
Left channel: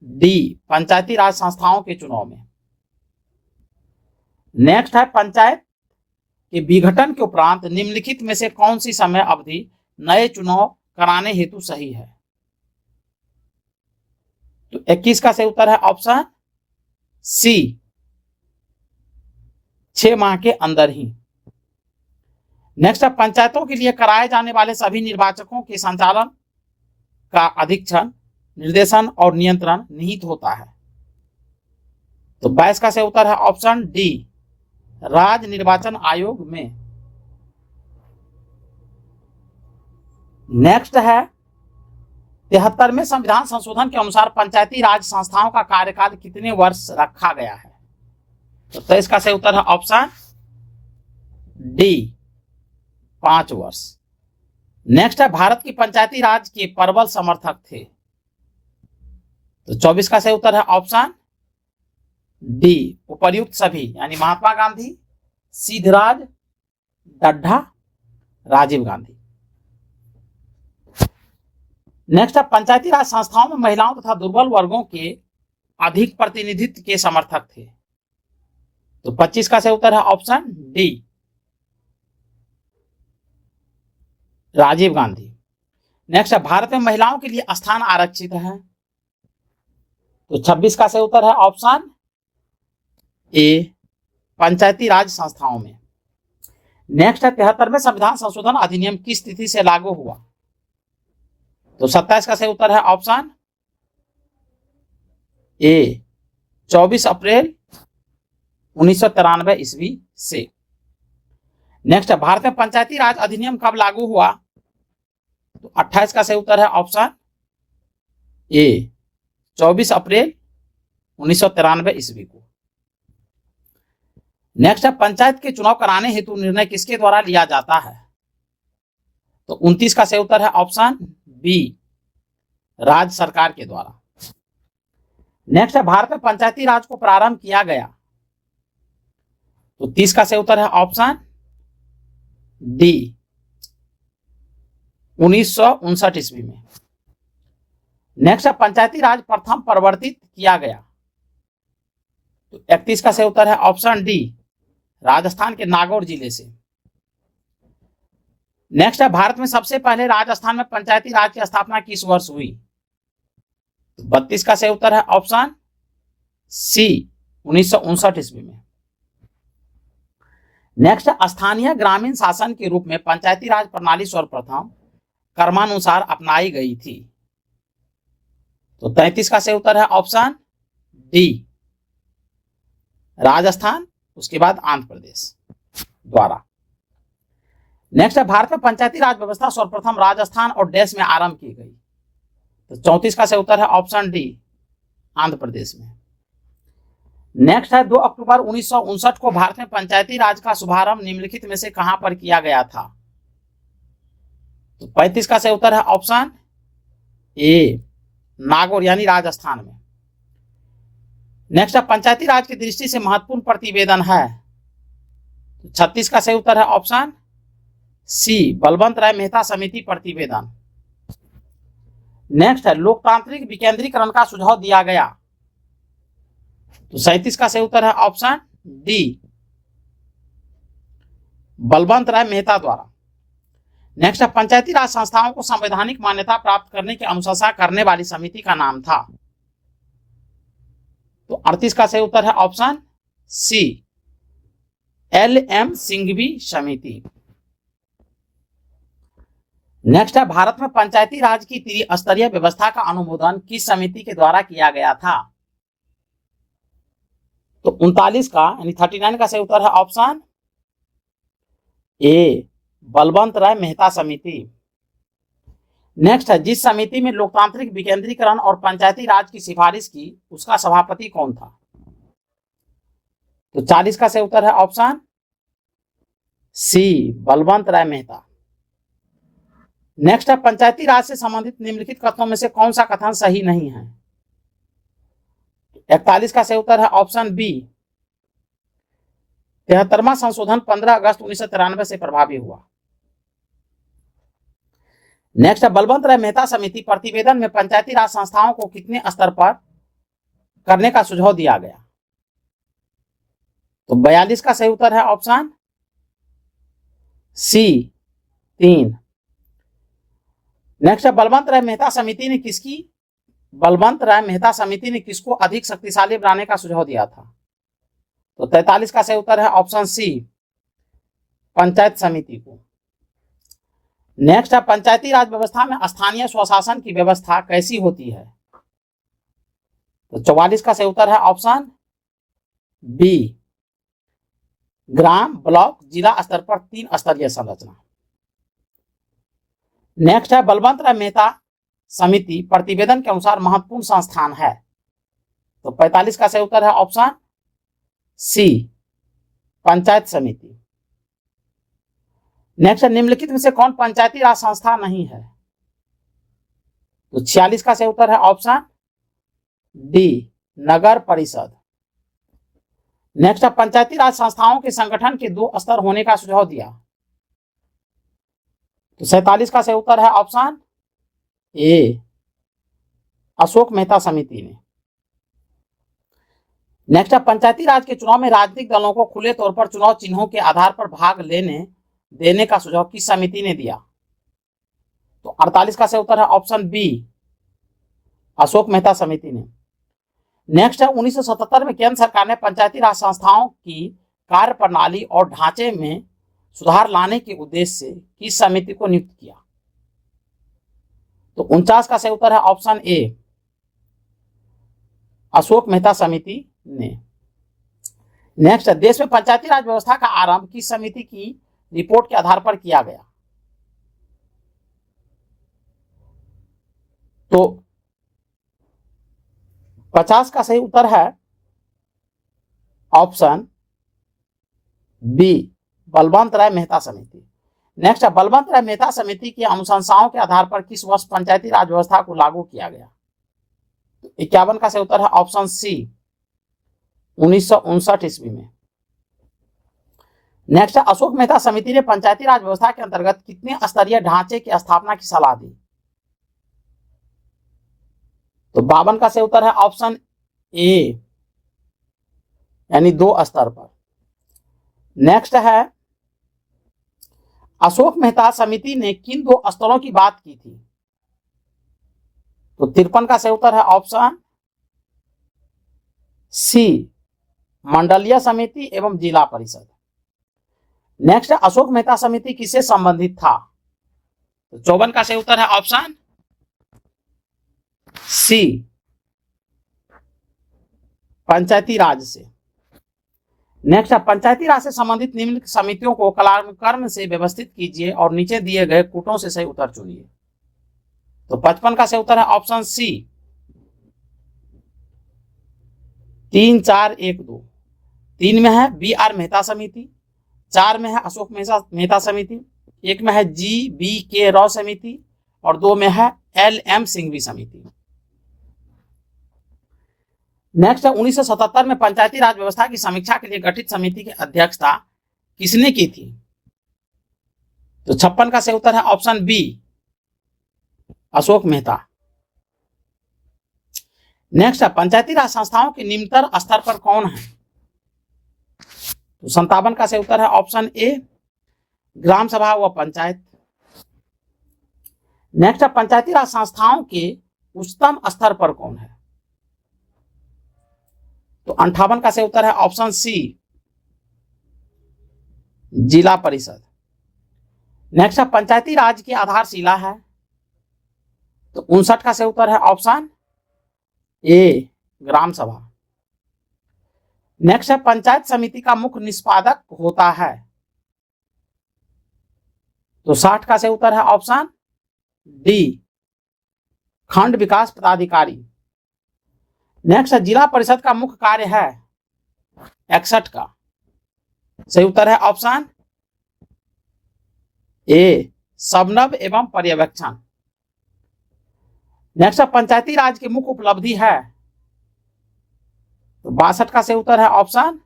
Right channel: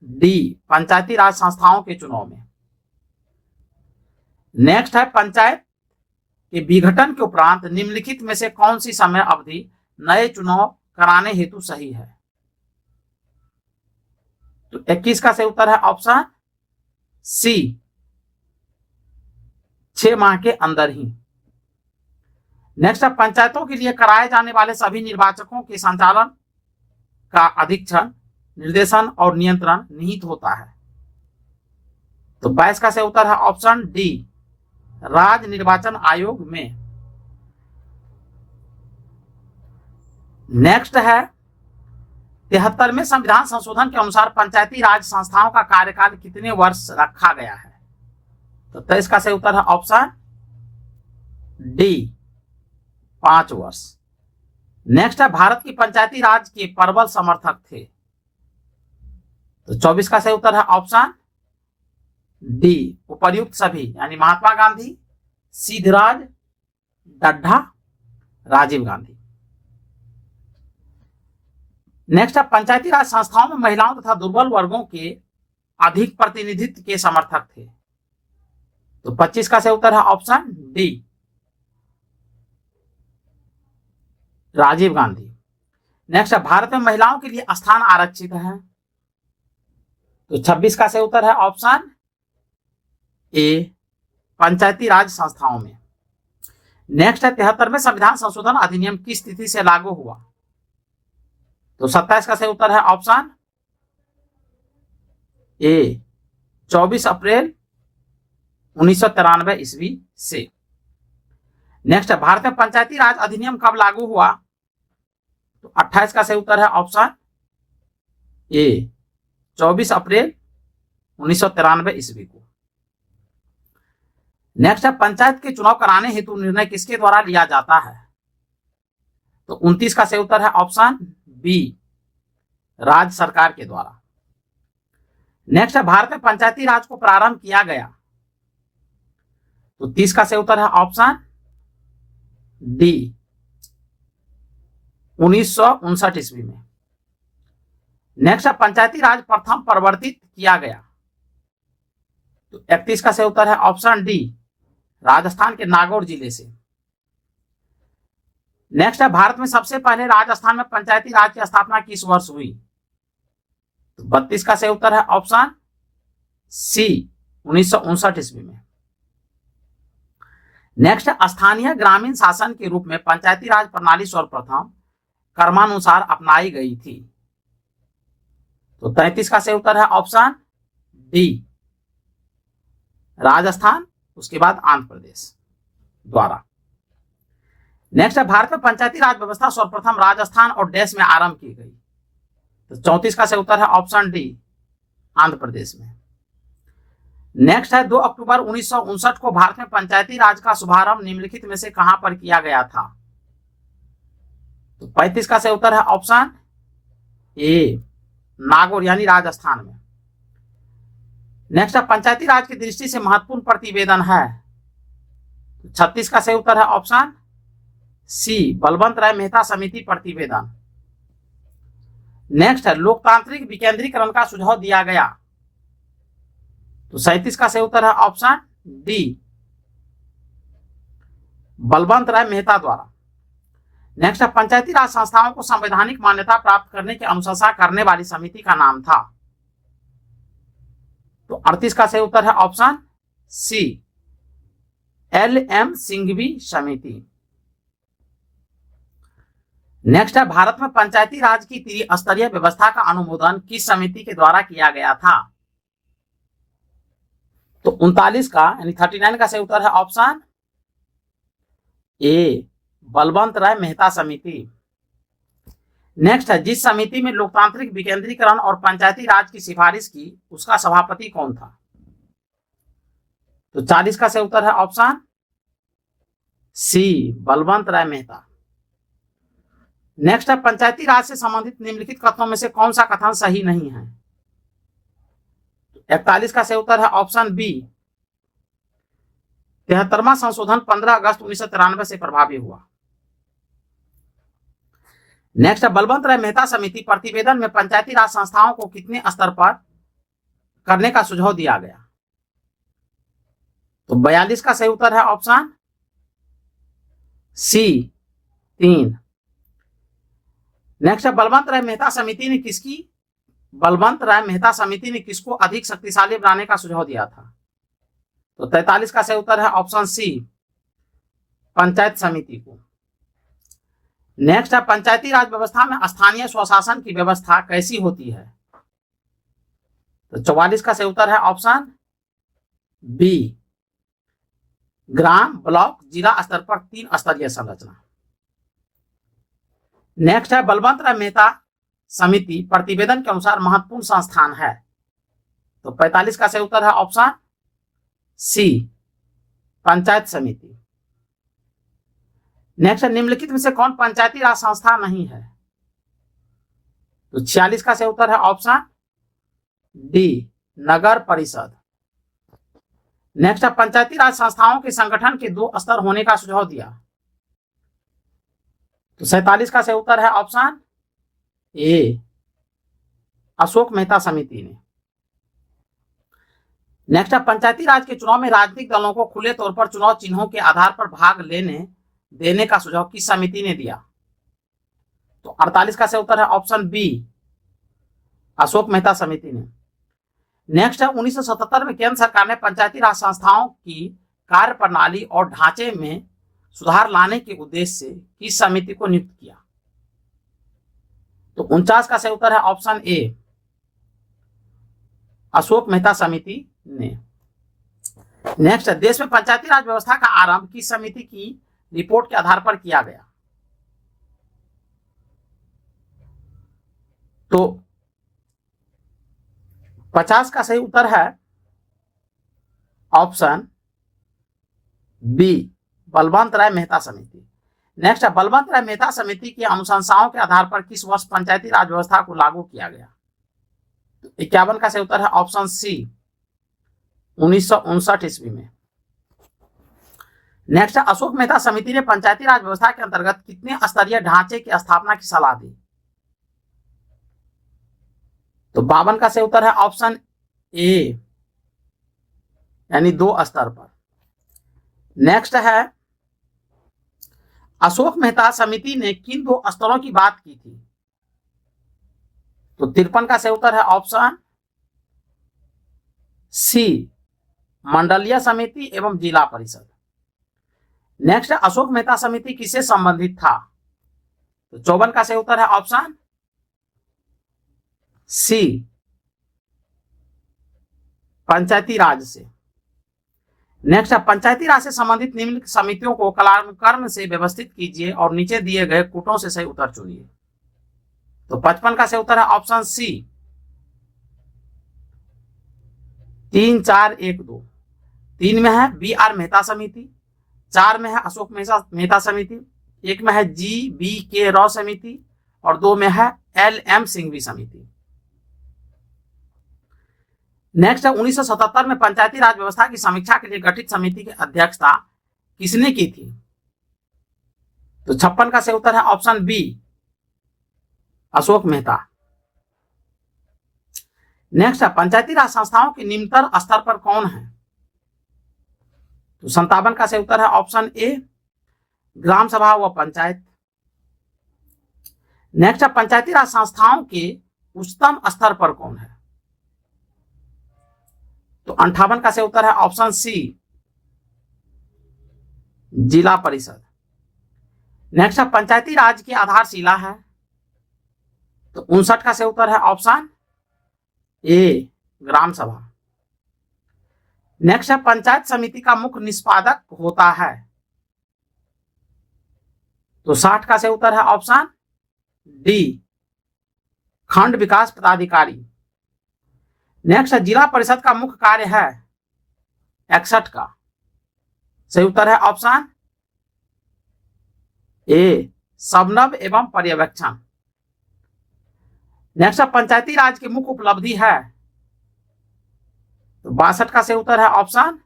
डी, पंचायती राज संस्थाओं के चुनाव में। नेक्स्ट है, पंचायत के विघटन के उपरांत निम्नलिखित में से कौन सी समय अवधि नए चुनाव कराने हेतु सही है? तो 21 का सही उत्तर है ऑप्शन सी, 6 माह के अंदर ही। नेक्स्ट है, पंचायतों के लिए कराए जाने वाले सभी निर्वाचकों के संचालन का अधीक्षण, निर्देशन और नियंत्रण निहित होता है? तो 22 का सही उत्तर है ऑप्शन डी, राज्य निर्वाचन आयोग में। नेक्स्ट है, 73वें संविधान संशोधन के अनुसार पंचायती राज संस्थाओं का कार्यकाल कितने वर्ष रखा गया है? तो 23 का सही उत्तर है ऑप्शन डी, 5 वर्ष। नेक्स्ट है, भारत के पंचायती राज के प्रबल समर्थक थे? तो 24 का सही उत्तर है ऑप्शन डी, उपर्युक्त सभी, यानी महात्मा गांधी, सिद्धराज डड्ढा, राजीव गांधी। नेक्स्ट है, पंचायती राज संस्थाओं में महिलाओं तथा दुर्बल वर्गों के अधिक प्रतिनिधित्व के समर्थक थे? तो 25 का सही उत्तर है option D, Rajiv Gandhi. Next है, भारत में महिलाओं के लिए स्थान आरक्षित है? तो 26 का सही उत्तर है ऑप्शन ए, पंचायती राज संस्थाओं में। नेक्स्ट है, 73वें संविधान संशोधन अधिनियम किस तिथि से लागू हुआ? तो 27 का सही उत्तर है ऑप्शन ए, 24 अप्रैल 1993 ईस्वी से। नेक्स्ट है, भारत में पंचायती राज अधिनियम कब लागू हुआ? तो 28 का सही उत्तर है ऑप्शन ए, 24 अप्रैल 1993 ईस्वी को। नेक्स्ट है, पंचायत के चुनाव कराने हेतु निर्णय किसके द्वारा लिया जाता है? तो 29 का सही उत्तर है ऑप्शन बी, राज्य सरकार के द्वारा। नेक्स्ट है, भारत में पंचायती राज को प्रारंभ किया गया? तो 30 का सही उत्तर है ऑप्शन डी, 1959 ईस्वी में। नेक्स्ट है, पंचायती राज प्रथम परिवर्तित किया गया? तो 31 का सही उत्तर है ऑप्शन डी, राजस्थान के नागौर जिले से। नेक्स्ट है, भारत में सबसे पहले राजस्थान में पंचायती राज की स्थापना किस वर्ष हुई? तो 32 का सही उत्तर है ऑप्शन सी, 1959 ईस्वी में। नेक्स्ट, स्थानीय ग्रामीण शासन के रूप में पंचायती राज प्रणाली सर्वप्रथम क्रमानुसार अपनाई गई थी? तो 33 का सही उत्तर है ऑप्शन डी, राजस्थान, उसके बाद आंध्र प्रदेश द्वारा। नेक्स्ट है, भारत में पंचायती राज व्यवस्था सर्वप्रथम राजस्थान और देश में आरंभ की गई? तो 34 का सही उत्तर है ऑप्शन डी, आंध्र प्रदेश में। नेक्स्ट है, 2 अक्टूबर 1959 को भारत में पंचायती राज का शुभारंभ निम्नलिखित में से कहां पर किया गया था? तो 35 का सही उत्तर है ऑप्शन ए, नागौर यानी राजस्थान में। नेक्स्ट है, पंचायती राज की दृष्टि से महत्वपूर्ण प्रतिवेदन है? तो 36 का सही उत्तर है ऑप्शन सी, बलवंत राय मेहता समिति प्रतिवेदन। नेक्स्ट है, लोकतांत्रिक विकेंद्रीकरण का सुझाव दिया गया? तो 37 का सही उत्तर है ऑप्शन डी, बलवंत राय मेहता द्वारा। नेक्स्ट है, पंचायती राज संस्थाओं को संवैधानिक मान्यता प्राप्त करने की अनुशंसा करने वाली समिति का नाम था? तो 38 का सही उत्तर है ऑप्शन सी, LM सिंघवी समिति। नेक्स्ट है, भारत में पंचायती राज की त्रिस्तरीय व्यवस्था का अनुमोदन किस समिति के द्वारा किया गया था? तो 39 का यानी 39 का सही उत्तर है ऑप्शन ए, बलवंत राय मेहता समिति। नेक्स्ट है, जिस समिति में लोकतांत्रिक विकेंद्रीकरण और पंचायती राज की सिफारिश की, उसका सभापति कौन था? तो 40 का सही उत्तर है ऑप्शन सी बलवंत राय मेहता। नेक्स्ट है पंचायती राज से संबंधित निम्नलिखित कथनों में से कौन सा कथन सही नहीं है? 41 का सही उत्तर है ऑप्शन बी, 73वां संशोधन 15 अगस्त 1993 से प्रभावी हुआ। नेक्स्ट है बलवंत राय मेहता समिति प्रतिवेदन में पंचायती राज संस्थाओं को कितने स्तर पर करने का सुझाव दिया गया? तो 42 का सही उत्तर है ऑप्शन सी 3। नेक्स्ट है बलवंत राय मेहता समिति ने किसको अधिक शक्तिशाली बनाने का सुझाव दिया था? तो 43 का सही उत्तर है ऑप्शन सी, पंचायत समिति को। नेक्स्ट है पंचायती राज व्यवस्था में स्थानीय स्वशासन की व्यवस्था कैसी होती है? तो 44 का सही उत्तर है ऑप्शन बी, ग्राम, ब्लॉक, जिला स्तर पर 3 स्तरीय संरचना। नेक्स्ट है बलवंत राय मेहता समिति प्रतिवेदन के अनुसार महत्वपूर्ण संस्थान है। तो 45 का सही उत्तर है ऑप्शन सी, पंचायत समिति। नेक्स्ट है निम्नलिखित में से कौन पंचायती राज संस्था नहीं है? तो 46 का सही उत्तर है ऑप्शन डी, नगर परिषद। नेक्स्ट है पंचायती राज संस्थाओं के संगठन के 2 स्तर होने का सुझाव दिया। तो 47 का सही उत्तर है ऑप्शन ए, अशोक मेहता समिति ने। नेक्स्ट है पंचायती राज के चुनाव में राजनीतिक दलों को खुले तौर पर चुनाव चिन्हों के आधार पर भाग देने का सुझाव किस समिति ने दिया? तो 48 का सही उत्तर है ऑप्शन बी, अशोक मेहता समिति ने। नेक्स्ट है 1977 में केंद्र सरकार ने पंचायती राज संस्थाओं की कार्य प्रणाली और ढांचे में सुधार लाने के उद्देश्य से किस समिति को नियुक्त किया? तो 49 का सही उत्तर है ऑप्शन ए, अशोक मेहता समिति ने। नेक्स्ट है देश में पंचायती राज व्यवस्था का आरंभ किस समिति की रिपोर्ट के आधार पर किया गया? तो 50 का सही उत्तर है ऑप्शन बी, बलवंत राय मेहता समिति। नेक्स्ट है बलवंत राय मेहता समिति की अनुशंसाओं के आधार पर किस वर्ष पंचायती राज व्यवस्था को लागू किया गया? 51 का सही उत्तर है ऑप्शन सी, 1959 ईस्वी में। नेक्स्ट है अशोक मेहता समिति ने पंचायती राज व्यवस्था के अंतर्गत कितने स्तरीय ढांचे की स्थापना की सलाह दी? तो 52 का सही उत्तर है ऑप्शन ए, यानी 2 स्तर पर। नेक्स्ट है अशोक मेहता समिति ने किन 2 स्तरों की बात की थी? तो 53 का सही उत्तर है ऑप्शन सी, मंडलीय समिति एवं जिला परिषद। नेक्स्ट अशोक मेहता समिति किससे संबंधित था? तो 54 का सही उत्तर है ऑप्शन सी, पंचायती राज से। नेक्स्ट पंचायती राज से संबंधित निम्नलिखित समितियों को कालानुक्रम से व्यवस्थित कीजिए और नीचे दिए गए कूटों से सही उत्तर चुनिए। तो 55 का सही उत्तर है ऑप्शन सी, 3, 4, 1, 2। 3 में है बी आर मेहता समिति, 4 में है अशोक मेहता समिति, 1 में है जी बी के राव समिति और 2 में है एल एम सिंघवी समिति। नेक्स्ट है 1977 में पंचायती राज व्यवस्था की समीक्षा के लिए गठित समिति की अध्यक्षता किसने की थी? तो 56 का सही उत्तर है option B, Ashok Mehta. Next है पंचायती राज संस्थाओं के निम्नतर स्तर पर कौन है? तो 57 का सही उत्तर है ऑप्शन ए, ग्राम सभा व पंचायत। नेक्स्ट है पंचायती राज संस्थाओं के उच्चतम स्तर पर कौन है? तो 58 का सही उत्तर है ऑप्शन सी, जिला परिषद। नेक्स्ट है पंचायती राज की आधारशिला है। तो 59 का सही उत्तर है ऑप्शन ए, ग्राम सभा। नेक्स्ट है पंचायत समिति का मुख्य निष्पादक होता है। तो 60 का सही उत्तर है ऑप्शन डी, खंड विकास पदाधिकारी। नेक्स्ट है जिला परिषद का मुख्य कार्य है 61 का। सही उत्तर है ऑप्शन ए समन्वय एवं पर्यवेक्षण। नेक्स्ट है पंचायती राज की मुख्य उपलब्धि है, तो 62 का सही उत्तर है ऑप्शन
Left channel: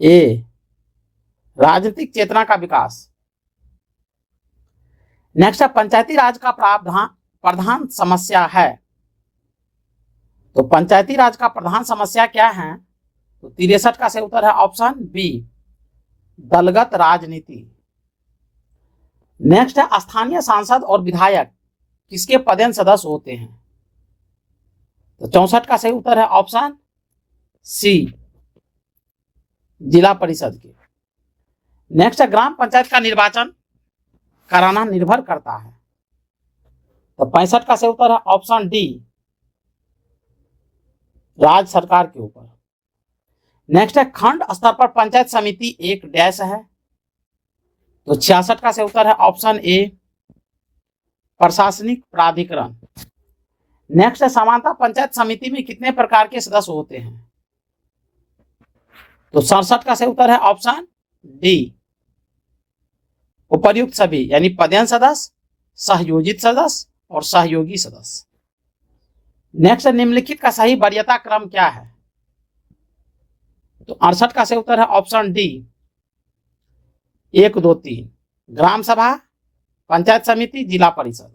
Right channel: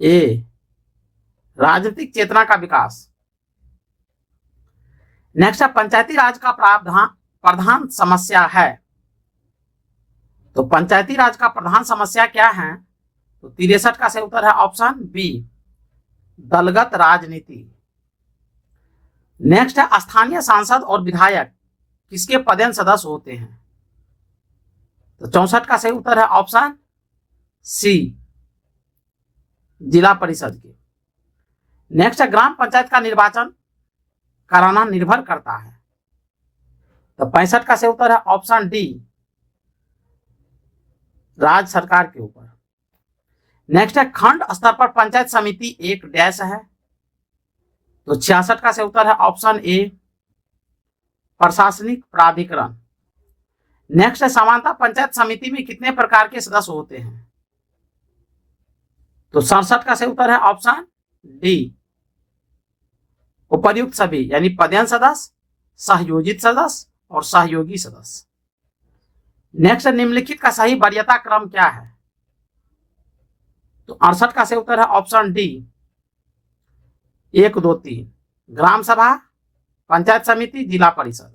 ए राजनीतिक चेतना का विकास। नेक्स्ट है पंचायती राज का प्रधान समस्या है, तो पंचायती राज का प्रधान समस्या क्या है, तो 63 का सही उत्तर है ऑप्शन बी दलगत राजनीति। नेक्स्ट है स्थानीय सांसद और विधायक किसके पदेन सदस्य होते हैं, तो 64 का सही उत्तर है ऑप्शन सी जिला परिषद के। नेक्स्ट है ग्राम पंचायत का निर्वाचन कराना निर्भर करता है, तो 65 का सही उत्तर है ऑप्शन डी राज्य सरकार के ऊपर। नेक्स्ट है खंड स्तर पर पंचायत समिति एक डैश है, तो 66 का सही उत्तर है ऑप्शन ए प्रशासनिक प्राधिकरण। नेक्स्ट है समानता पंचायत समिति में कितने प्रकार के सदस्य होते हैं, तो 67 का सही उत्तर है ऑप्शन डी उपर्युक्त सभी, यानी पदेन सदस्य, सहयोजित सदस्य और सहयोगी सदस्य। नेक्स्ट निम्नलिखित का सही वरीयता क्रम क्या है, तो 68 का सही उत्तर है ऑप्शन डी 1 2 3 ग्राम सभा, पंचायत समिति, जिला परिषद।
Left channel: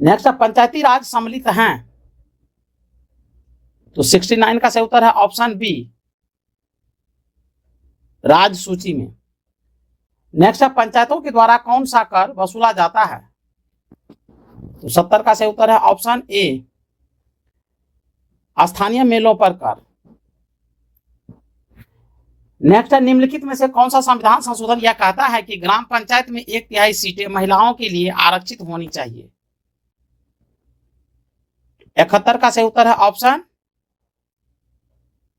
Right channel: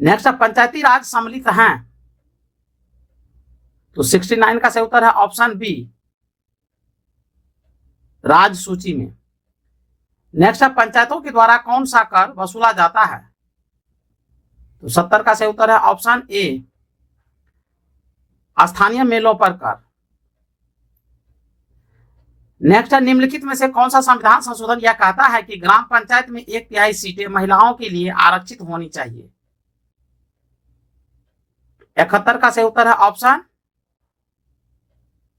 नेक्स्ट पंचायती राज सम्मिलित हैं, तो 69 का सही उत्तर है ऑप्शन बी राज्य सूची में। नेक्स्ट पंचायतों के द्वारा कौन सा कर वसूला जाता है, तो 70 का सही उत्तर है ऑप्शन ए स्थानीय मेलों पर कर। नेक्स्ट निम्नलिखित में से कौन सा संविधान संशोधन यह कहता है कि ग्राम पंचायत में 1/3 सीटें महिलाओं के लिए आरक्षित होनी चाहिए, 71 का सही उत्तर है ऑप्शन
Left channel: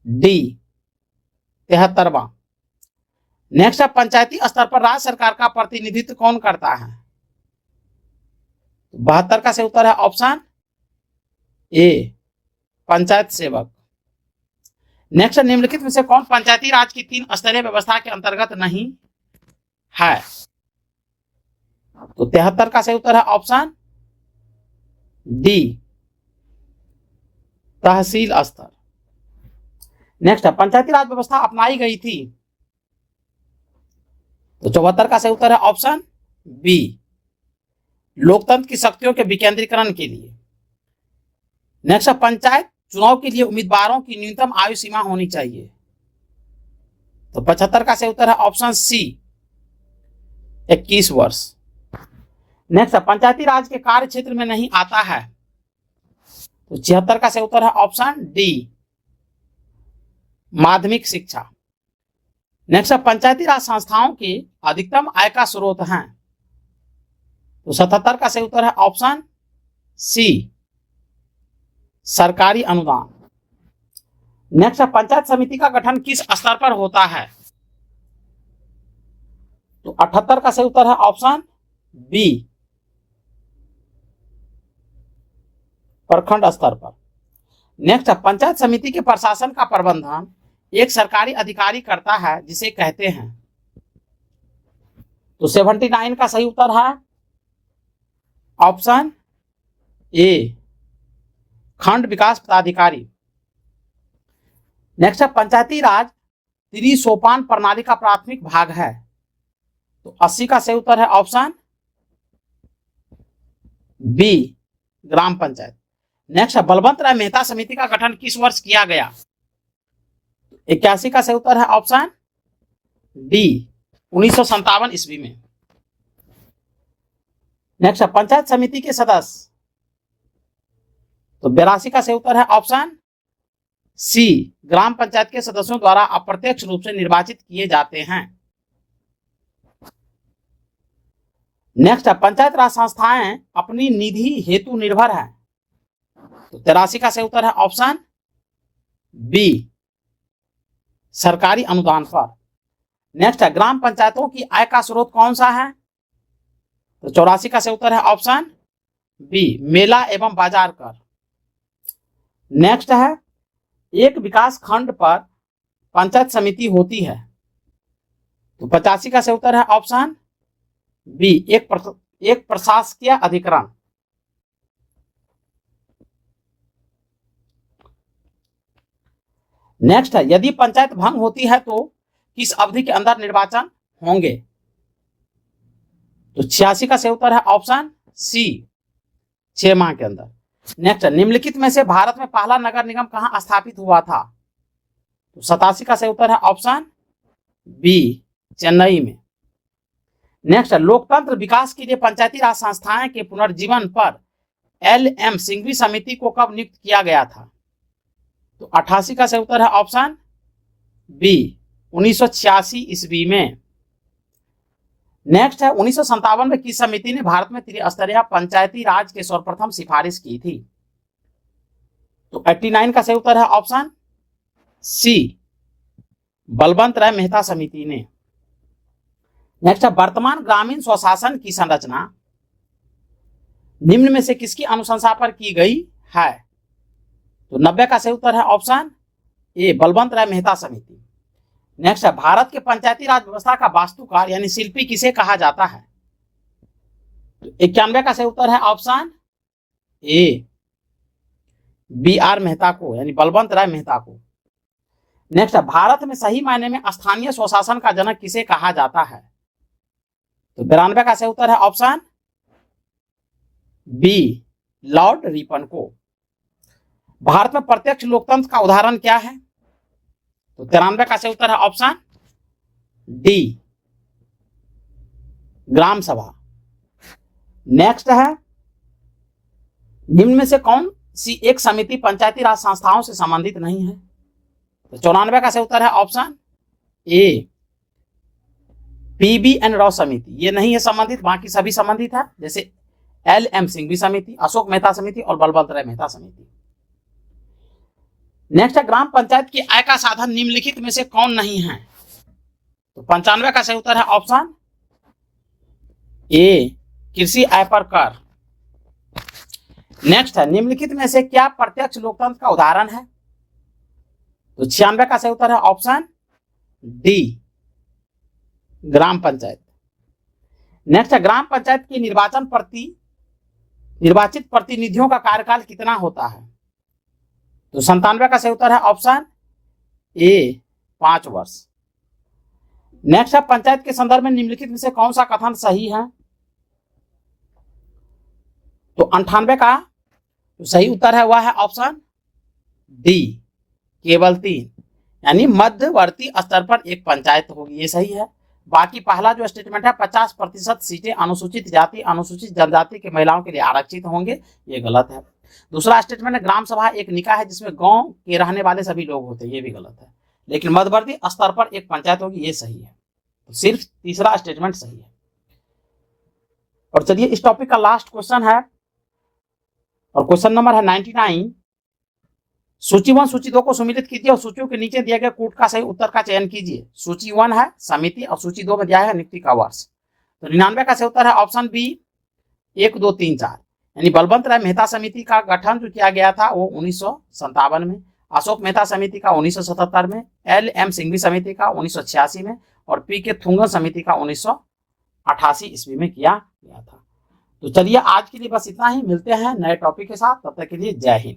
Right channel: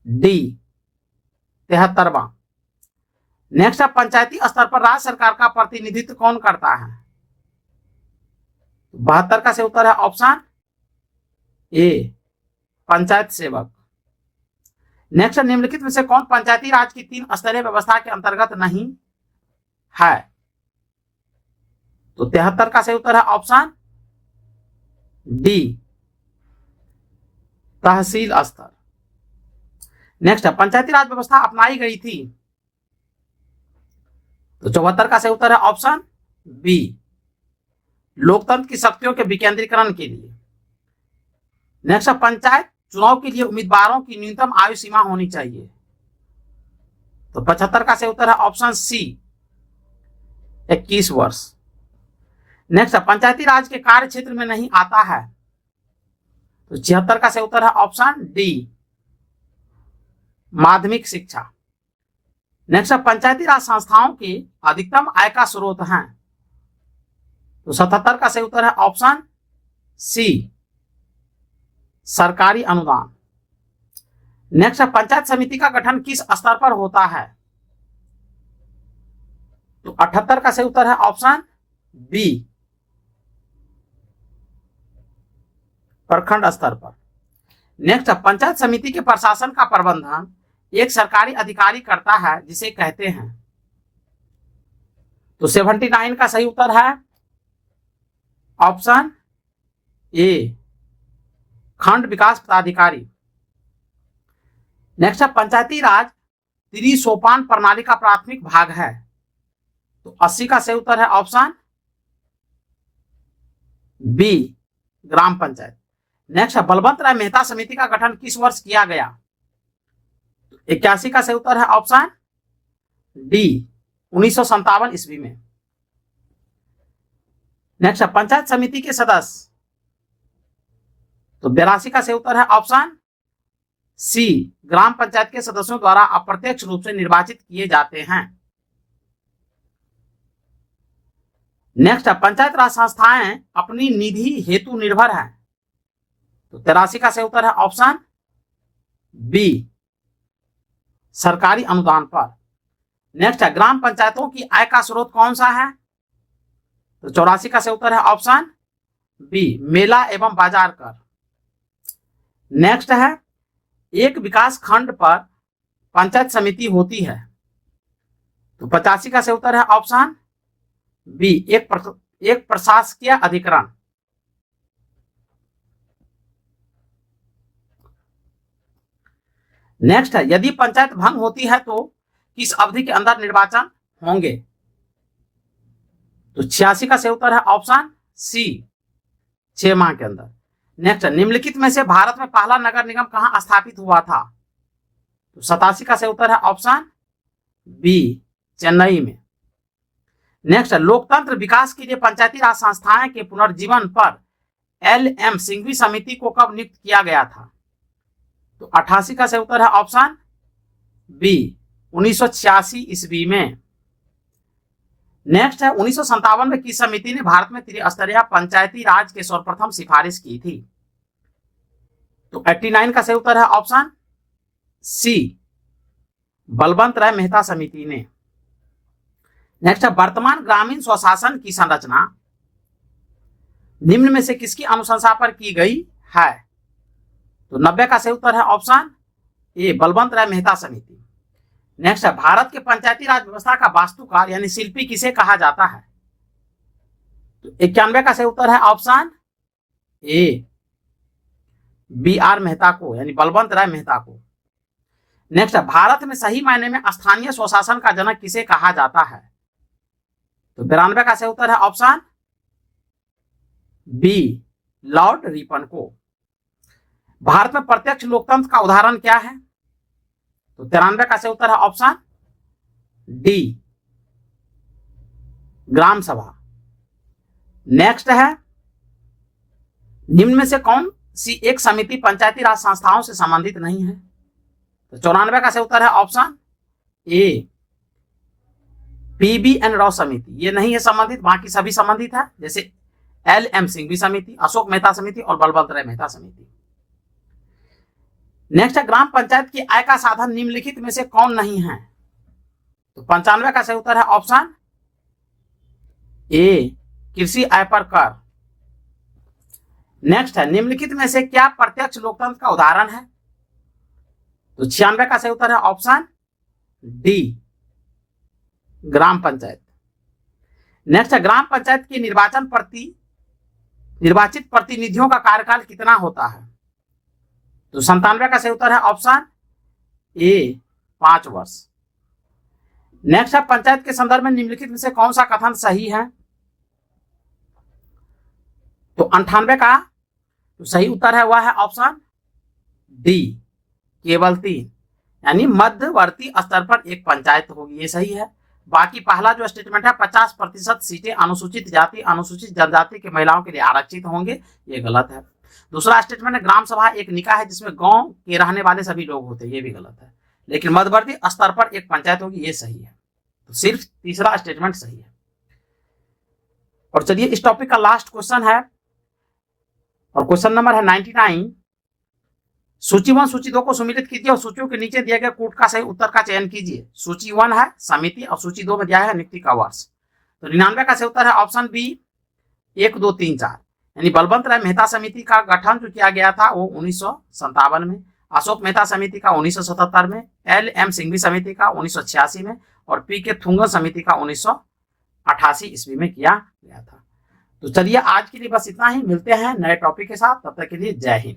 डी 73वां। नेक्स्ट पंचायती स्तर पर राज्य सरकार का प्रतिनिधित्व कौन करता है, 72 का सही उत्तर है ऑप्शन ए पंचायत सेवक। नेक्स्ट निम्नलिखित में से कौन पंचायती राज की 3 स्तरीय व्यवस्था के अंतर्गत नहीं है, तो 73 का सही उत्तर है ऑप्शन डी तहसील स्तर। नेक्स्ट पंचायती राज व्यवस्था अपनाई गई थी, तो 74 का सही उत्तर है ऑप्शन बी लोकतंत्र की शक्तियों के विकेंद्रीकरण के लिए। नेक्स्ट पंचायत चुनाव के लिए उम्मीदवारों की न्यूनतम आयु सीमा होनी चाहिए, तो 75 का सही उत्तर है ऑप्शन सी 21 वर्ष। नेक्स्ट पंचायती राज के कार्य क्षेत्र में नहीं आता है, तो 76 का सही उत्तर है ऑप्शन डी माध्यमिक शिक्षा। नेक्स्ट पंचायती राज संस्थाओं के अधिकतम आय का स्रोत हैं, तो 77 का सही उत्तर है ऑप्शन सी सरकारी अनुदान। नेक्स्ट पंचायत समिति का गठन किस स्तर पर होता है, तो 78 का सही उत्तर है ऑप्शन बी प्रखंड स्तर पर। नेक्स्ट पंचायत समिति के प्रशासन का प्रबंधन एक सरकारी अधिकारी करता है जिसे कहते हैं, तो 79 का सही उत्तर है ऑप्शन ए खंड विकास पदाधिकारी। नेक्स्ट पंचायती राज त्रिसोपान प्रणाली का प्राथमिक भाग है, तो 80 का सही उत्तर है ऑप्शन बी ग्राम पंचायत। नेक्स्ट बलवंत राय मेहता समिति का गठन किस वर्ष किया गया, 81 का सही उत्तर है ऑप्शन डी 1957 ईस्वी में। नेक्स्ट पंचायत समिति के सदस्य, तो 82 का सही उत्तर है ऑप्शन सी ग्राम पंचायत के सदस्यों द्वारा अप्रत्यक्ष रूप से निर्वाचित किए जाते हैं। नेक्स्ट पंचायत राज संस्थाएं अपनी निधि हेतु निर्भर है, तो 83 का सही उत्तर है ऑप्शन बी सरकारी अनुदान पर। नेक्स्ट ग्राम पंचायतों की आय का स्रोत कौन सा है, तो 84 का सही उत्तर है ऑप्शन बी मेला एवं बाजार कर। नेक्स्ट है एक विकास खंड पर पंचायत समिति होती है, तो 85 का सही उत्तर है ऑप्शन बी, एक प्रशासकीय अधिकरण। नेक्स्ट है, यदि पंचायत भंग होती है तो किस अवधि के अंदर निर्वाचन होंगे? तो 86 का सही उत्तर है ऑप्शन सी, 6 माह के अंदर। नेक्स्ट, निम्नलिखित में से भारत में पहला नगर निगम कहां स्थापित हुआ था? तो 87 का सही उत्तर है ऑप्शन बी, चेन्नई में। नेक्स्ट, लोकतंत्र विकास के लिए पंचायती राज संस्थाएं के पुनर्जीवन पर LM सिंघवी समिति को कब नियुक्त किया गया था? तो 88 का सही उत्तर है ऑप्शन बी, 1986 ईस्वी में। नेक्स्ट है, 1957 में किस समिति ने भारत में त्रिस्तरीय पंचायती राज की सर्वप्रथम सिफारिश की थी? तो 89 का सही उत्तर है ऑप्शन सी, बलवंत राय मेहता समिति ने। नेक्स्ट है, वर्तमान ग्रामीण स्वशासन की संरचना निम्न में से किसकी अनुशंसा पर की गई है? तो 90 का सही उत्तर है ऑप्शन ए, बलवंत राय मेहता समिति। नेक्स्ट है, भारत के पंचायती राज व्यवस्था का वास्तुकार यानी शिल्पी किसे कहा जाता है? तो 91 का सही उत्तर है ऑप्शन ए, BR मेहता को, यानी बलवंत राय मेहता को। नेक्स्ट है, भारत में सही मायने में स्थानीय स्वशासन का जनक किसे कहा जाता है? तो 92 का सही उत्तर है ऑप्शन बी, लॉर्ड रिपन को। भारत में प्रत्यक्ष लोकतंत्र का उदाहरण क्या है? तो 93 का सही उत्तर है ऑप्शन डी, ग्राम सभा। नेक्स्ट है, निम्न में से कौन सी एक समिति पंचायती राज संस्थाओं से संबंधित नहीं है? तो 94 का सही उत्तर है ऑप्शन ए, PB&N राव समिति। ये नहीं है संबंधित, बाकी सभी संबंधित है, जैसे LM सिंघवी समिति, अशोक मेहता समिति और बलवंत राय मेहता समिति। नेक्स्ट है, ग्राम पंचायत की आय का साधन निम्नलिखित में से कौन नहीं है? तो 95 का सही उत्तर है ऑप्शन ए, कृषि आय पर कर। नेक्स्ट है, निम्नलिखित में से क्या प्रत्यक्ष लोकतंत्र का उदाहरण है? तो 96 का सही उत्तर है ऑप्शन डी, ग्राम पंचायत। नेक्स्ट है, ग्राम पंचायत के निर्वाचित प्रतिनिधियों का कार्यकाल कितना होता है? तो 97 का सही उत्तर है ऑप्शन ए, 5 वर्ष। नेक्स्ट है, पंचायत के संदर्भ में निम्नलिखित में से कौन सा कथन सही है? तो 98 का तो सही उत्तर है वह है ऑप्शन डी, केवल 3, यानी मध्यवर्ती स्तर पर एक पंचायत होगी, ये सही है। बाकी पहला जो स्टेटमेंट है 50% सीटें अनुसूचित जाति अनुसूचित जनजाति के महिलाओं के लिए आरक्षित होंगे, ये गलत है। दूसरा स्टेटमेंट है, ग्राम सभा एक निकाय है जिसमें गांव के रहने वाले सभी लोग होते हैं, ये भी गलत है। लेकिन मध्यवर्ती स्तर पर एक पंचायत होगी, ये सही है। तो सिर्फ तीसरा स्टेटमेंट सही है। और चलिए इस टॉपिक का लास्ट क्वेश्चन है, और क्वेश्चन नंबर है 99। सूची 1 सूची 2 को सम्मिलित कीजिए और सूचियों के नीचे दिए गए कूट का सही उत्तर का चयन कीजिए। सूची 1 है समिति और सूची 2 में दिया है नियुक्ति का वर्ष। तो 99 का सही उत्तर है ऑप्शन बी, 1, 2, 3, 4, यानी बलवंत राय मेहता समिति का गठन जो किया गया था वो 1957 में, अशोक मेहता समिति का 1977 में, LM सिंघवी समिति का 1986 में और PK थुंगन समिति का 1988 ईस्वी में किया गया था। तो चलिए आज के लिए बस इतना ही, मिलते हैं नए टॉपिक के साथ, तब तक के लिए जय हिंद।